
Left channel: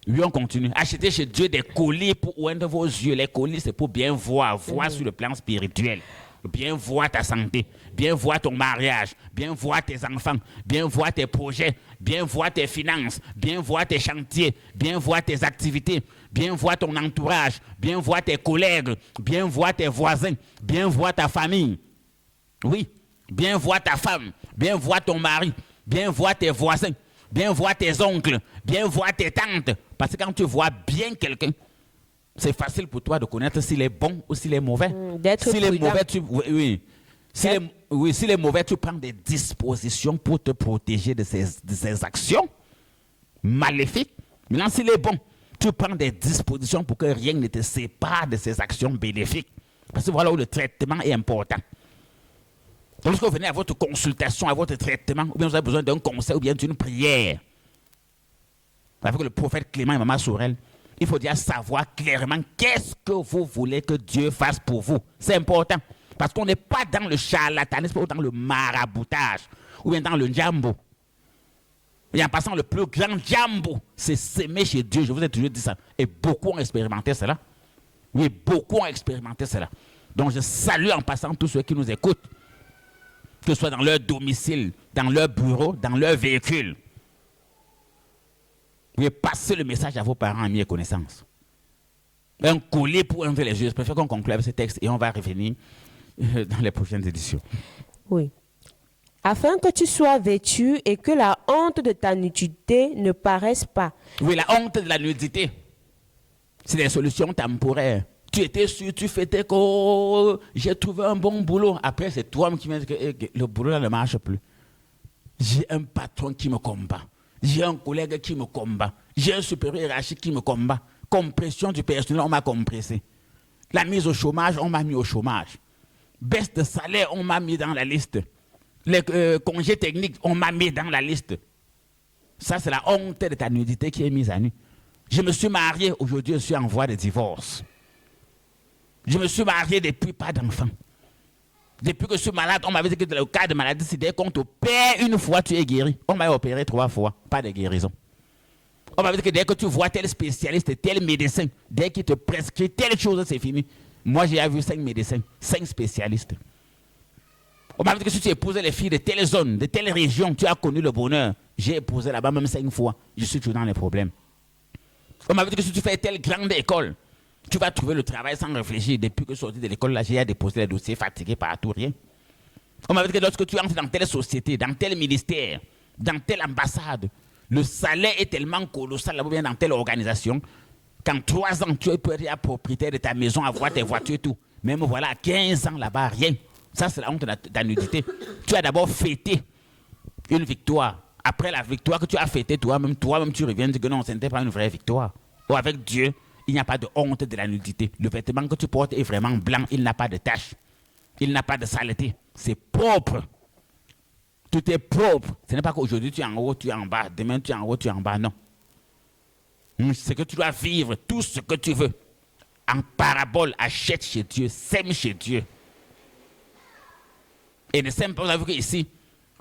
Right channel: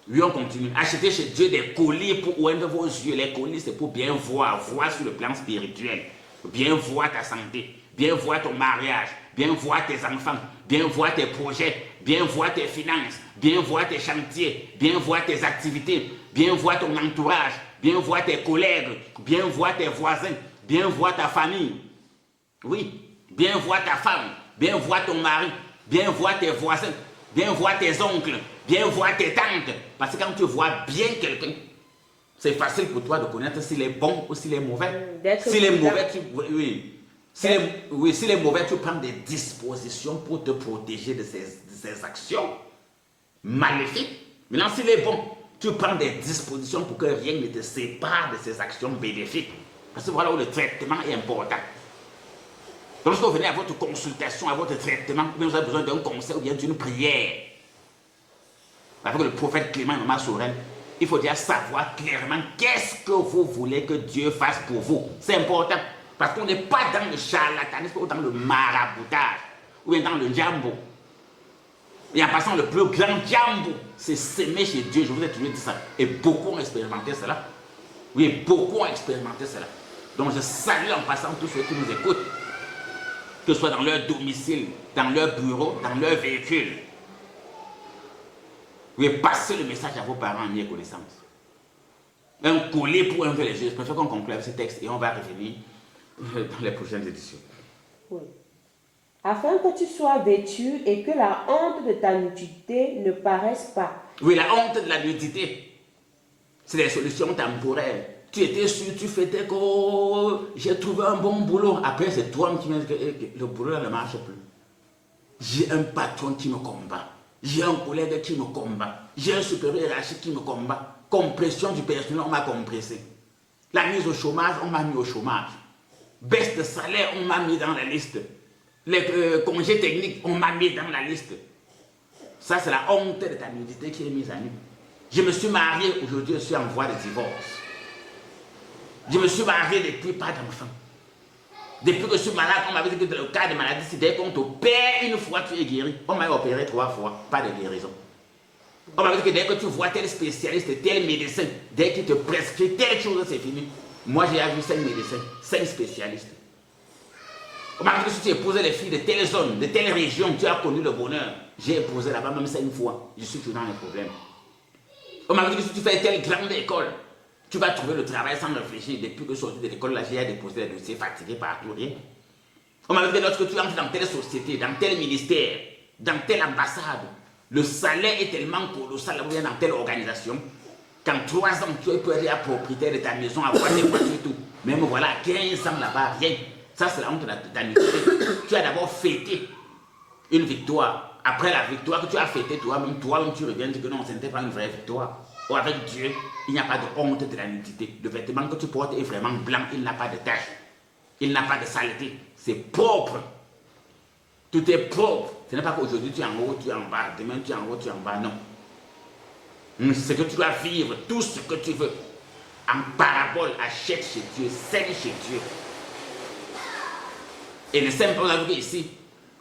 Oui, on continue. Acheter chez Dieu des colliers pour oindre vos yeux. Les colliers, c'est pour bien voir sur le plan spirituel. Bien voir ta santé, bien voir ton mariage, bien voir tes enfants, bien voir tes projets, bien voir tes finances, bien voir tes chantiers, bien voir tes activités, bien voir ton entourage, bien voir tes collègues, bien voir tes voisins, bien voir ta famille. Oui, bien voir ta femme, bien voir ton mari, bien voir tes voisins, bien voir tes oncles, bien voir tes tantes. Parce que quand tu vois bien quelqu'un, c'est facile pour toi de connaître s'il est bon ou s'il est mauvais. S'il est mauvais, s'il est mauvais, tu prends des dispositions pour te protéger de ses actions maléfiques. Maintenant, s'il est bon, tu prends des dispositions pour que rien ne te sépare de ses actions bénéfiques. Parce que voilà où le traitement est important. Donc, lorsque vous venez à votre consultation, à votre traitement, ou bien vous avez besoin d'un conseil ou bien d'une prière, avec le prophète Clément et Maman Sorel, il faut déjà savoir clairement qu'est-ce que vous voulez que Dieu fasse pour vous. C'est important. Parce qu'on n'est pas dans le charlatanisme ou dans le maraboutage, ou bien dans le jambo. Et en passant, le plus grand jambo, c'est s'aimer chez Dieu. Je vous ai toujours dit ça. Et beaucoup ont expérimenté cela. Oui, beaucoup ont expérimenté cela. Donc je salue en passant tous ceux qui nous écoutent, que ce soit dans leur domicile, dans leur bureau, dans leur véhicule. Oui, passez le message à vos parents, amis et connaissances. Un collier pour enlever les yeux. Je préfère qu'on conclue avec ce texte et on va revenir dans les prochaines éditions. Oui. Afin que tu sois vêtu et que la honte de ta nudité ne paraisse pas. Oui, la honte de la nudité, c'est des solutions temporaires. Tu étais sûr, tu fêtais que j'ai trouvé un bon boulot. Après, c'est toi qui me dis que le boulot ne marche plus. J'ai un patron qui me combat. J'ai un collègue qui me combat. J'ai un supérieur hiérarchique qui me combat. Compression du personnel, on m'a compressé. La mise au chômage, on m'a mis au chômage. Baisse de salaire, on m'a mis dans la liste. Les congés techniques, on m'a mis dans la liste. Ça, c'est la honte de ta nudité qui est mise à nu. Je me suis marié, aujourd'hui, je suis en voie de divorce. Je me suis marié depuis pas d'enfant. Depuis que je suis malade, on m'avait dit que dans le cas de maladie, c'est dès qu'on t'opère une fois, tu es guéri. On m'a opéré 3 fois, pas de guérison. On m'avait dit que dès que tu vois tel spécialiste, tel médecin, dès qu'il te prescrit telle chose, c'est fini. Moi, j'ai vu 5 médecins, 5 spécialistes. On m'a dit que si tu épousais les filles de telle zone, de telle région, tu as connu le bonheur. J'ai épousé là-bas même 5 fois. Je suis toujours dans les problèmes. On m'a dit que si tu fais telle grande école, tu vas trouver le travail sans réfléchir. Depuis que je suis sorti de l'école, là, j'ai déposé les dossiers, fatigué partout, rien. On m'a dit que lorsque tu entres dans telle société, dans tel ministère, dans telle ambassade, le salaire est tellement colossal, ou bien dans telle organisation, qu'en 3 ans, tu peux être propriétaire de ta maison, avoir des voitures et tout. Même voilà, 15 ans là-bas, rien. Ça, c'est la honte de ta nudité. Tu as d'abord fêté une victoire. Après la victoire que tu as fêtée, toi-même, tu reviens et dis que non, ce n'était pas une vraie victoire. Ou avec Dieu, il n'y a pas de honte de la nudité. Le vêtement que tu portes est vraiment blanc, il n'a pas de tache. Il n'a pas de saleté. C'est propre. Tout est propre. Ce n'est pas qu'aujourd'hui tu es en haut, tu es en bas. Demain tu es en haut, tu es en bas. Non. C'est que tu dois vivre tout ce que tu veux. En parabole, achète chez Dieu, sème chez Dieu. Et le simple, on a vu ici,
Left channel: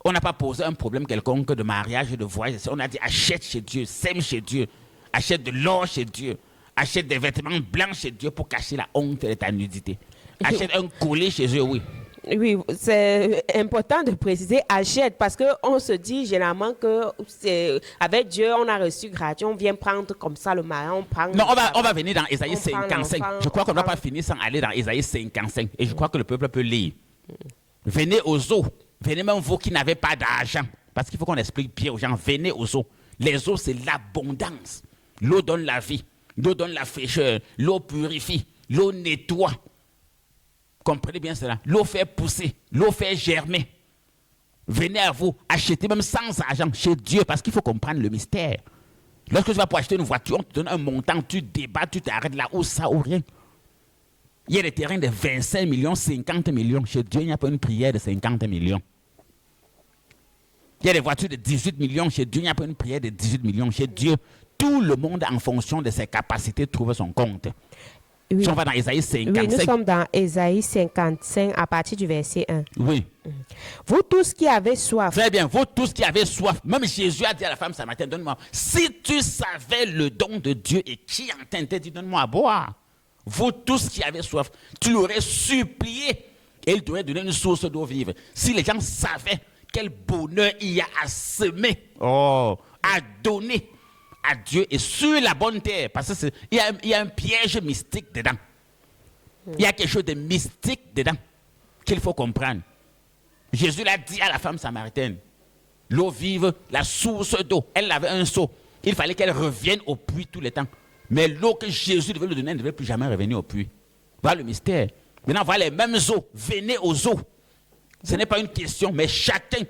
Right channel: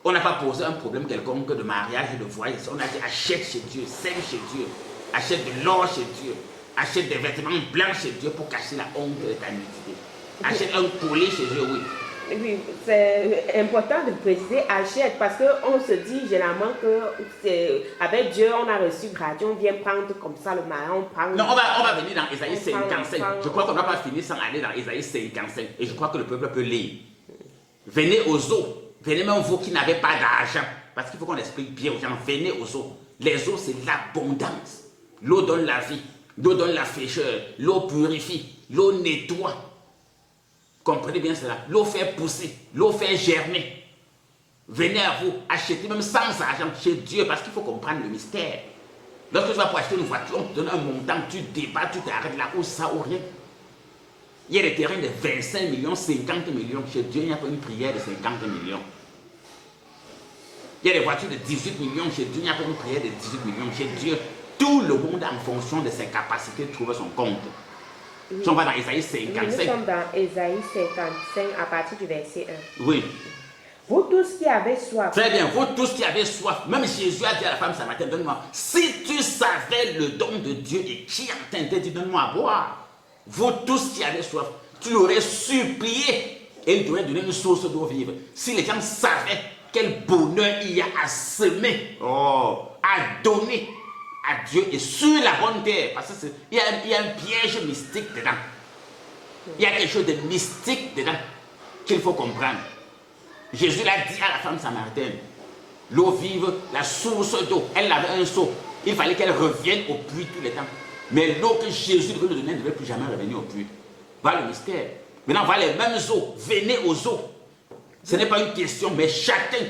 on n'a pas posé un problème quelconque de mariage et de voyage. On a dit achète chez Dieu, sème chez Dieu, achète de l'or chez Dieu, achète des vêtements blancs chez Dieu pour cacher la honte de ta nudité. Achète un collier chez eux, oui. Oui, c'est important de préciser achète parce qu'on se dit généralement que avec Dieu, on a reçu gratuit, on vient prendre comme ça le marin, on prend... Non, on va venir dans Ésaïe 55. Je crois qu'on ne va pas finir sans aller dans Ésaïe 55. Et je crois que le peuple peut lire. Venez aux eaux. Venez même vous qui n'avez pas d'argent. Parce qu'il faut qu'on explique bien aux gens. Venez aux eaux. Les eaux, c'est l'abondance. L'eau donne la vie. L'eau donne la fraîcheur. L'eau purifie. L'eau nettoie. Comprenez bien cela. L'eau fait pousser. L'eau fait germer. Venez à vous. Achetez même sans argent chez Dieu. Parce qu'il faut comprendre le mystère. Lorsque tu vas pour acheter une voiture, on te donne un montant. Tu débats, tu t'arrêtes là où ça ou rien. Il y a des terrains de 25 millions, 50 millions. Chez Dieu, il n'y a pas une prière de 50 millions. Il y a des voitures de 18 millions. Chez Dieu, il n'y a pas une prière de 18 millions. Chez Dieu, tout le monde, en fonction de ses capacités, trouve son compte. Oui. Si on va dans Ésaïe 55. Oui, nous sommes dans Ésaïe 55 à partir du verset 1. Oui. Vous tous qui avez soif. Très bien, vous tous qui avez soif. Même Jésus a dit à la femme samaritaine, donne-moi. Si tu savais le don de Dieu et qui en t'a dit, donne-moi à boire. Vous tous qui avez soif, tu l'aurais supplié et il t'aurait donné une source d'eau vive. Si les gens savaient quel bonheur il y a à semer, à donner à Dieu et sur la bonne terre, parce qu'il y a un piège mystique dedans. Il y a quelque chose de mystique dedans qu'il faut comprendre. Jésus l'a dit à la femme samaritaine. l'eau vive, la source d'eau. Elle avait un seau. Il fallait qu'elle revienne au puits tout le temps. Mais l'eau que Jésus devait nous donner ne devait plus jamais revenir au puits. Voilà le mystère. Maintenant, voilà les mêmes eaux. Venez aux eaux. Ce n'est pas une question, mais chacun.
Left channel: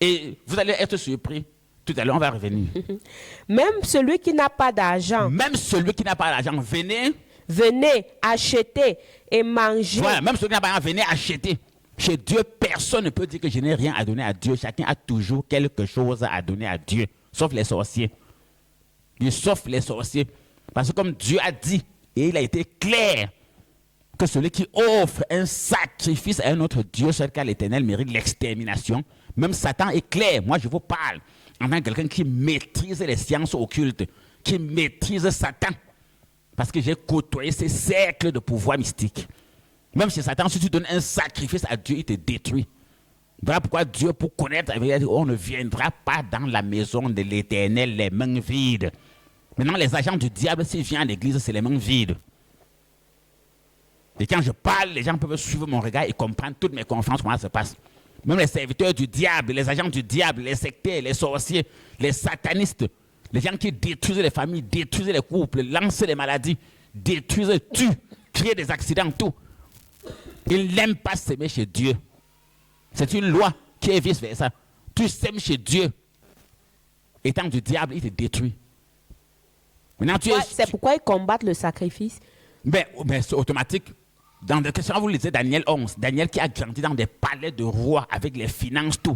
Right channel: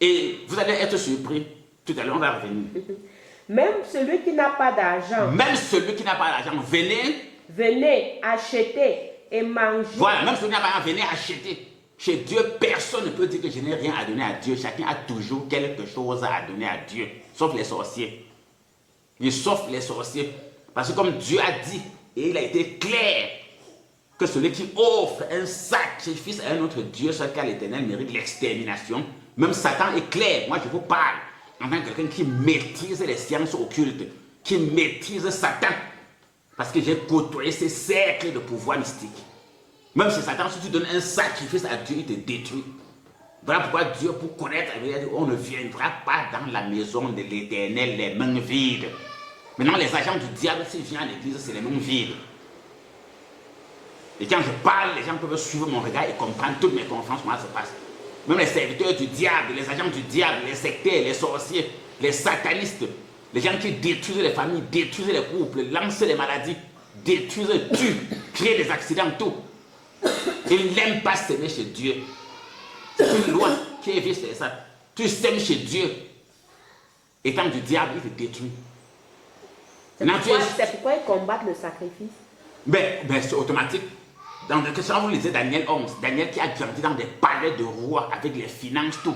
Et vous allez être surpris. Tout à l'heure, on va revenir. Même celui qui n'a pas d'argent. Même celui qui n'a pas d'argent, venez acheter et manger. Voilà, même celui qui n'a pas d'argent, venez acheter. Chez Dieu, personne ne peut dire que je n'ai rien à donner à Dieu. Chacun a toujours quelque chose à donner à Dieu. Sauf les sorciers. Et sauf les sorciers. Parce que comme Dieu a dit, et il a été clair, que celui qui offre un sacrifice à un autre Dieu, sur lequel l'Éternel mérite l'extermination. Même Satan est clair. Moi, je vous parle en tant que quelqu'un qui maîtrise les sciences occultes, qui maîtrise Satan. Parce que j'ai côtoyé ces cercles de pouvoir mystique. Même si Satan, si tu donnes un sacrifice à Dieu, il te détruit. Voilà pourquoi Dieu, pour connaître la vérité, on ne viendra pas dans la maison de l'Éternel les mains vides. Maintenant, les agents du diable, s'ils viennent à l'église, c'est les mains vides. Et quand je parle, les gens peuvent suivre mon regard et comprendre toutes mes conférences, comment ça se passe. Même les serviteurs du diable, les agents du diable, les sectaires, les sorciers, les satanistes, les gens qui détruisent les familles, détruisent les couples, lancent les maladies, détruisent, tuent, créent des accidents, tout. Ils n'aiment pas s'aimer chez Dieu. C'est une loi qui est vice versa. Tu s'aimes chez Dieu. Étant du diable, il te détruit. C'est pourquoi ils combattent le sacrifice. Ben c'est automatique. Dans des questions, vous lisez Daniel 11. Daniel qui a grandi dans des palais de rois avec les finances, tout.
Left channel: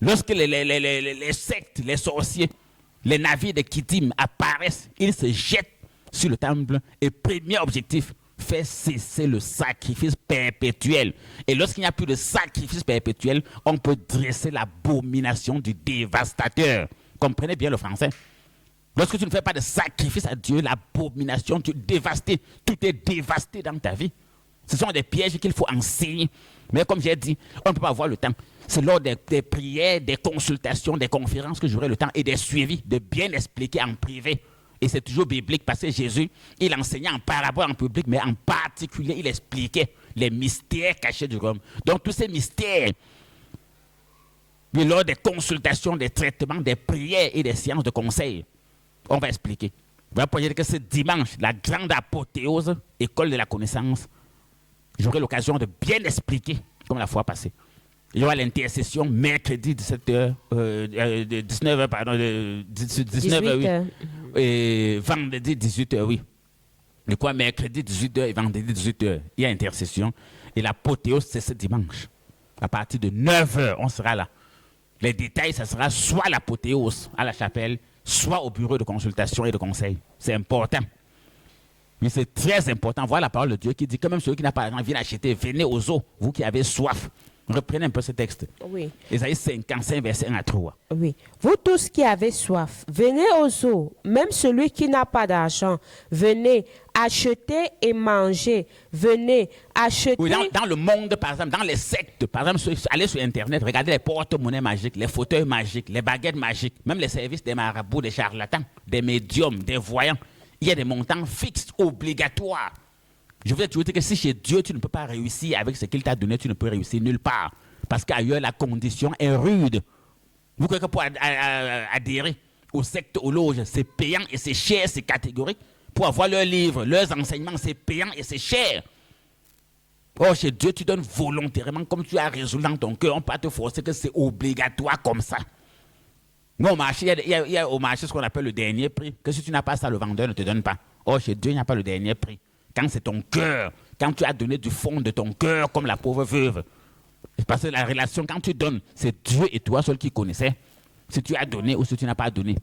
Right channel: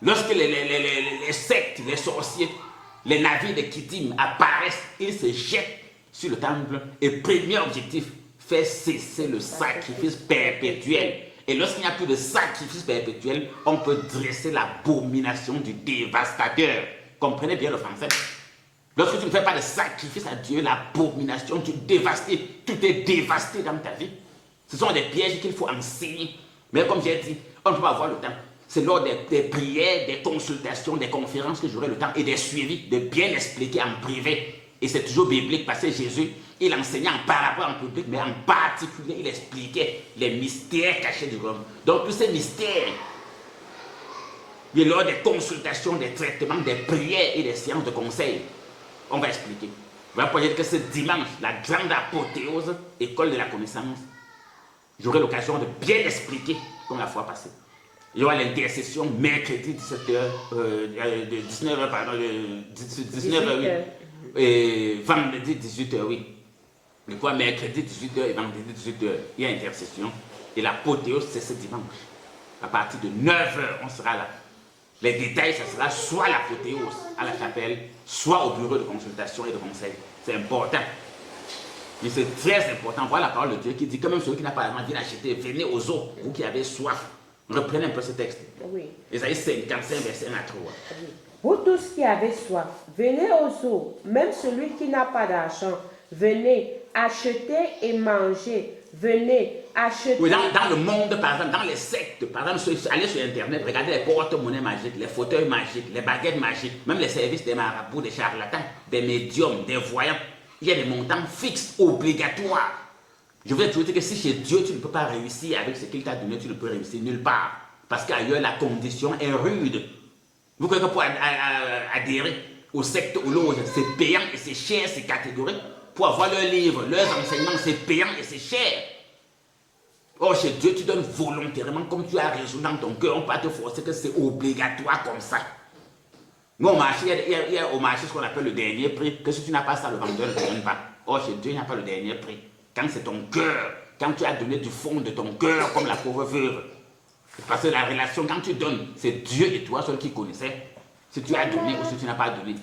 Lorsque les sectes, les sorciers, les navires de Kittim apparaissent, ils se jettent sur le temple. Et premier objectif, faire cesser le sacrifice perpétuel. Et lorsqu'il n'y a plus de sacrifice perpétuel, on peut dresser l'abomination du dévastateur. Comprenez bien le français. Lorsque tu ne fais pas de sacrifice à Dieu, l'abomination, tu es dévasté. Tout est dévasté dans ta vie. Ce sont des pièges qu'il faut enseigner. Mais comme j'ai dit, on ne peut pas avoir le temps. C'est lors des prières, des consultations, des conférences que j'aurai le temps et des suivis de bien expliquer en privé. Et c'est toujours biblique parce que Jésus, il enseignait en parabole en public, mais en particulier, il expliquait les mystères cachés du royaume. Donc tous ces mystères, mais lors des consultations, des traitements, des prières et des séances de conseil, on va expliquer. Voilà pour dire que ce dimanche, la grande apothéose, école de la connaissance, j'aurai l'occasion de bien expliquer comme la fois passée. Il y aura l'intercession mercredi 19h, pardon, 19h, oui. Et vendredi 18h, oui. Et quoi, mercredi 18h et vendredi 18h, il y a intercession. Et l'apothéose, c'est ce dimanche. À partir de 9h, on sera là. Les détails, ce sera soit l'apothéose à la chapelle, soit au bureau de consultation et de conseil. C'est important. Mais c'est très important. Voilà la parole de Dieu qui dit, quand même celui qui n'a pas d'argent, viens acheter, venez aux eaux, vous qui avez soif. Reprenez un peu ce texte. Oui. Isaïe 55, verset 1 à 3. Oui. Vous tous qui avez soif, venez aux eaux. Même celui qui n'a pas d'argent, venez acheter et manger. Venez acheter. Oui, dans le monde, par exemple, dans les sectes, par exemple, allez sur Internet, regardez les porte-monnaies magiques, les fauteuils magiques, les baguettes magiques, même les services des marabouts, des charlatans, des médiums, des voyants. Il y a des montants fixes, obligatoires. Je veux toujours dire que si chez Dieu, tu ne peux pas réussir avec ce qu'il t'a donné, tu ne peux réussir nulle part. Parce qu'ailleurs, la condition est rude. Vous croyez que pour adhérer aux sectes, aux loges, c'est payant et c'est cher, c'est catégorique. Pour avoir leurs livres, leurs enseignements, c'est payant et c'est cher. Or, chez Dieu, tu donnes volontairement, comme tu as résolu dans ton cœur, on ne peut pas te forcer que c'est obligatoire comme ça. Mais au marché, il y a au marché ce qu'on appelle le dernier prix, que si tu n'as pas ça, le vendeur ne te donne pas. Or, chez Dieu, il n'y a pas le dernier prix. Quand c'est ton cœur, quand tu as donné du fond de ton cœur, comme la pauvre veuve. Parce que la relation, quand tu donnes, c'est Dieu et toi seul qui connaissais. Si tu as donné ou si tu n'as pas donné.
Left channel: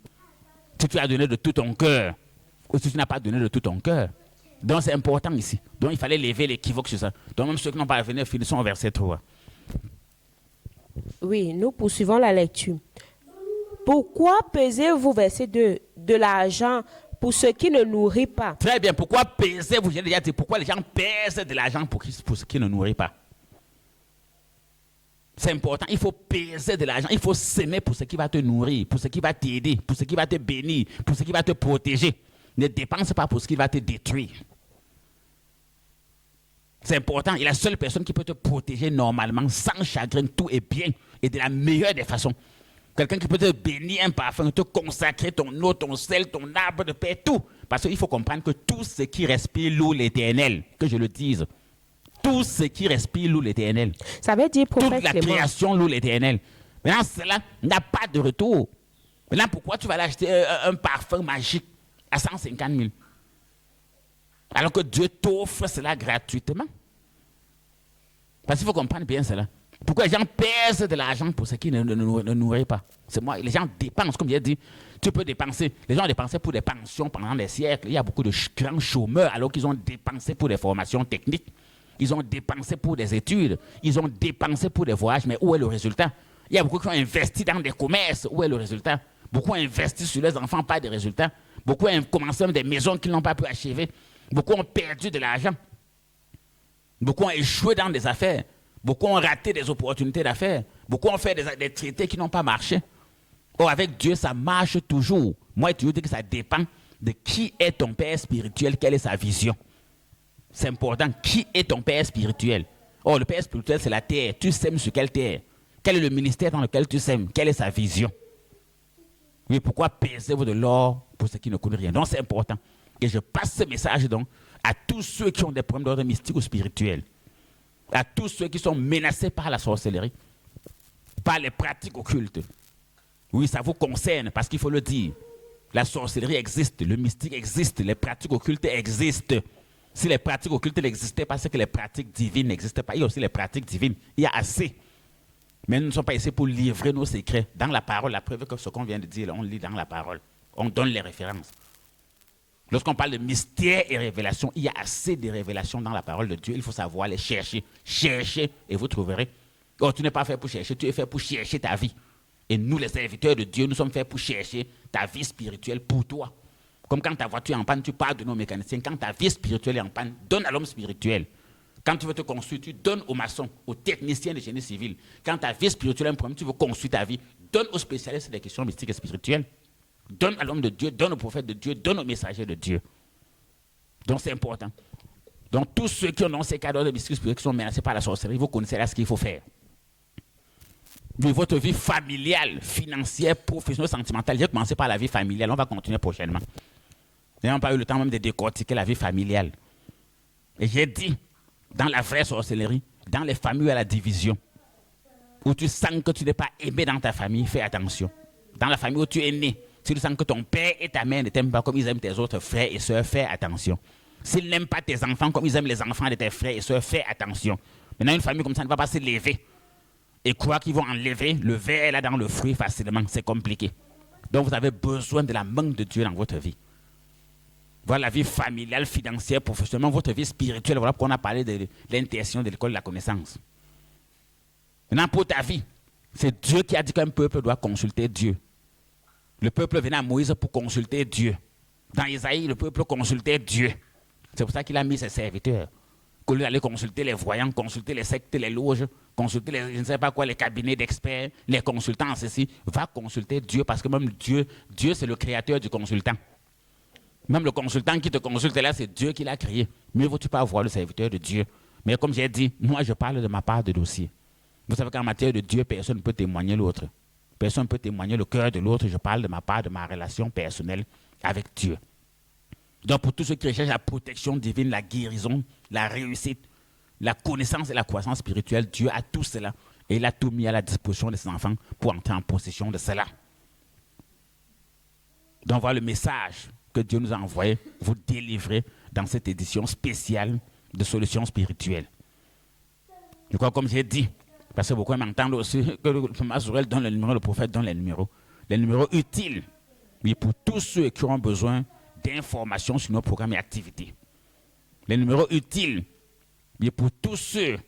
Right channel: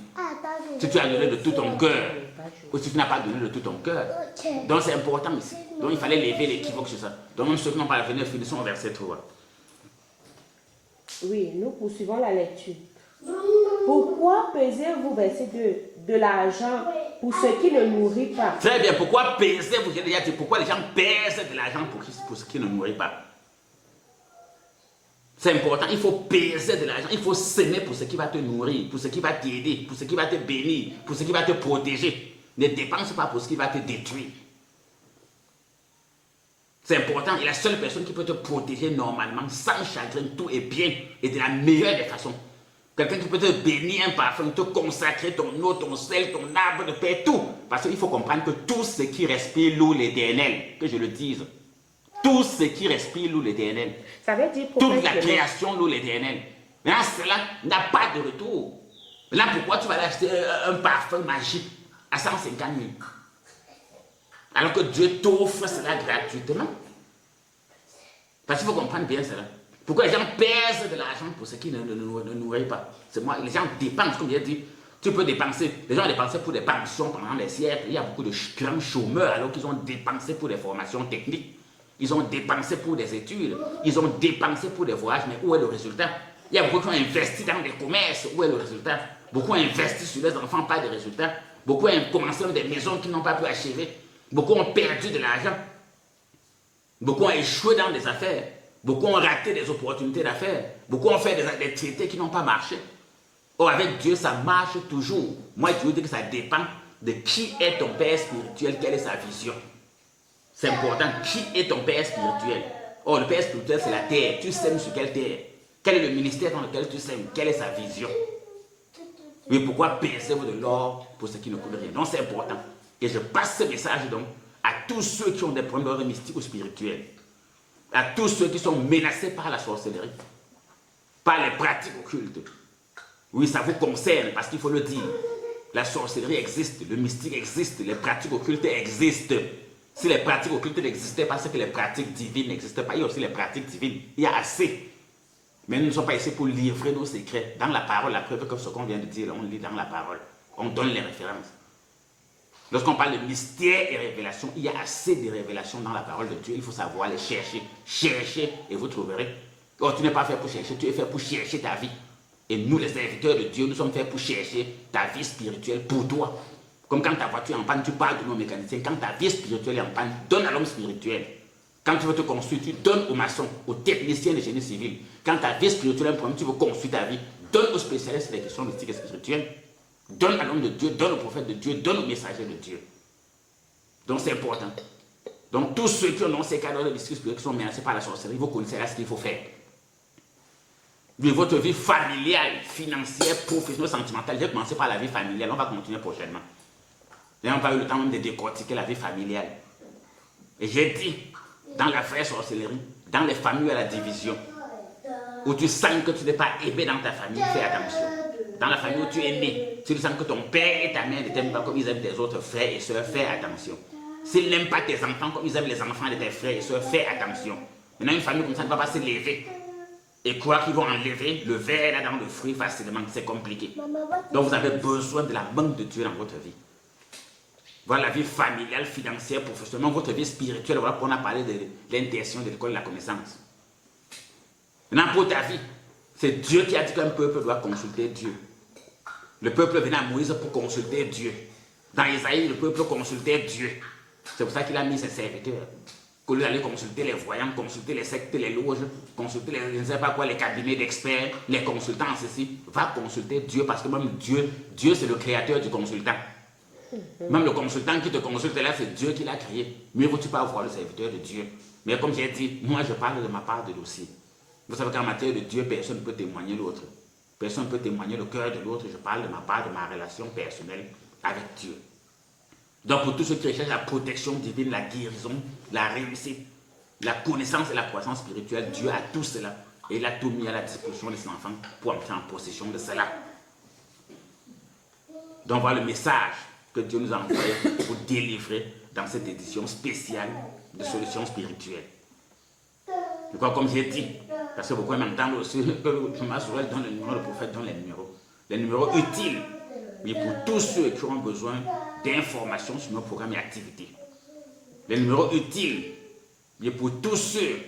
Si tu as donné de tout ton cœur, ou si tu n'as pas donné de tout ton cœur. Donc c'est important ici. Donc il fallait lever l'équivoque sur ça. Donc même ceux qui n'ont pas revenu, finissons au verset 3. Oui, nous poursuivons la lecture. Pourquoi pesez-vous, verset 2, de l'argent pour ce qui ne nourrit pas? Très bien, pourquoi pesez-vous? J'ai déjà dit, pourquoi les gens pèsent de l'argent pour ce qui ne nourrit pas? C'est important, il faut peser de l'argent, il faut s'aimer pour ce qui va te nourrir, pour ce qui va t'aider, pour ce qui va te bénir, pour ce qui va te protéger. Ne dépense pas pour ce qui va te détruire. C'est important. Et la seule personne qui peut te protéger normalement, sans chagrin, tout est bien et de la meilleure des façons. Quelqu'un qui peut te bénir un parfum, te consacrer ton eau, ton sel, ton arbre de paix, tout. Parce qu'il faut comprendre que tout ce qui respire loue l'Éternel, que je le dise. Tout ce qui respire loue l'Éternel. Ça veut dire, prophète, toute la création loue l'Éternel. Mais là, cela n'a pas de retour. Mais là, pourquoi tu vas l'acheter un parfum magique à 150 000? Alors que Dieu t'offre cela gratuitement. Parce qu'il faut comprendre bien cela. Pourquoi les gens pèsent de l'argent pour ce qui ne nourrit pas? C'est moi, les gens dépensent, comme j'ai dit. Tu peux dépenser. Les gens ont dépensé pour des pensions pendant des siècles. Il y a beaucoup de grands chômeurs alors qu'ils ont dépensé pour des formations techniques. Ils ont dépensé pour des études. Ils ont dépensé pour des voyages. Mais où est le résultat? Il y a beaucoup qui ont investi dans des commerces. Où est le résultat? Beaucoup ont investi sur les enfants, pas de résultats. Beaucoup ont commencé des maisons qu'ils n'ont pas pu achever. Beaucoup ont perdu de l'argent. Beaucoup ont échoué dans des affaires. Beaucoup ont raté des opportunités d'affaires. Beaucoup ont fait des traités qui n'ont pas marché. Or, avec Dieu, ça marche toujours. Moi, je vous dis que ça dépend de qui est ton père spirituel, quelle est sa vision. C'est important. Qui est ton père spirituel? Or, le père spirituel, c'est la terre. Tu sèmes sur quelle terre? Quel est le ministère dans lequel tu sèmes? Quelle est sa vision? Mais pourquoi payer de l'or pour ceux qui ne connaissent rien? Donc, c'est important. Et je passe ce message donc à tous ceux qui ont des problèmes d'ordre mystique ou spirituel. À tous ceux qui sont menacés par la sorcellerie, par les pratiques occultes. Oui, ça vous concerne parce qu'il faut le dire. La sorcellerie existe, le mystique existe, les pratiques occultes existent. Si les pratiques occultes n'existaient pas, c'est que les pratiques divines n'existent pas. Il y a aussi les pratiques divines. Il y a assez. Mais nous ne sommes pas ici pour livrer nos secrets. Dans la parole, la preuve que ce qu'on vient de dire, on lit dans la parole. On donne les références. Lorsqu'on parle de mystère et révélation, il y a assez de révélations dans la parole de Dieu. Il faut savoir les chercher. Cherchez et vous trouverez. Oh, tu n'es pas fait pour chercher, tu es fait pour chercher ta vie. Et nous, les serviteurs de Dieu, nous sommes faits pour chercher ta vie spirituelle pour toi. Comme quand ta voiture est en panne, tu parles de nos mécaniciens. Quand ta vie spirituelle est en panne, donne à l'homme spirituel. Quand tu veux te construire, tu donnes aux maçons, aux techniciens de génie civil. Quand ta vie spirituelle est un problème, tu veux construire ta vie, donne aux spécialistes des questions mystiques et spirituelles. Donne à l'homme de Dieu, donne au prophète de Dieu, donne au messager de Dieu. Donc c'est important. Donc tous ceux qui ont ces cadres de mystiques spirituels qui sont menacés par la sorcellerie, vous connaissez là ce qu'il faut faire. Mais votre vie familiale, financière, professionnelle, sentimentale, j'ai commencé par la vie familiale, on va continuer prochainement. Nous n'avons pas eu le temps même de décortiquer la vie familiale. Et j'ai dit, dans la vraie sorcellerie, dans les familles à la division, où tu sens que tu n'es pas aimé dans ta famille, fais attention. Dans la famille où tu es né, si tu sens que ton père et ta mère ne t'aiment pas comme ils aiment tes autres frères et sœurs, fais attention. S'ils n'aiment pas tes enfants comme ils aiment les enfants de tes frères et sœurs, fais attention. Maintenant, une famille comme ça ne va pas se lever et croire qu'ils vont enlever le verre là dans le fruit facilement. C'est compliqué. Donc, vous avez besoin de la main de Dieu dans votre vie. Voilà la vie familiale, financière, professionnelle, votre vie spirituelle. Voilà pourquoi on a parlé de l'intention de l'école de la connaissance. Maintenant, pour ta vie, c'est Dieu qui a dit qu'un peuple doit consulter Dieu. Le peuple venait à Moïse pour consulter Dieu. Dans Isaïe, le peuple consultait Dieu. C'est pour ça qu'il a mis ses serviteurs. Qu'au lieu d'aller consulter les voyants, consulter les sectes, les loges, consulter les, je ne sais pas quoi, les cabinets d'experts, les consultants, ceci, va consulter Dieu parce que même Dieu c'est le créateur du consultant. Même le consultant qui te consulte là, c'est Dieu qui l'a créé. Mieux vaut-tu pas voir le serviteur de Dieu. Mais comme j'ai dit, moi je parle de ma part de dossier. Vous savez qu'en matière de Dieu, personne ne peut témoigner l'autre. Personne ne peut témoigner le cœur de l'autre. Je parle de ma part, de ma relation personnelle avec Dieu. Donc pour tous ceux qui recherchent la protection divine, la guérison, la réussite, la connaissance et la croissance spirituelle, Dieu a tout cela. Et il a tout mis à la disposition de ses enfants pour entrer en possession de cela. Donc voilà le message que Dieu nous a envoyé pour vous délivrer dans cette édition spéciale de solutions spirituelles. Je crois comme j'ai dit, parce que beaucoup m'entendent aussi que le Masourel donne le numéro, le prophète donne les numéros. Les numéros utiles, oui, pour tous ceux qui auront besoin d'informations sur nos programmes et activités. Les numéros utiles, oui, pour tous ceux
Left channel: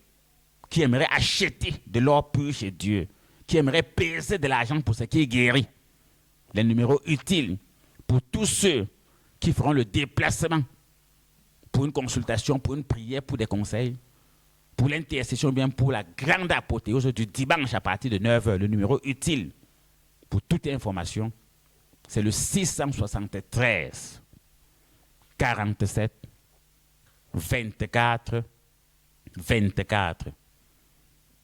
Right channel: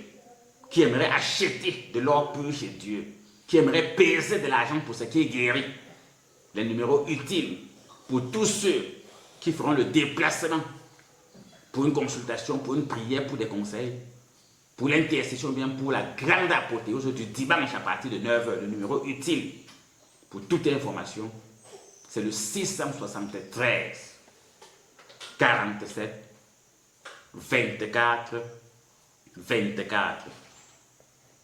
qui aimeraient acheter de l'or pur chez Dieu, qui aimeraient peser de l'argent pour ce qui est guéri. Les numéros utiles pour tous ceux qui feront le déplacement pour une consultation, pour une prière, pour des conseils, pour l'intercession, bien pour la grande apothéose du dimanche à partir de 9h. Le numéro utile pour toute information, c'est le 673 47 24 24,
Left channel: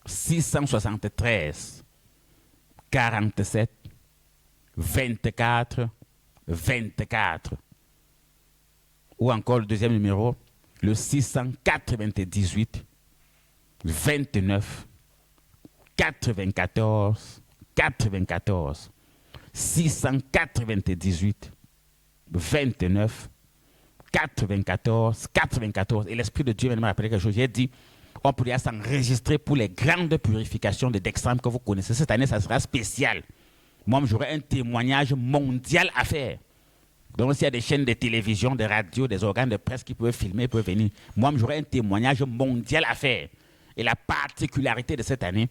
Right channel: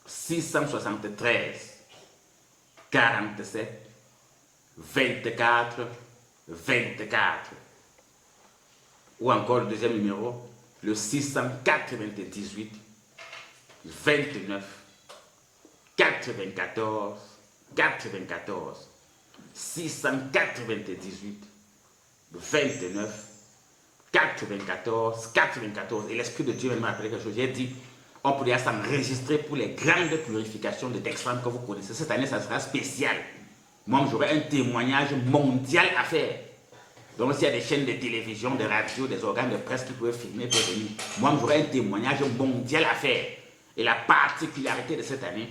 673, 47, 24, 24. Ou encore le deuxième numéro, le 698, 29, 94, 94. 698, 29, 94, 94. Et l'Esprit de Dieu m'a rappelé quelque chose. Il a dit, on pourrait s'enregistrer pour les grandes purifications de Dexfam que vous connaissez. Cette année, ça sera spécial. Moi, j'aurai un témoignage mondial à faire. Donc, s'il y a des chaînes de télévision, de radio, des organes de presse qui peuvent filmer, peuvent venir. Moi, j'aurai un témoignage mondial à faire. Et la particularité de cette année,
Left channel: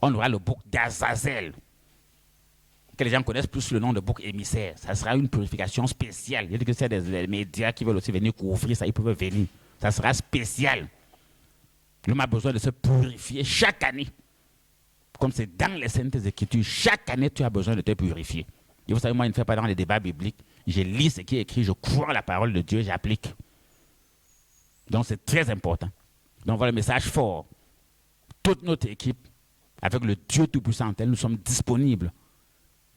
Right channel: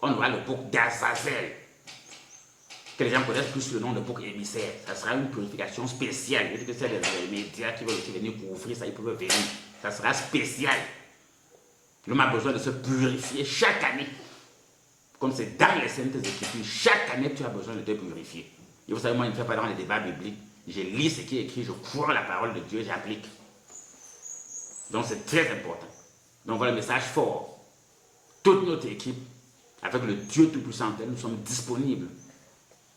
on aura le bouc d'Azazel, que les gens connaissent plus le nom de bouc émissaire. Ça sera une purification spéciale. Je dis que c'est les médias qui veulent aussi venir couvrir ça, ils peuvent venir. Ça sera spécial. L'homme a besoin de se purifier chaque année. Comme c'est dans les Saintes Écritures, chaque année tu as besoin de te purifier. Et vous savez, moi, je ne fais pas dans les débats bibliques. Je lis ce qui est écrit, je crois à la parole de Dieu, j'applique. Donc c'est très important. Donc voilà le message fort. Toute notre équipe, avec le Dieu Tout-Puissant, nous sommes disponibles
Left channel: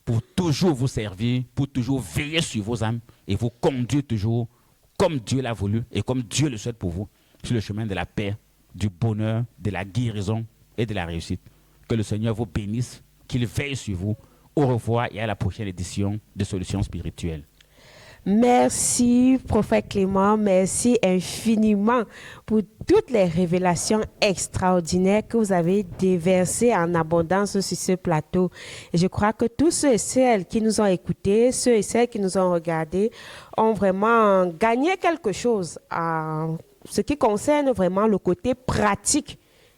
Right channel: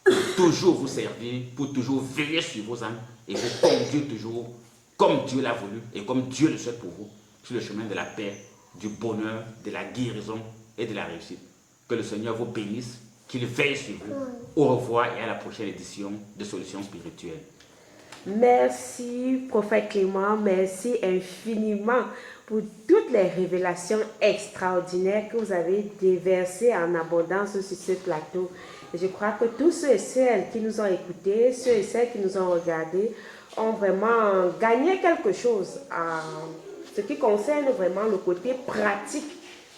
pour toujours vous servir, pour toujours veiller sur vos âmes et vous conduire toujours comme Dieu l'a voulu et comme Dieu le souhaite pour vous, sur le chemin de la paix, du bonheur, de la guérison et de la réussite. Que le Seigneur vous bénisse, qu'il veille sur vous. Au revoir et à la prochaine édition de Solutions Spirituelles. Merci, prophète Clément, merci infiniment pour toutes les révélations extraordinaires que vous avez déversées en abondance sur ce plateau. Et je crois que tous ceux et celles qui nous ont écoutés, ceux et celles qui nous ont regardés, ont vraiment gagné quelque chose en ce qui concerne vraiment le côté pratique,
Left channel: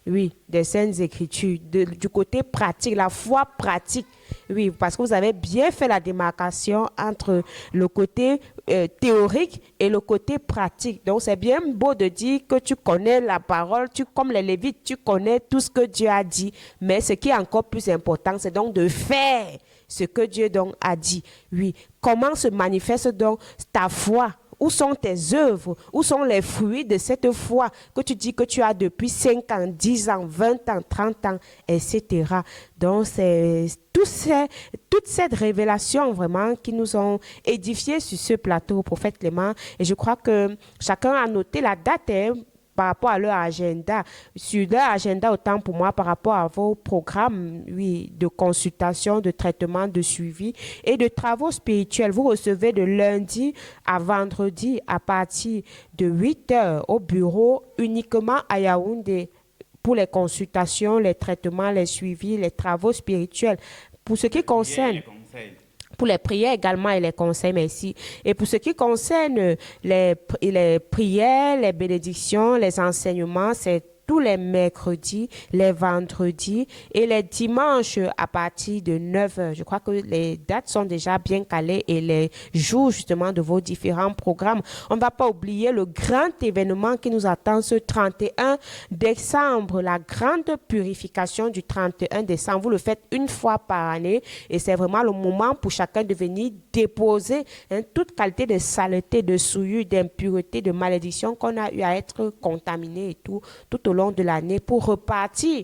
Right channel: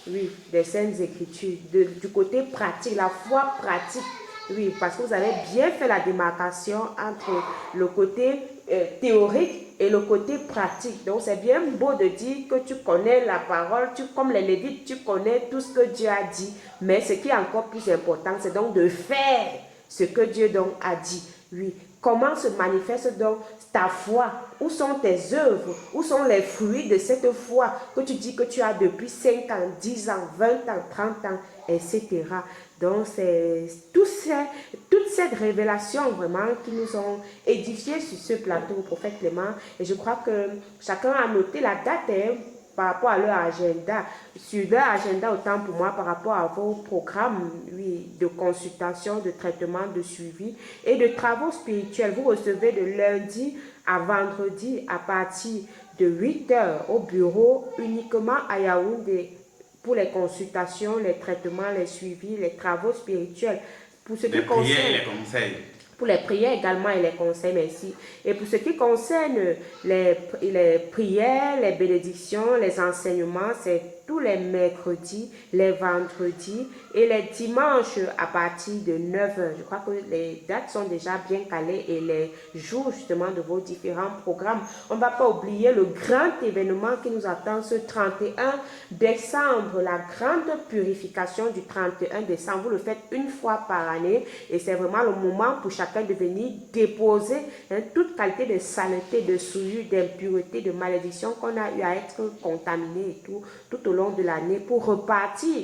oui, des Saintes Écritures, du côté pratique, la foi pratique. Oui, parce que vous avez bien fait la démarcation entre le côté théorique et le côté pratique. Donc, c'est bien beau de dire que tu connais la parole, comme les Lévites, tu connais tout ce que Dieu a dit. Mais ce qui est encore plus important, c'est donc de faire ce que Dieu donc a dit. Oui, comment se manifeste donc ta foi? Où sont tes œuvres? Où sont les fruits de cette foi que tu dis que tu as depuis 5 ans, 10 ans, 20 ans, 30 ans, etc. Donc, c'est toute cette révélation vraiment qui nous ont édifiés sur ce plateau, prophète Clément. Et je crois que chacun a noté la date par rapport à leur agenda. Sur leur agenda, autant pour moi, par rapport à vos programmes, oui, de consultation, de traitement, de suivi et de travaux spirituels. Vous recevez de lundi à vendredi à partir de 8 heures au bureau uniquement à Yaoundé pour les consultations, les traitements, les suivis, les travaux spirituels. Pour ce qui concerne... Pour les prières également et les conseils, merci. Et pour ce qui concerne les prières, les bénédictions, les enseignements, c'est tous les mercredis, les vendredis et les dimanches à partir de 9 heures. Je crois que les dates sont déjà bien calées et les jours justement de vos différents programmes. On ne va pas oublier le grand événement qui nous attend ce 31 décembre, la grande purification du 31 décembre. Vous le faites une fois par année et c'est vraiment le moment pour chacun de venir déposer toute qualité de saleté, de souillure, d'impureté, de malédiction qu'on a eu à être contaminé et tout au long de l'année pour repartir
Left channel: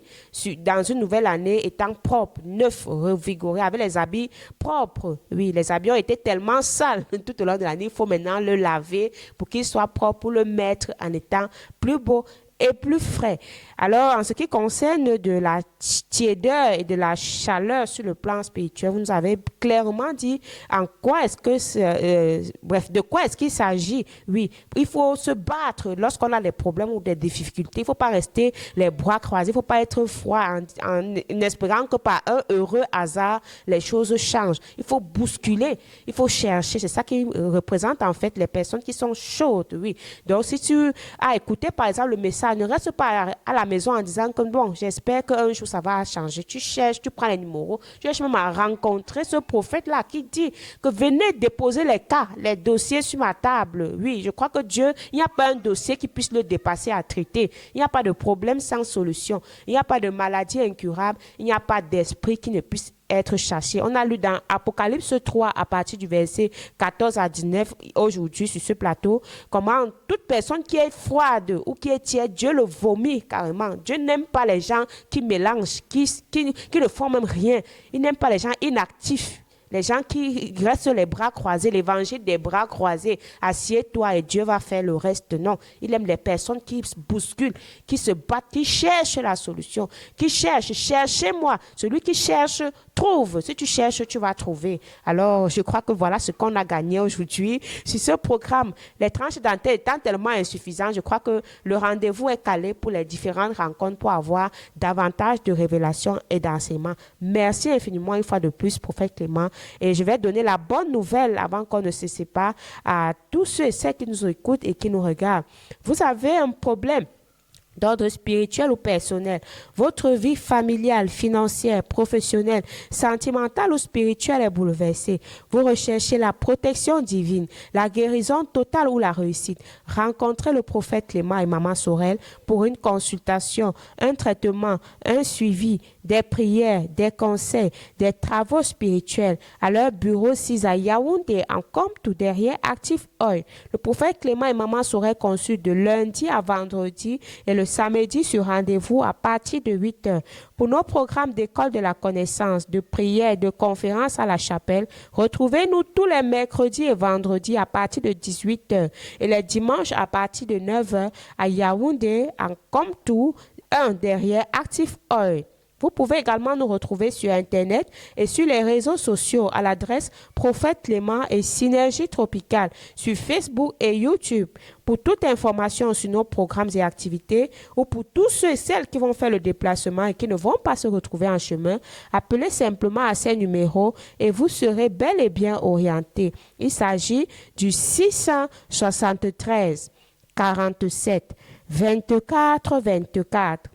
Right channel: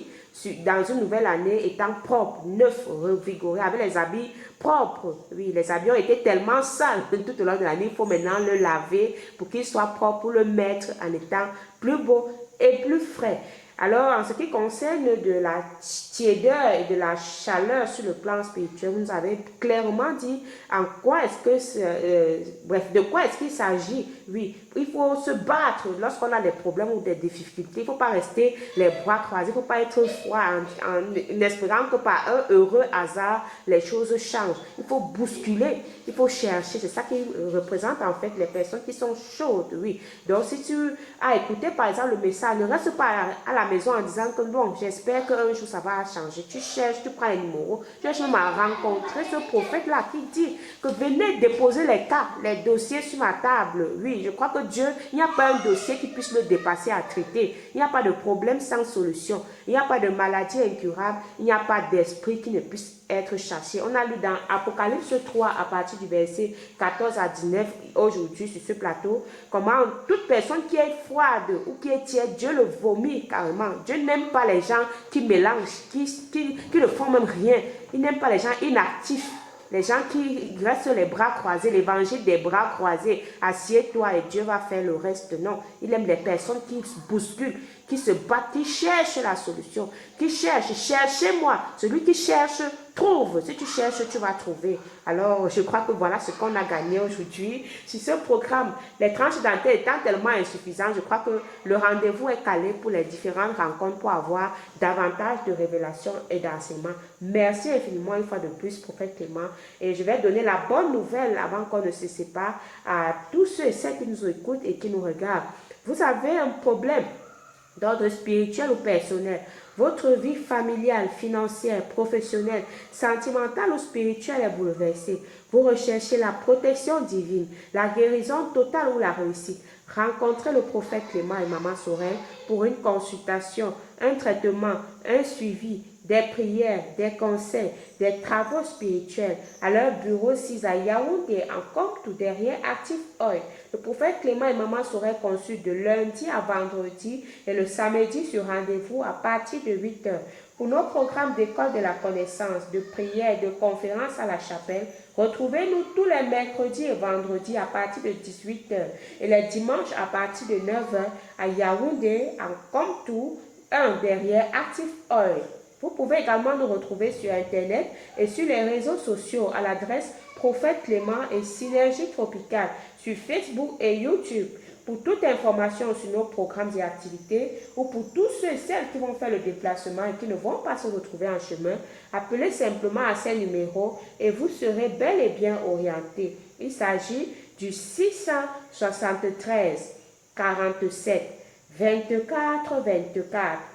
dans une nouvelle année étant propre, neuf, revigoré, avec les habits propres. Oui, les habits ont été tellement sales tout au long de l'année, il faut maintenant le laver pour qu'il soit propre, pour le mettre en étant plus beau et plus frais. Alors, en ce qui concerne de la tiédeur et de la chaleur sur le plan spirituel, vous nous avez clairement dit en quoi est-ce que, de quoi est-ce qu'il s'agit. Oui, il faut se battre lorsqu'on a des problèmes ou des difficultés. Il ne faut pas rester les bras croisés, il ne faut pas être froid en espérant que par un heureux hasard, les choses changent. Il faut bousculer, il faut chercher. C'est ça qui représente en fait les personnes qui sont chaudes. Oui. Donc, si tu as écouté par exemple le message, ne reste pas à la maison en disant que bon, j'espère qu'un jour ça va changer. Tu cherches, tu prends les numéros, tu cherches même à rencontrer ce prophète-là qui dit que venez déposer les cas, les dossiers sur ma table. Oui, je crois que Dieu, il n'y a pas un dossier qui puisse le dépasser à traiter. Il n'y a pas de problème sans solution. Il n'y a pas de maladie incurable. Il n'y a pas d'esprit qui ne puisse être chassés. On a lu dans Apocalypse 3 à partir du verset 14 à 19 aujourd'hui sur ce plateau, comment toute personne qui est froide ou qui est tiède, Dieu le vomit carrément. Dieu n'aime pas les gens qui mélangent, qui ne font même rien. Il n'aime pas les gens inactifs. Les gens qui restent les bras croisés, l'évangile des bras croisés, assieds-toi et Dieu va faire le reste. Non, il aime les personnes qui se bousculent, qui se battent, qui cherchent la solution, qui cherchent, cherchez-moi. Celui qui cherche, trouve. Si tu cherches, tu vas trouver. Alors, je crois que voilà ce qu'on a gagné aujourd'hui. Sur ce programme, les tranches dentaires étant tellement insuffisantes, je crois que le rendez-vous est calé pour les différentes rencontres pour avoir davantage de révélations et d'enseignements. Merci infiniment une fois de plus, prophète Clément. Et je vais donner la bonne nouvelle avant qu'on ne se sépare à tous ceux et celles qui nous écoutent et qui nous regardent. Vous avez un problème d'ordre spirituel ou personnel, votre vie familiale, financière, professionnelle, sentimentale ou spirituelle est bouleversée. Vous recherchez la protection divine, la guérison totale ou la réussite. Rencontrez le prophète Clément et Maman Sorel pour une consultation, un traitement, un suivi, des prières, des conseils, des travaux spirituels à leur bureau 6 à Yaoundé, en Compte, derrière Active Oil. Le prophète Clément et Maman Sorel consultent de lundi à vendredi et le samedi sur rendez-vous à partir de 8 heures. Pour nos programmes d'école de la connaissance, de prière et de conférences à la chapelle, retrouvez-nous tous les mercredis et vendredis à partir de 18 heures et les dimanches à partir de 9 heures à Yaoundé, en Compte, derrière Active Oil. Vous pouvez également nous retrouver sur Internet et sur les réseaux sociaux à l'adresse Prophète Clément et Synergie Tropicale sur Facebook et YouTube. Pour toute information sur nos programmes et activités ou pour tous ceux et celles qui vont faire le déplacement et qui ne vont pas se retrouver en chemin, appelez simplement à ces numéros et vous serez bel et bien orienté. Il s'agit du 673 47 24 24.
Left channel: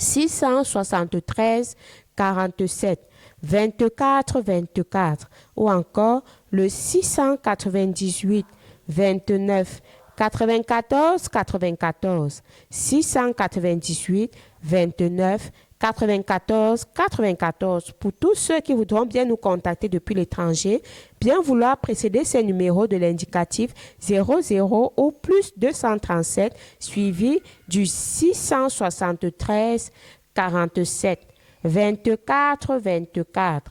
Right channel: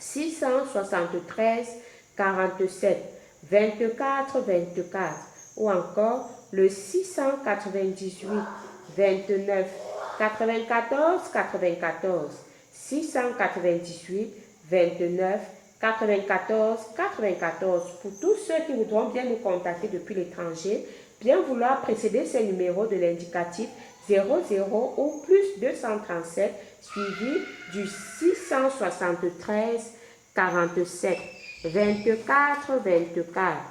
673 47 24 24 ou encore le 698 29 94 94 698 29 94 94. Pour tous ceux qui voudront bien nous contacter depuis l'étranger, bien vouloir précéder ces numéros de l'indicatif 00 ou plus 237 suivi du 673 47 24 24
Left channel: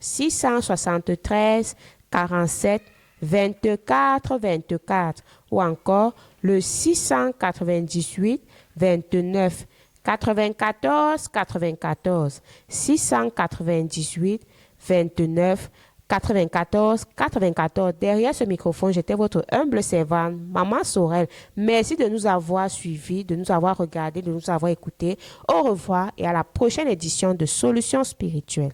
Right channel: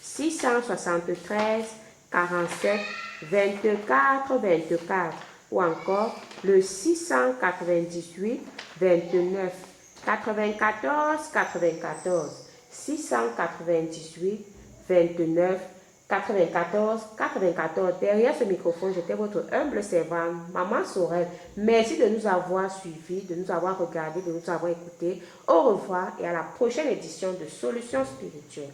673 47 24 24 ou encore le 698 29 94 94 698 29 94 94. Derrière ce microphone, j'étais votre humble servante, Maman Sorel. Merci de nous avoir suivis, de nous avoir regardés, de nous avoir écoutés. Au revoir et à la prochaine édition de Solutions spirituelles.